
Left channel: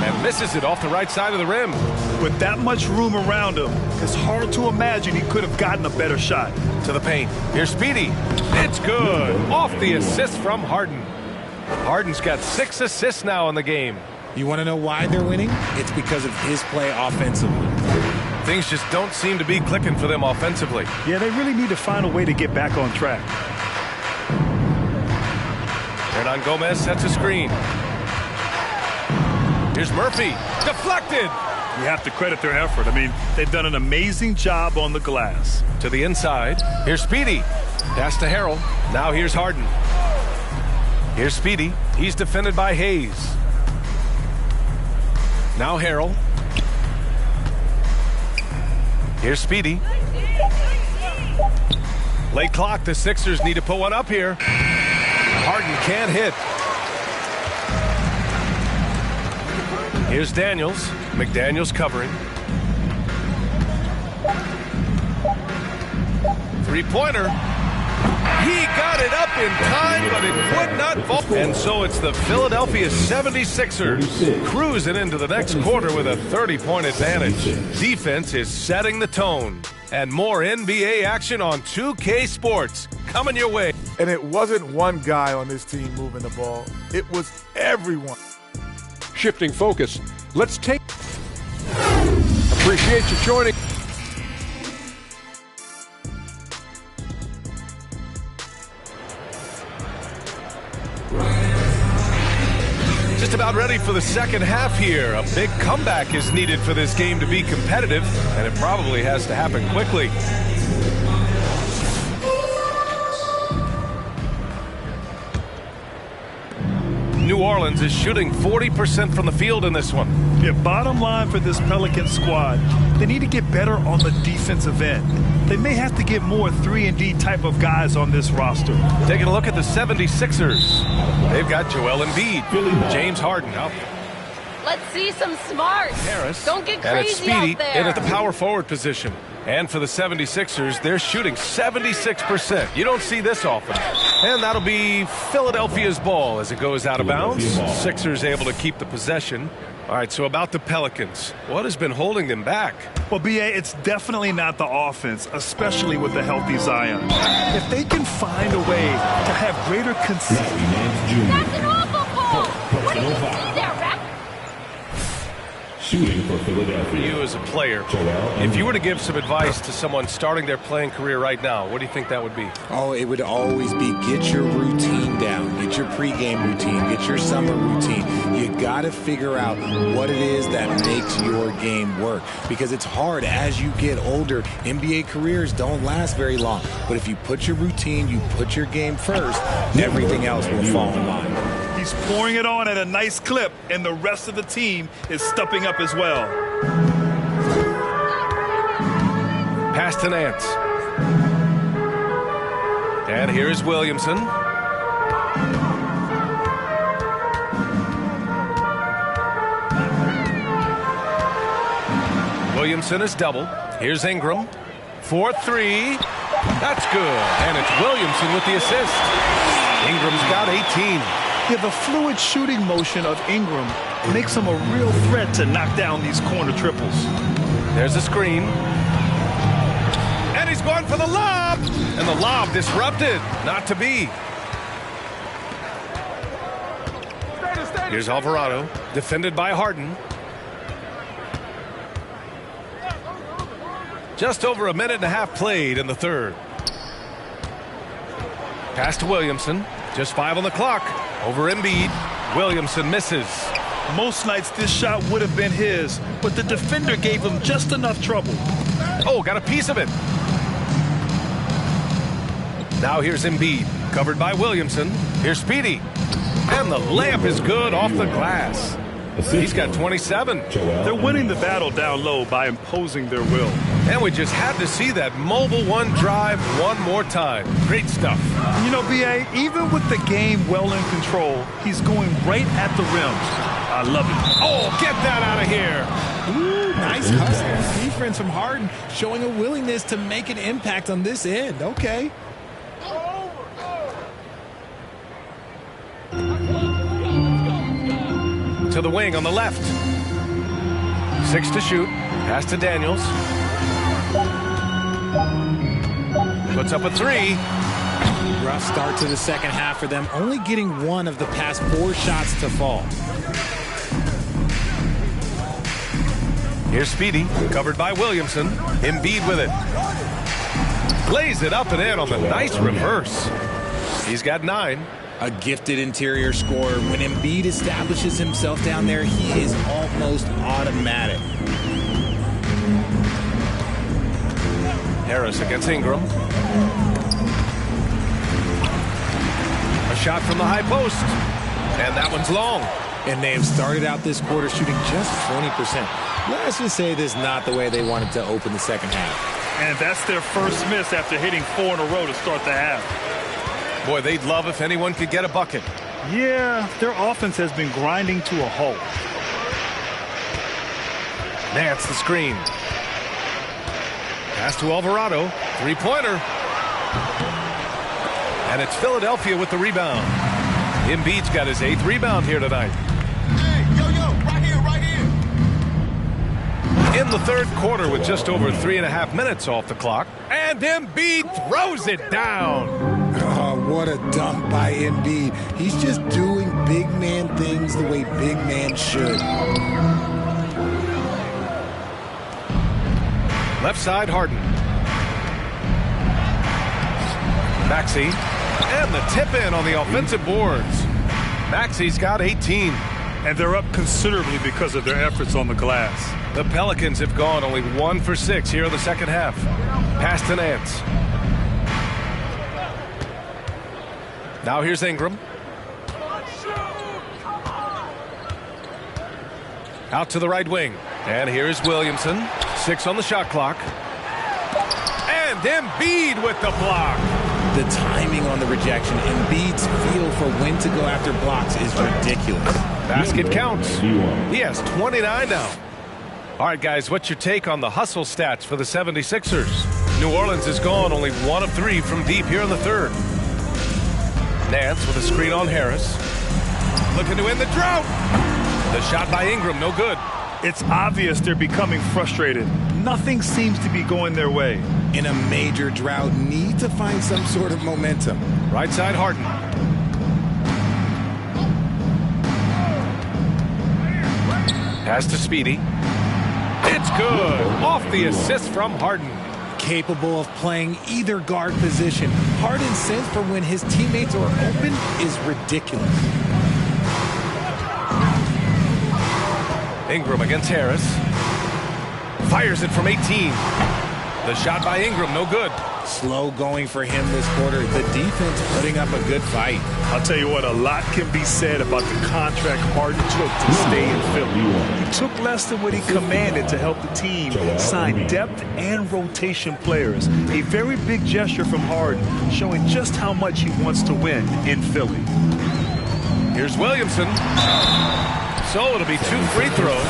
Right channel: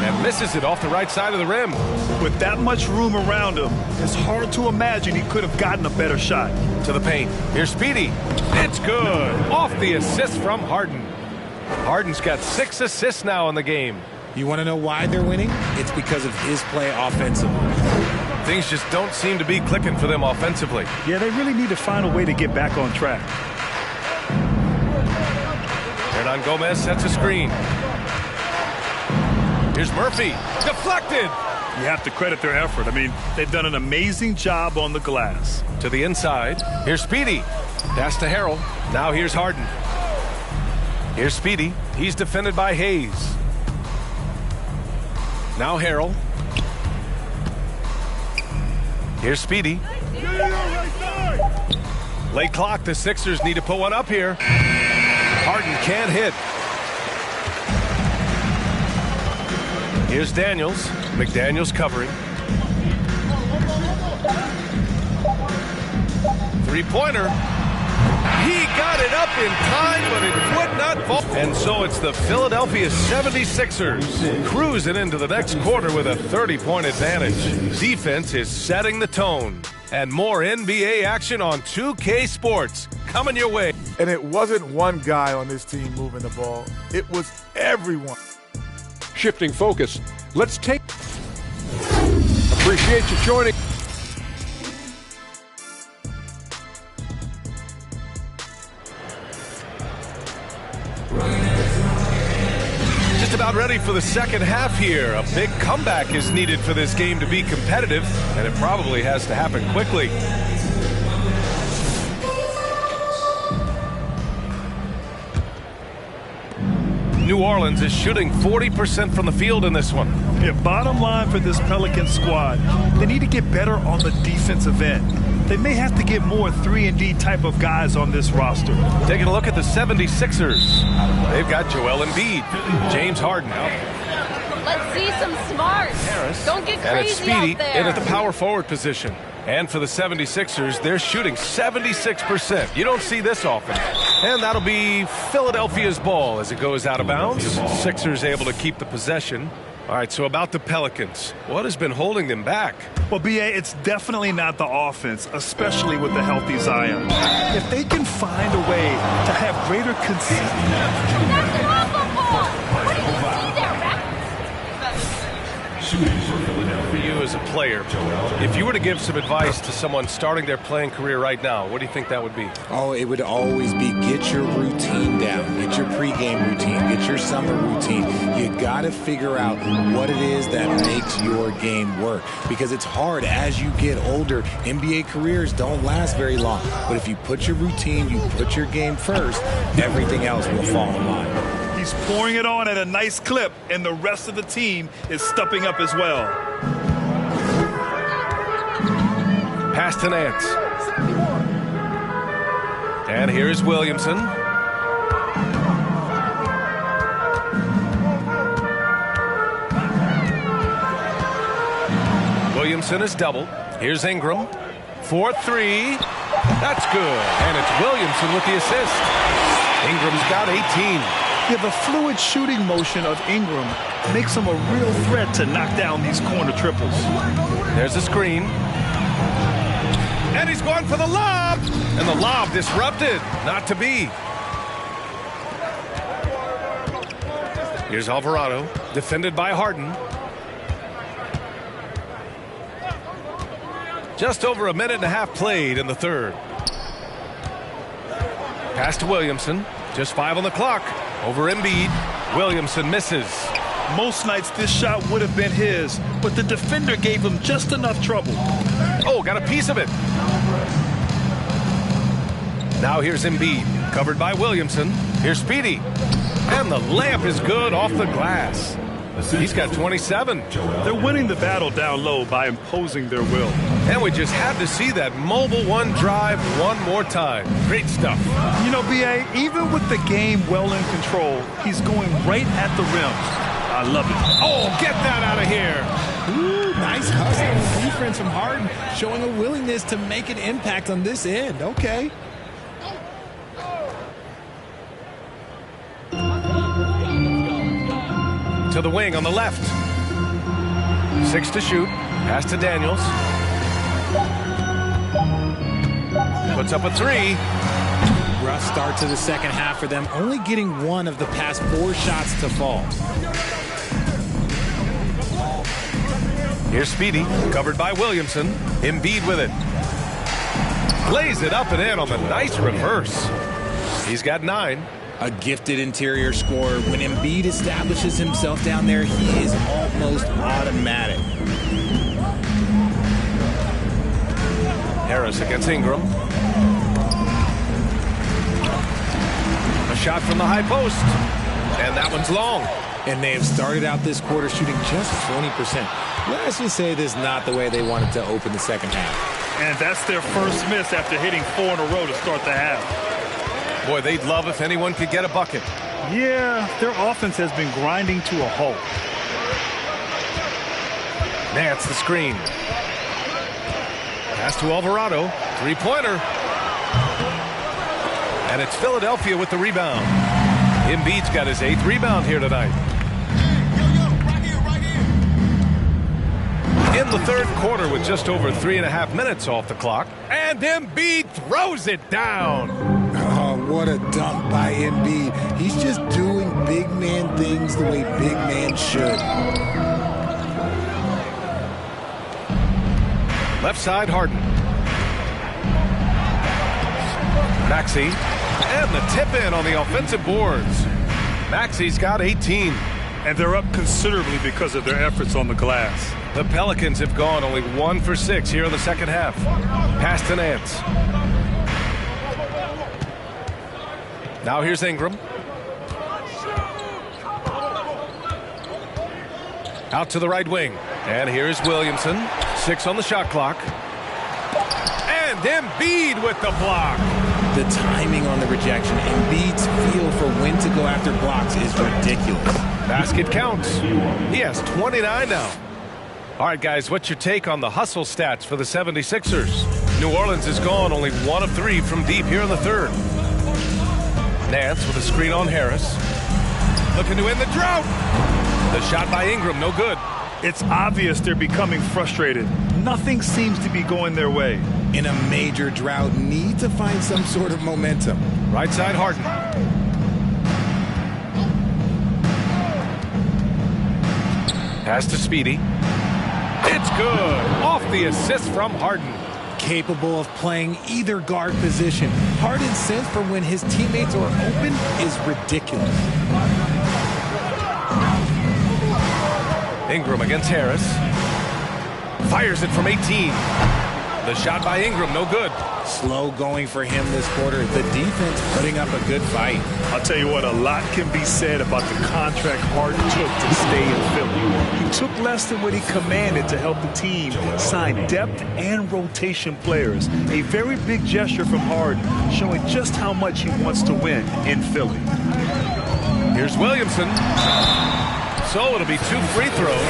And misses it off the right side of the rim. With that much room around him, it's hard to imagine he could have gotten a better shot. To the paint. Here's Speedy. It's good. Off the assist from Harden. Harden's got 6 assists now in the game. You want to know why they're winning? It's because of his play offensively. Things just don't seem to be clicking for them offensively. Yeah, they really need to find a way to get back on track. Hernan Gomez sets a screen. Here's Murphy. Deflected. You have to credit their effort. I mean, they've done an amazing job on the glass. To the inside. Here's Speedy. Pass to Harrell. Now here's Harden. Here's Speedy. He's defended by Hayes. Now Harrell. Here's Speedy. Late clock. The Sixers need to put one up here. Harden can't hit. Here's Daniels. McDaniels covering. Three-pointer. He got it up in time, but it would not fall. And so it's the Philadelphia 76ers cruising into the next quarter with a 30-point advantage. Defense is setting the tone. And more NBA action on 2K Sports coming your way. And it wasn't one guy on this team moving the ball. It was everyone. Shifting focus. Let's take... Appreciate you joining. Just about ready for the second half here. A big comeback is needed for this game to be competitive, and it probably has to happen quickly. New Orleans is shooting 40% from the field in this one. Yeah, bottom line for this Pelican squad, they need to get better on the defensive end. They may have to get more 3-and-D type of guys on this roster. Taking a look at the 76ers. They've got Joel Embiid, James Harden out. Let's see some smarts. Harris. Don't get And it's crazy Speedy out there. in at the power forward position. And for the 76ers, they're shooting 76%. You don't see this often. And that'll be Philadelphia's ball as it goes out of bounds. Sixers able to keep the possession. All right, so about the Pelicans. What has been holding them back? Well, B.A., it's definitely not the offense, especially with the healthy Zion. If they can find a way to have greater consistency. That's an awful ball. What did you see there, Rex? Shooting for Philadelphia. For you as a player, if you were to give some advice to someone starting their playing career right now, what do you think that would be? Oh, it would always be get your routine down. Get your pregame routine. Get your summer routine. You got to figure out what it is that makes your game work. Because it's hard as you get older. NBA careers don't last very long. But if you put your routine, you put your game first, everything else will fall in line. He's pouring it on at a nice clip, and the rest of the team is stepping up as well. Pass to Nance. And here's Williamson. Williamson is double. Here's Ingram. 4-3. That's good. And it's Williamson with the assist. Ingram's got 18. Yeah, the fluid shooting motion of Ingram makes him a real threat to knock down these corner triples. There's a screen. And he's going for the lob. And the lob disrupted. Not to be. Here's Alvarado, defended by Harden. Just over a minute and a half played in the third. Pass to Williamson. Just 5 on the clock. Over Embiid. Williamson misses. Most nights this shot would have been his, but the defender gave him just enough trouble. Oh, got a piece of it. Now here's Embiid, covered by Williamson. Here's Speedy. And the layup is good off the glass. He's got 27. They're winning the battle down low by imposing their will. And we just had to see that mobile one drive one more time. Great stuff. You know, B.A., even with the game well in control, he's going right at the rim. I love it. Oh, get that out of here. Ooh, nice hustle and defense from Harden, showing a willingness to make an impact on this end. Okay. To the wing on the left. 6 to shoot. Pass to Daniels. Puts up a 3. Rough start to the second half for them, only getting one of the past 4 shots to fall. Here's Speedy, covered by Williamson. Embiid with it. Lays it up and in on the nice reverse. He's got 9. A gifted interior scorer. When Embiid establishes himself down there, he is almost automatic. Harris against Ingram. A shot from the high post. And that one's long. And they have started out this quarter shooting just 20%. Let's just say this is not the way they wanted to open the second half. And that's their first miss after hitting 4 in a row to start the half. Boy, they'd love if anyone could get a bucket. Yeah, their offense has been grinding to a halt. Nance the screen. Pass to Alvarado. 3-pointer. And it's Philadelphia with the rebound. Embiid's got his 8th rebound here tonight. Hey, yo, right here. In the third quarter with just over 3.5 minutes off the clock. And Embiid throws it down. Oh, what a dunk by Embiid. He's just doing big man things the way big man should. Left side, Harden. Maxey. And the tip in on the offensive boards. Maxey's got 18. And they're up considerably because of their efforts on the glass. The Pelicans have gone only 1 for 6 here in the second half. Pass to Nance. Now here's Ingram. Out to the right wing. And here's Williamson. 6 on the shot clock. And Embiid with the block. The timing on the rejection, Embiid's feel for when to go after blocks is ridiculous. Basket counts. He has 29 now. All right, guys, what's your take on the hustle stats for the 76ers? New Orleans has gone only 1 of 3 from deep here in the third. Nance with a screen on Harris. Looking to end the drought. The shot by Ingram, no good. It's obvious they're becoming frustrated. Nothing seems to be going their way. In a major drought, need to find some sort of momentum. Right side, Harden. Pass to Speedy. It's good. Off the assist from Harden. Capable of playing either guard position. Harden's sense for when his teammates are open is ridiculous. Ingram against Harris. Fires it from 18. The shot by Ingram, no good. Slow going for him this quarter. The defense putting up a good fight. I'll tell you what, a lot can be said about the contract Harden took to stay in Philly. He took less than what he commanded to help the team sign depth and rotation players. A very big gesture from Harden, showing just how much he wants to win in Philly. Here's Williamson. So it'll be 2 free throws.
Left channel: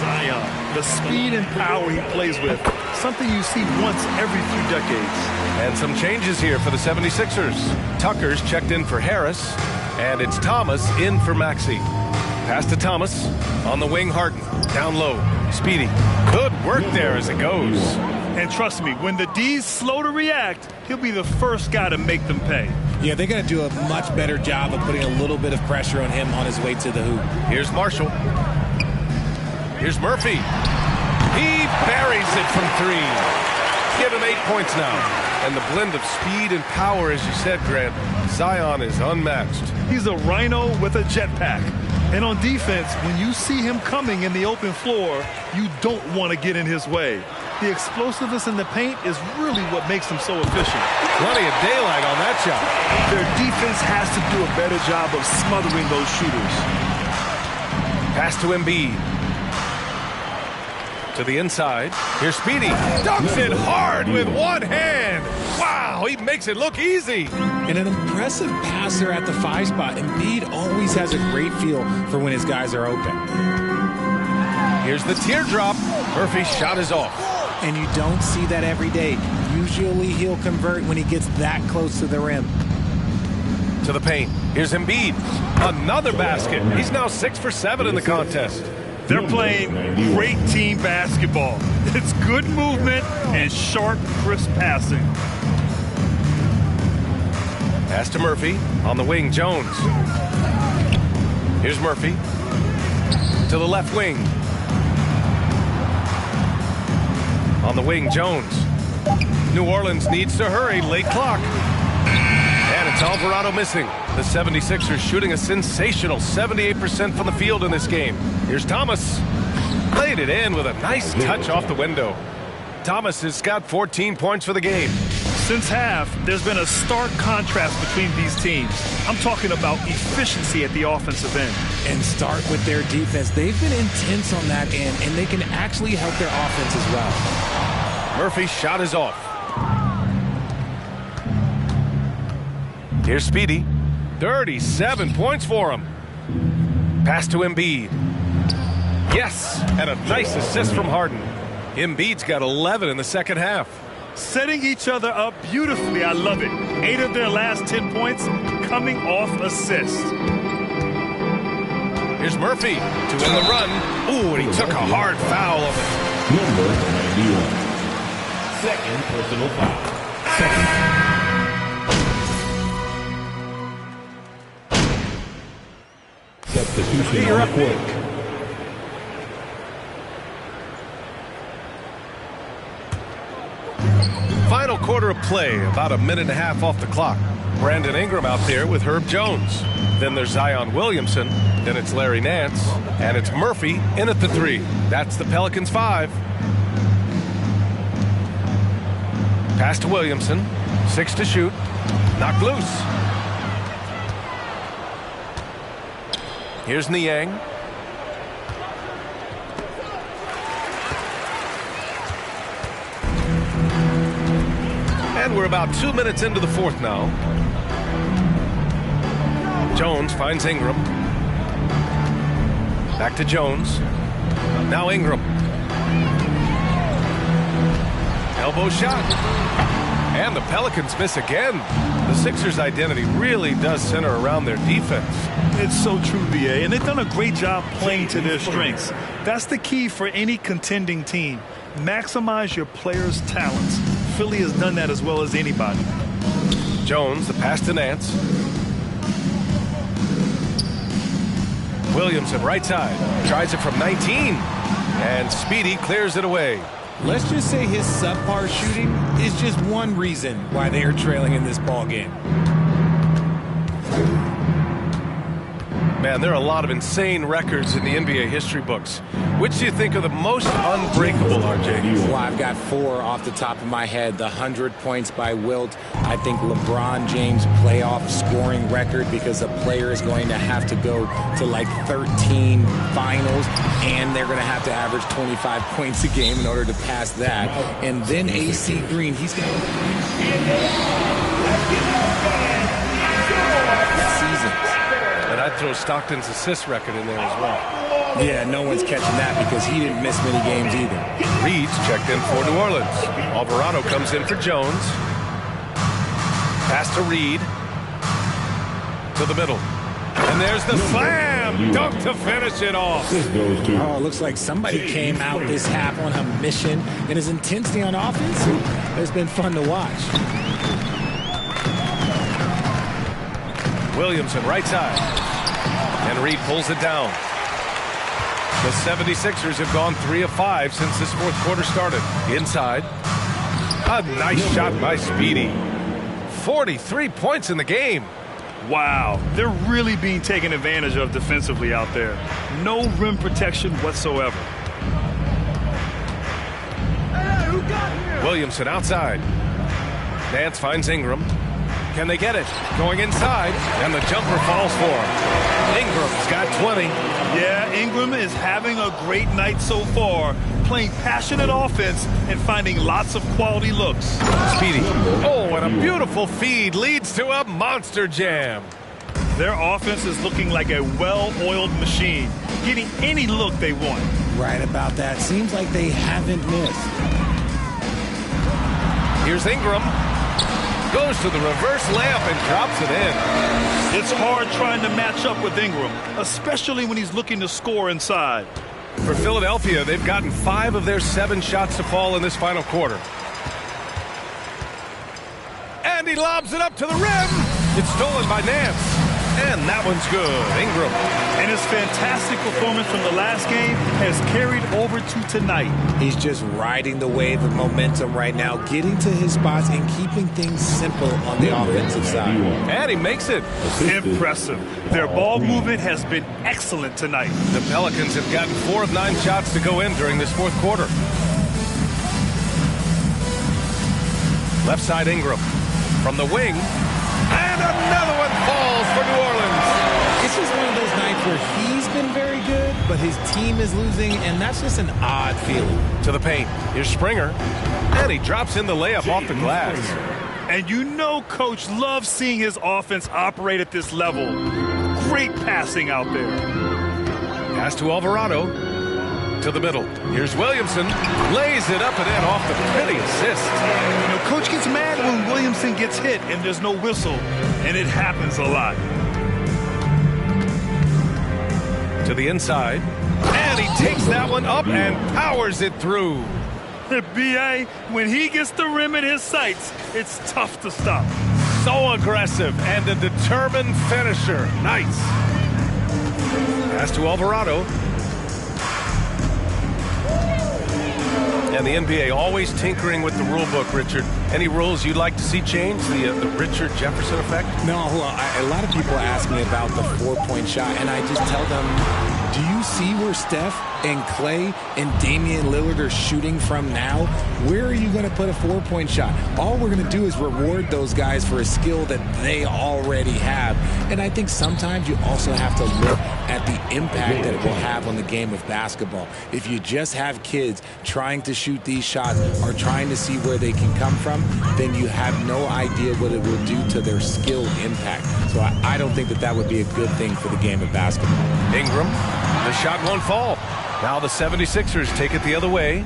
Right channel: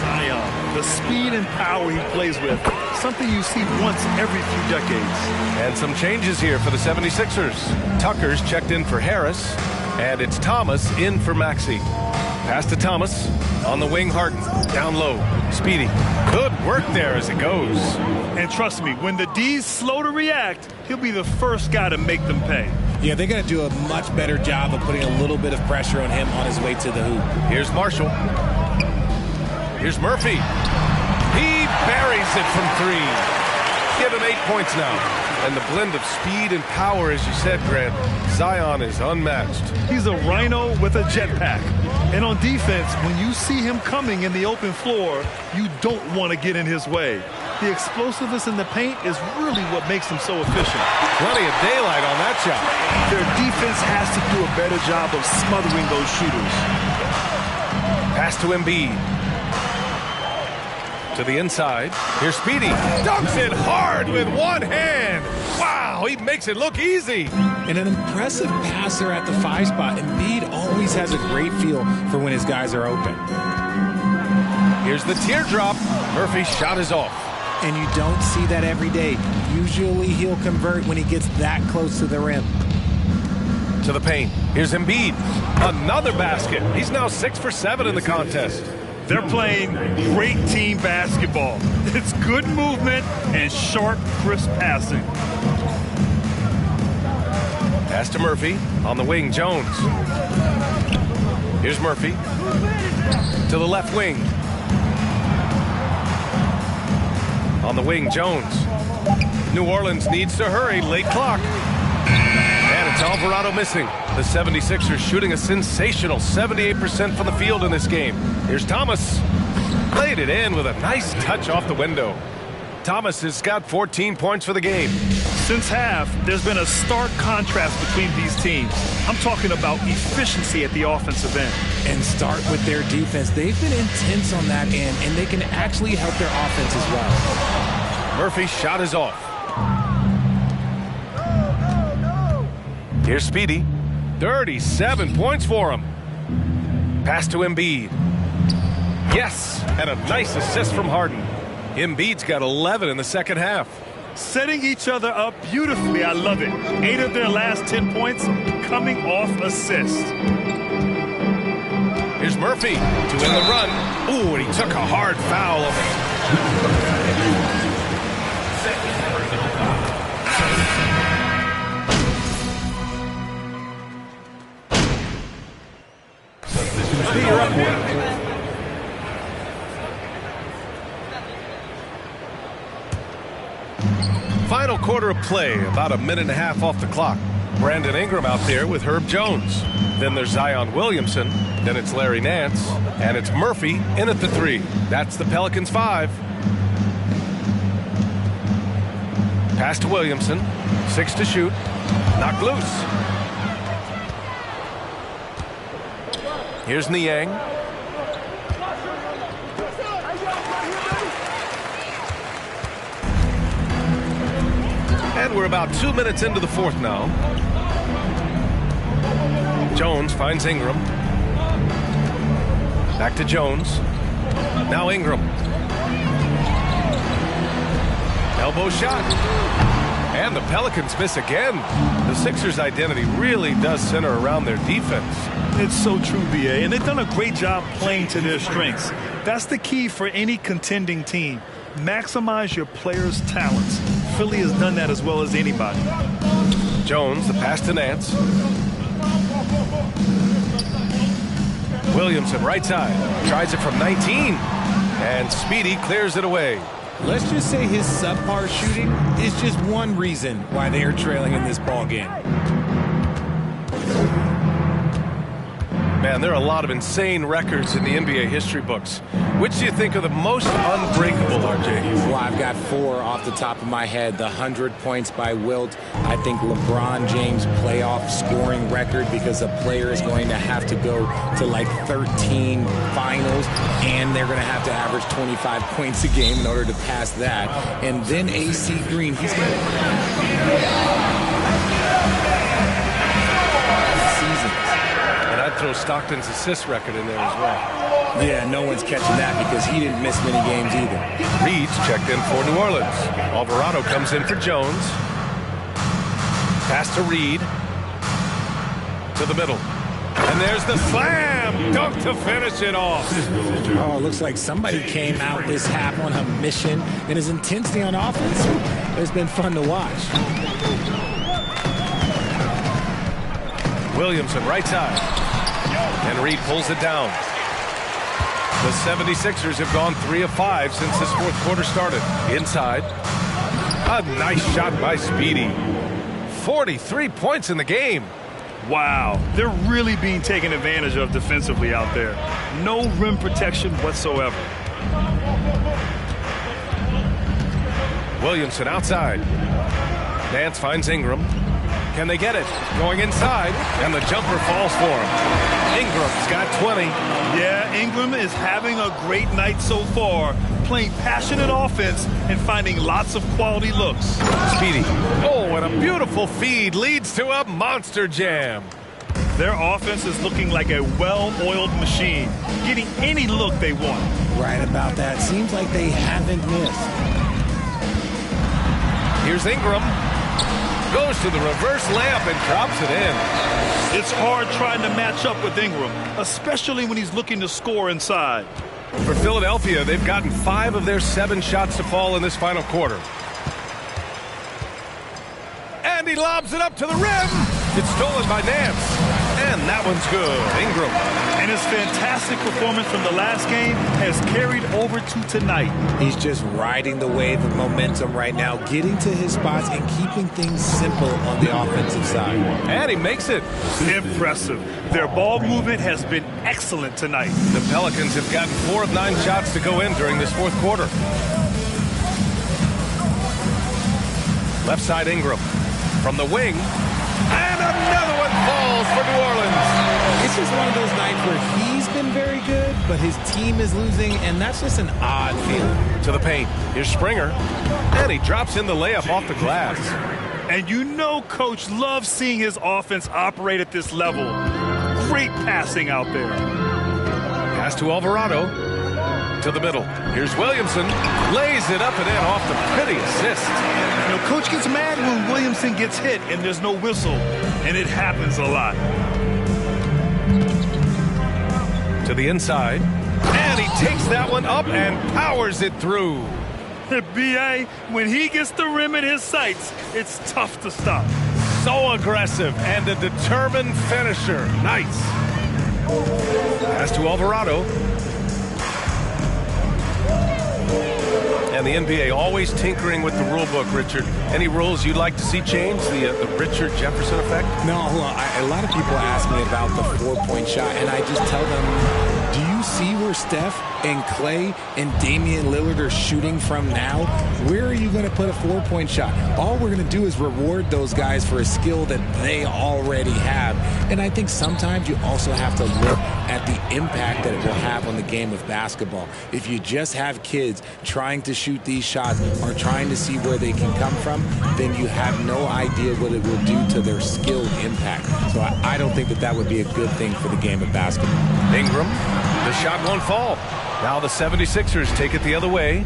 Zion, the speed and power he plays with, something you see once every few decades. And some changes here for the 76ers. Tucker's checked in for Harris, and it's Thomas in for Maxey. Pass to Thomas. On the wing, Harden. Down low. Speedy. Good work there as it goes. And trust me, when the D's slow to react, he'll be the first guy to make them pay. Yeah, they're going to do a much better job of putting a little bit of pressure on him on his way to the hoop. Here's Marshall. Here's Murphy. He buries it from 3. Give him 8 points now. And the blend of speed and power, as you said, Grant, Zion is unmatched. He's a rhino with a jetpack. And on defense, when you see him coming in the open floor, you don't want to get in his way. The explosiveness in the paint is really what makes him so efficient. Plenty of daylight on that shot. Their defense has to do a better job of smothering those shooters. Pass to Embiid. To the inside. Here's Speedy. Dunks it hard with one hand. Wow, he makes it look easy. And an impressive passer at the 5 spot. Embiid always has a great feel for when his guys are open. Here's the teardrop. Murphy's shot is off. And you don't see that every day. Usually he'll convert when he gets that close to the rim. To the paint. Here's Embiid. Another basket. He's now 6 for 7 in the contest. They're playing great team basketball. It's good movement and sharp, crisp passing. Pass to Murphy. On the wing, Jones. Here's Murphy. To the left wing. On the wing, Jones. New Orleans needs to hurry. Late clock. And it's Alvarado missing. The 76ers shooting a sensational 78% from the field in this game. Here's Thomas. Played it in with a nice touch off the window. Thomas has got 14 points for the game. Since half, there's been a stark contrast between these teams. I'm talking about efficiency at the offensive end. And start with their defense. They've been intense on that end, and they can actually help their offense as well. Murphy's shot is off. Here's Speedy. 37 points for him. Pass to Embiid. Yes, and a nice assist from Harden. Embiid's got 11 in the second half. Setting each other up beautifully. I love it. 8 of their last 10 points coming off assists. Here's Murphy to end the run. Ooh, and he took a hard foul of it. Number 91. Second personal foul. Substitution. You're up quick. Final quarter of play, about a minute and a half off the clock. Brandon Ingram out there with Herb Jones. Then there's Zion Williamson. Then it's Larry Nance. And it's Murphy in at the 3. That's the Pelicans 5. Pass to Williamson. 6 to shoot. Knocked loose. Here's Niang. And we're about 2 minutes into the fourth now. Jones finds Ingram. Back to Jones. Now Ingram. Elbow shot. And the Pelicans miss again. The Sixers' identity really does center around their defense. It's so true, B.A., and they've done a great job playing to their strengths. That's the key for any contending team. Maximize your players' talents. Philly has done that as well as anybody. Jones, the pass to Nance. Williamson, right side. Tries it from 19. And Speedy clears it away. Let's just say his subpar shooting is just one reason why they are trailing in this ball game. Man, there are a lot of insane records in the NBA history books. Which do you think are the most unbreakable, RJ? Well, I've got 4 off the top of my head. The 100 points by Wilt. I think LeBron James' playoff scoring record, because a player is going to have to go to like 13 finals, and they're going to have to average 25 points a game in order to pass that. And then AC Green, he's going to... seasons. And I'd throw Stockton's assist record in there as well. Yeah, no one's catching that because he didn't miss many games either. Reed's checked in for New Orleans. Alvarado comes in for Jones. Pass to Reed. To the middle. And there's the slam dunk to finish it off. Oh, it looks like somebody came out this half on a mission, and his intensity on offense, it's been fun to watch. Williamson, right side. And Reed pulls it down. The 76ers have gone 3 of 5 since this fourth quarter started. Inside. A nice shot by Speedy. 43 points in the game. Wow, they're really being taken advantage of defensively out there. No rim protection whatsoever. Williamson outside. Nance finds Ingram. Can they get it? Going inside, and the jumper falls for him. Ingram's got 20. Yeah, Ingram is having a great night so far, playing passionate offense and finding lots of quality looks. Speedy. Oh, and a beautiful feed leads to a monster jam. Their offense is looking like a well-oiled machine, getting any look they want. Right about that. Seems like they haven't missed. Here's Ingram. Goes to the reverse layup and drops it in. It's hard trying to match up with Ingram, especially when he's looking to score inside. For Philadelphia, they've gotten 5 of their 7 shots to fall in this final quarter. And he lobs it up to the rim. It's stolen by Nance. And that one's good. Ingram. And his fantastic performance from the last game has carried over to tonight. He's just riding the wave of momentum right now, getting to his spots and keeping things simple on the offensive side. And he makes it. Impressive. Their ball movement has been excellent tonight. The Pelicans have gotten 4 of 9 shots to go in during this fourth quarter. Left side Ingram. From the wing. And another one falls for New Orleans. It's just one of those nights where he's been very good, but his team is losing, and that's just an odd feeling. To the paint. Here's Springer. And he drops in the layup off the glass. And you know Coach loves seeing his offense operate at this level. Great passing out there. Pass to Alvarado. To the middle. Here's Williamson. Lays it up and in off the pretty assist. You know, Coach gets mad when Williamson gets hit and there's no whistle, and it happens a lot. To the inside. And he takes that one up and powers it through. B.A., when he gets the rim in his sights, it's tough to stop. So aggressive and a determined finisher. Nice. Pass to Alvarado. And the NBA always tinkering with the rule book, Richard. Any rules you'd like to see changed? The Richard Jefferson effect? No, a lot of people ask me about the 4-point shot, and I just tell them, do you see where Steph and Clay and Damian Lillard are shooting from now? Where are you going to put a 4-point shot? All we're going to do is reward those guys for a skill that they already have. And I think sometimes you also have to look at the impact that it will have on the game of basketball. If you just have kids trying to shoot these shots or trying to see where they can come from, then you have no idea what it will do to their skill impact. So I don't think that would be a good thing for the game of basketball. Ingram, the shot won't fall. Now the 76ers take it the other way.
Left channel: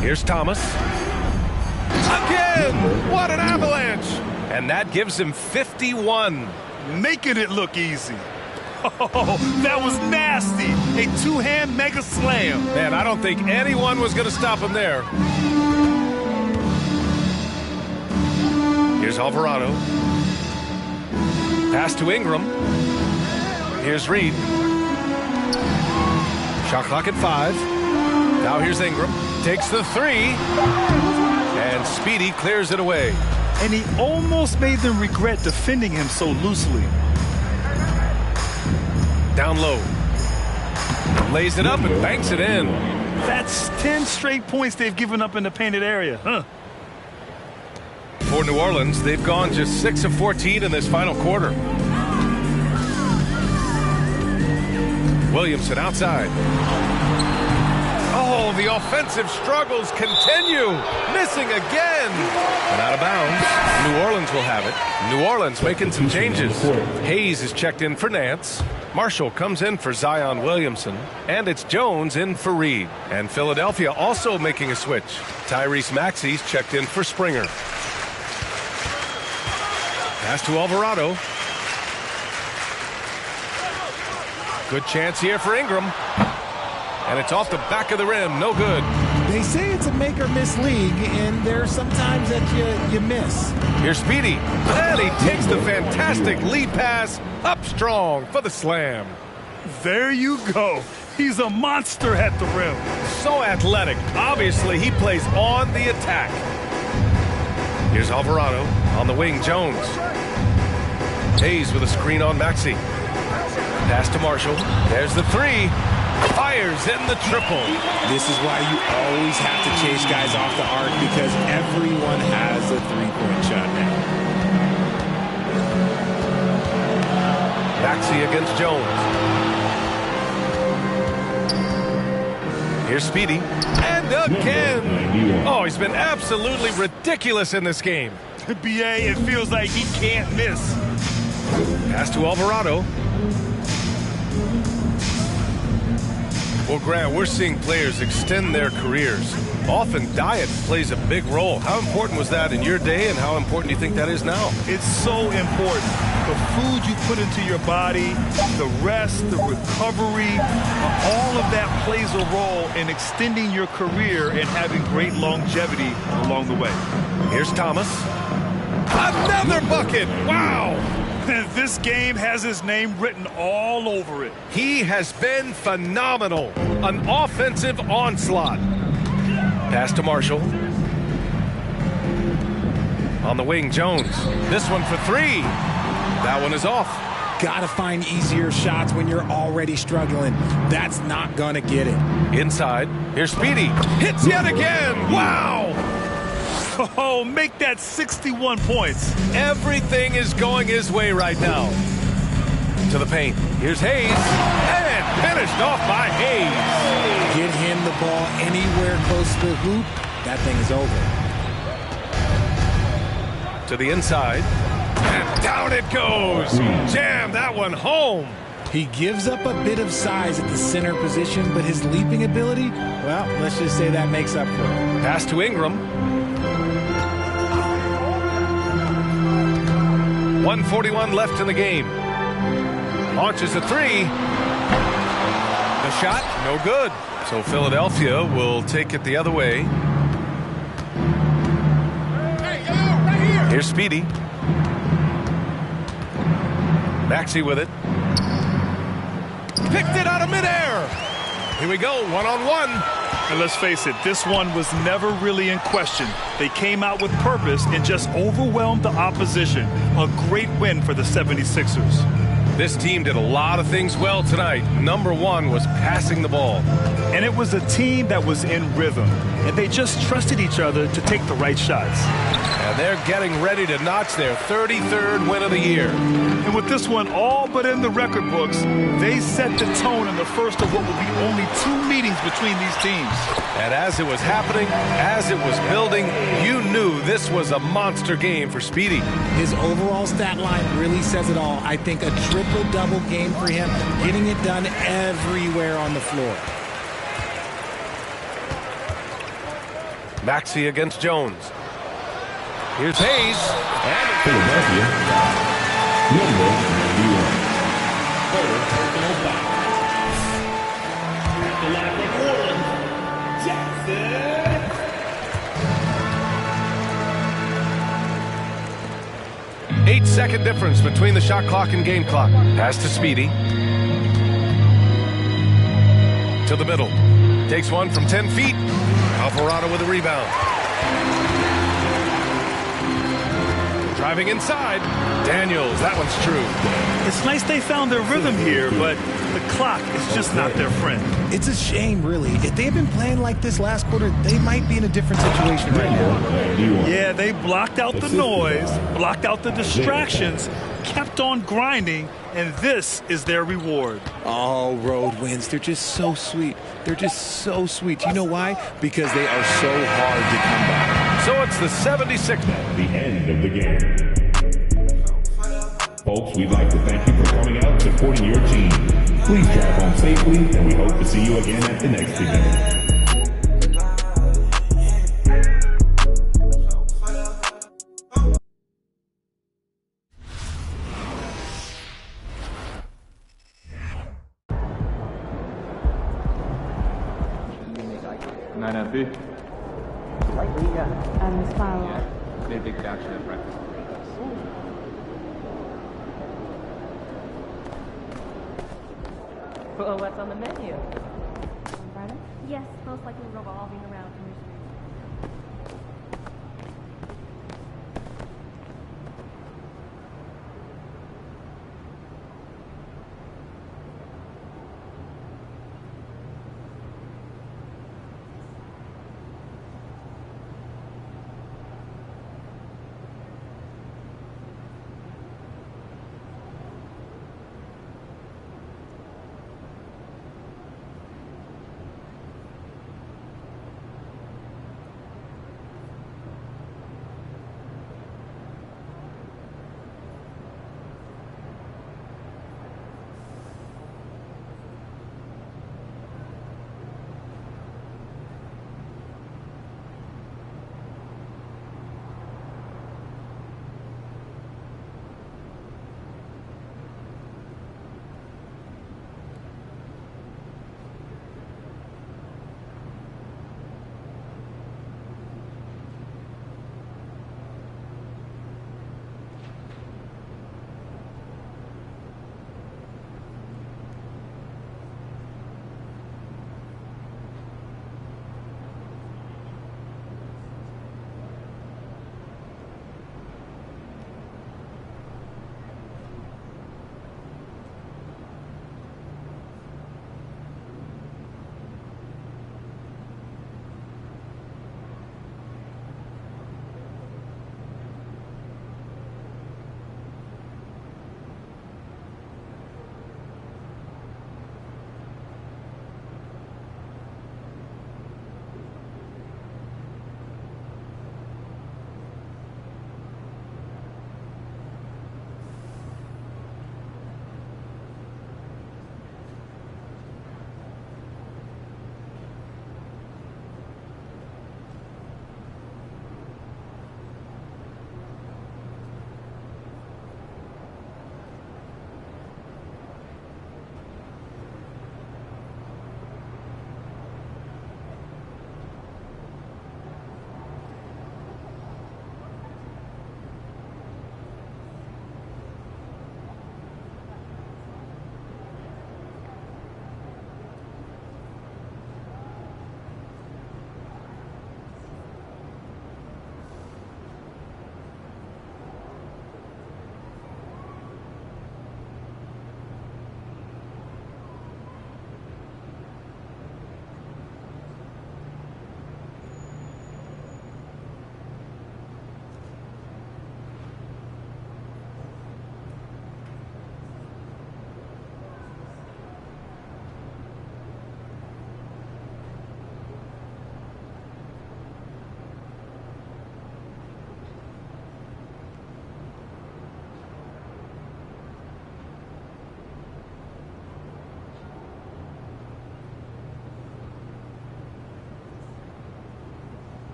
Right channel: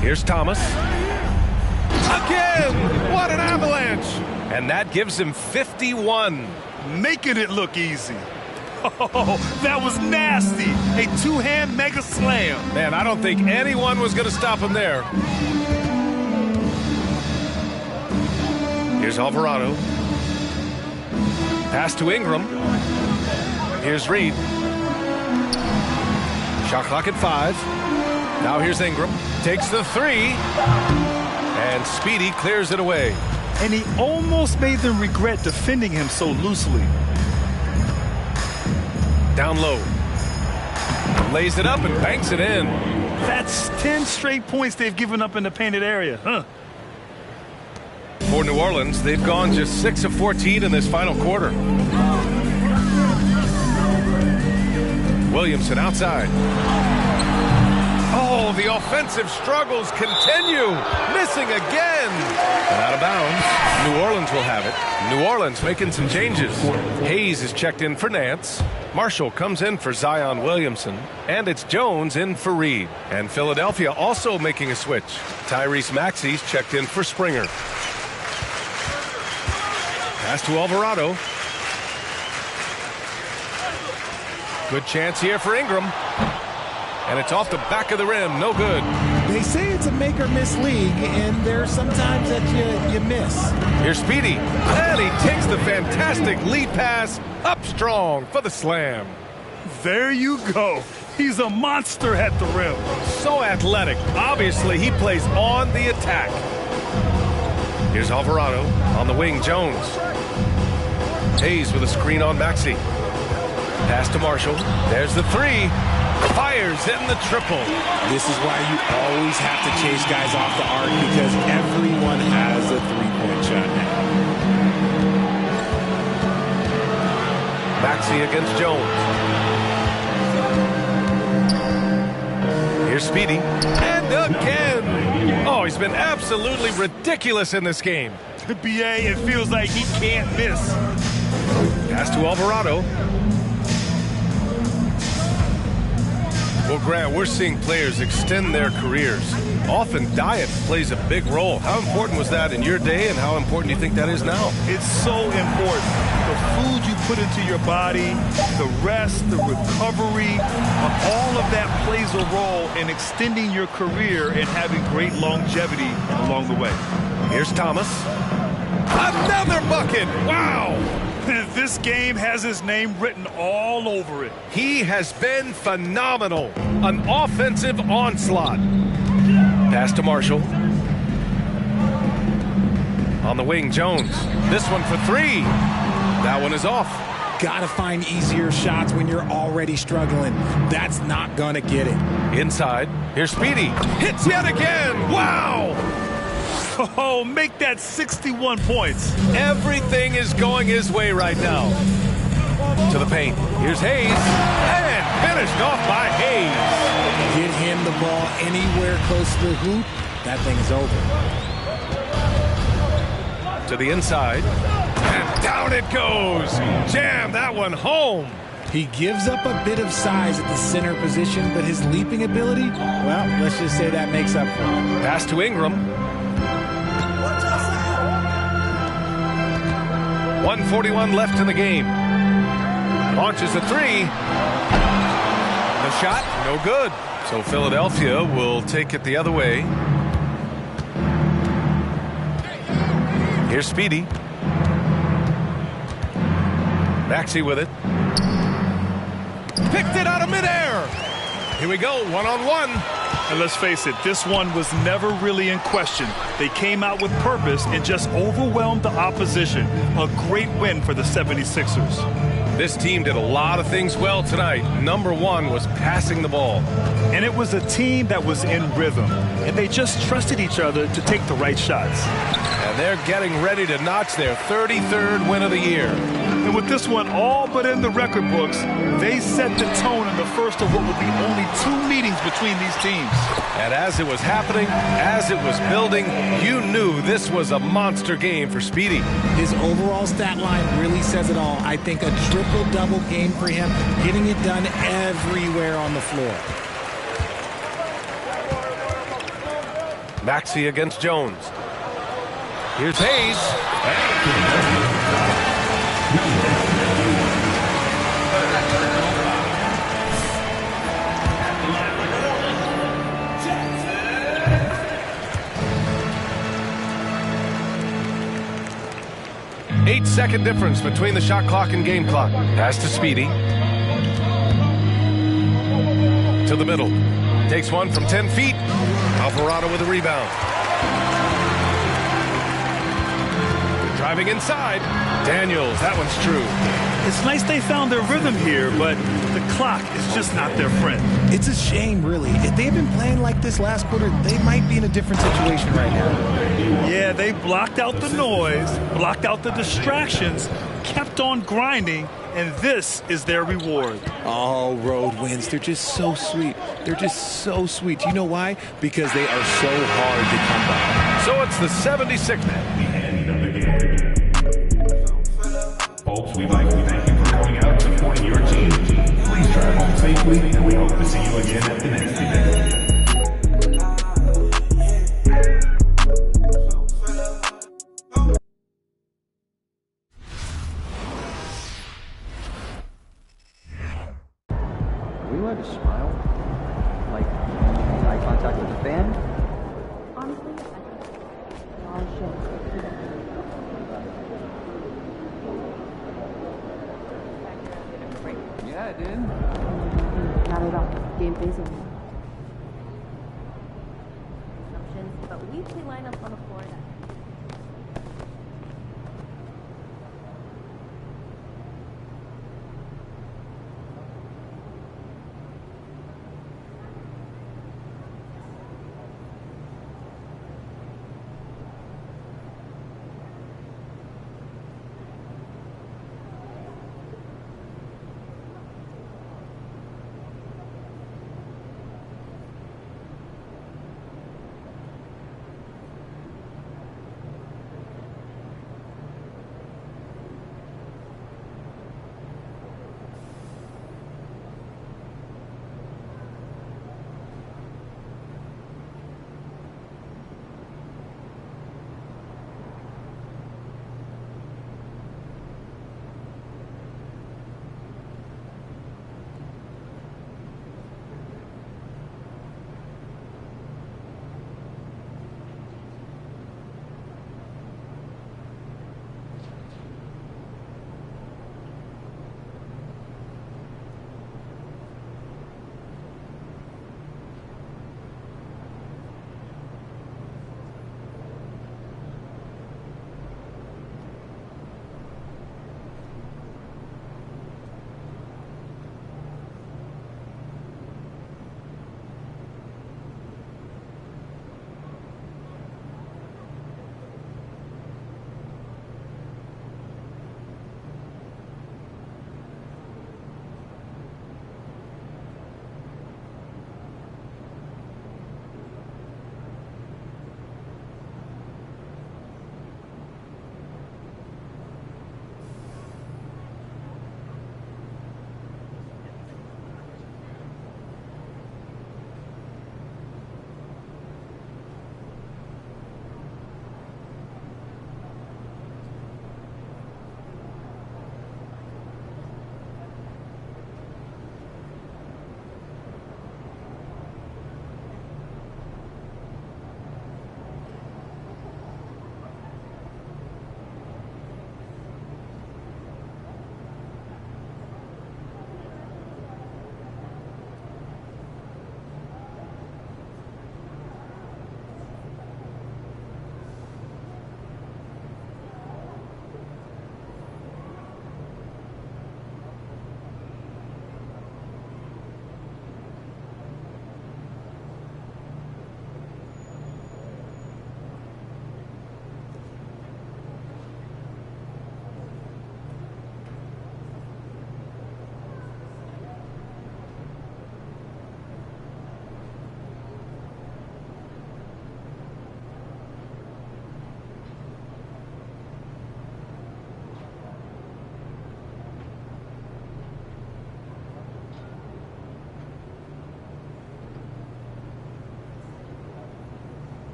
Here's Thomas. Again! What an avalanche! And that gives him 51. Making it look easy. Oh, that was nasty. A two-hand mega slam. Man, I don't think anyone was going to stop him there. Here's Alvarado. Pass to Ingram. Here's Reed. Shot clock at 5. Now here's Ingram. Takes the 3. And Speedy clears it away. And he almost made them regret defending him so loosely. Down low. Lays it up and banks it in. That's 10 straight points they've given up in the painted area, huh? For New Orleans, they've gone just 6 of 14 in this final quarter. Williamson outside. Oh, the offensive struggles continue. Missing again. And out of bounds. New Orleans will have it. New Orleans making some changes. Hayes is checked in for Nance. Marshall comes in for Zion Williamson. And it's Jones in for Reed. And Philadelphia also making a switch. Tyrese Maxey's checked in for Springer. Pass to Alvarado. Good chance here for Ingram. And it's off the back of the rim. No good. They say it's a make-or-miss league, and there's sometimes that you miss. Here's Speedy. And he takes the fantastic lead pass up strong for the slam. There you go. He's a monster at the rim. So athletic. Obviously, he plays on the attack. Here's Alvarado. On the wing, Jones. Hayes with a screen on Maxey. Pass to Marshall. There's the 3. Fires in the triple. This is why you always have to chase guys off the arc, because everyone has a three-point shot now. Maxey against Jones. Here's Speedy. And again. Oh, he's been absolutely ridiculous in this game. B.A., it feels like he can't miss. Pass to Alvarado. Well, Grant, we're seeing players extend their careers. Often diet plays a big role. How important was that in your day, and how important do you think that is now? It's so important. The food you put into your body, the rest, the recovery, all of that plays a role in extending your career and having great longevity along the way. Here's Thomas. Another bucket. Wow. This game has his name written all over it. He has been phenomenal. An offensive onslaught. Pass to Marshall. On the wing, Jones. This one for three. That one is off. Gotta find easier shots when you're already struggling. That's not gonna get it. Inside. Here's Speedy. Hits yet again. Wow. Oh, make that 61 points. Everything is going his way right now. To the paint. Here's Hayes. And finished off by Hayes. Get him the ball anywhere close to the hoop. That thing is over. To the inside. And down it goes. Jam that one home. He gives up a bit of size at the center position, but his leaping ability, well, let's just say that makes up for it. Pass to Ingram. 1:41 left in the game. Launches a three. The shot, no good. So Philadelphia will take it the other way. Here's Speedy. Maxey with it. Picked it out of midair. Here we go, one-on-one. And let's face it, this one was never really in question. They came out with purpose and just overwhelmed the opposition. A great win for the 76ers. This team did a lot of things well tonight. Number one was passing the ball. And it was a team that was in rhythm. And they just trusted each other to take the right shots. And they're getting ready to notch their 33rd win of the year. And with this one all but in the record books, they set the tone in the first of what will be only 2 meetings between these teams. And as it was happening, as it was building, you knew this was a monster game for Speedy. His overall stat line really says it all. I think a triple-double game for him, getting it done everywhere on the floor. Maxey against Jones. Here's Hayes. And Philadelphia. Number 91. Third personal foul. At the line for Portland, Jackson. 8-second difference between the shot clock and game clock. Pass to Speedy. To the middle. Takes one from 10 feet. Alvarado with a rebound. Driving inside. Daniels, that one's true. It's nice they found their rhythm here, but the clock is just not their friend. It's a shame, really. If they had been playing like this last quarter, they might be in a different situation right now. Yeah, they blocked out the noise, blocked out the distractions, kept on grinding, and this is their reward. Oh, road wins. They're just so sweet. They're just so sweet. You know why? Because they are so hard to come by. So it's the 76th. The end of the game. Folks, we'd like to thank you for coming out and supporting your team. Please drive home safely, and we hope to see you again at the next event.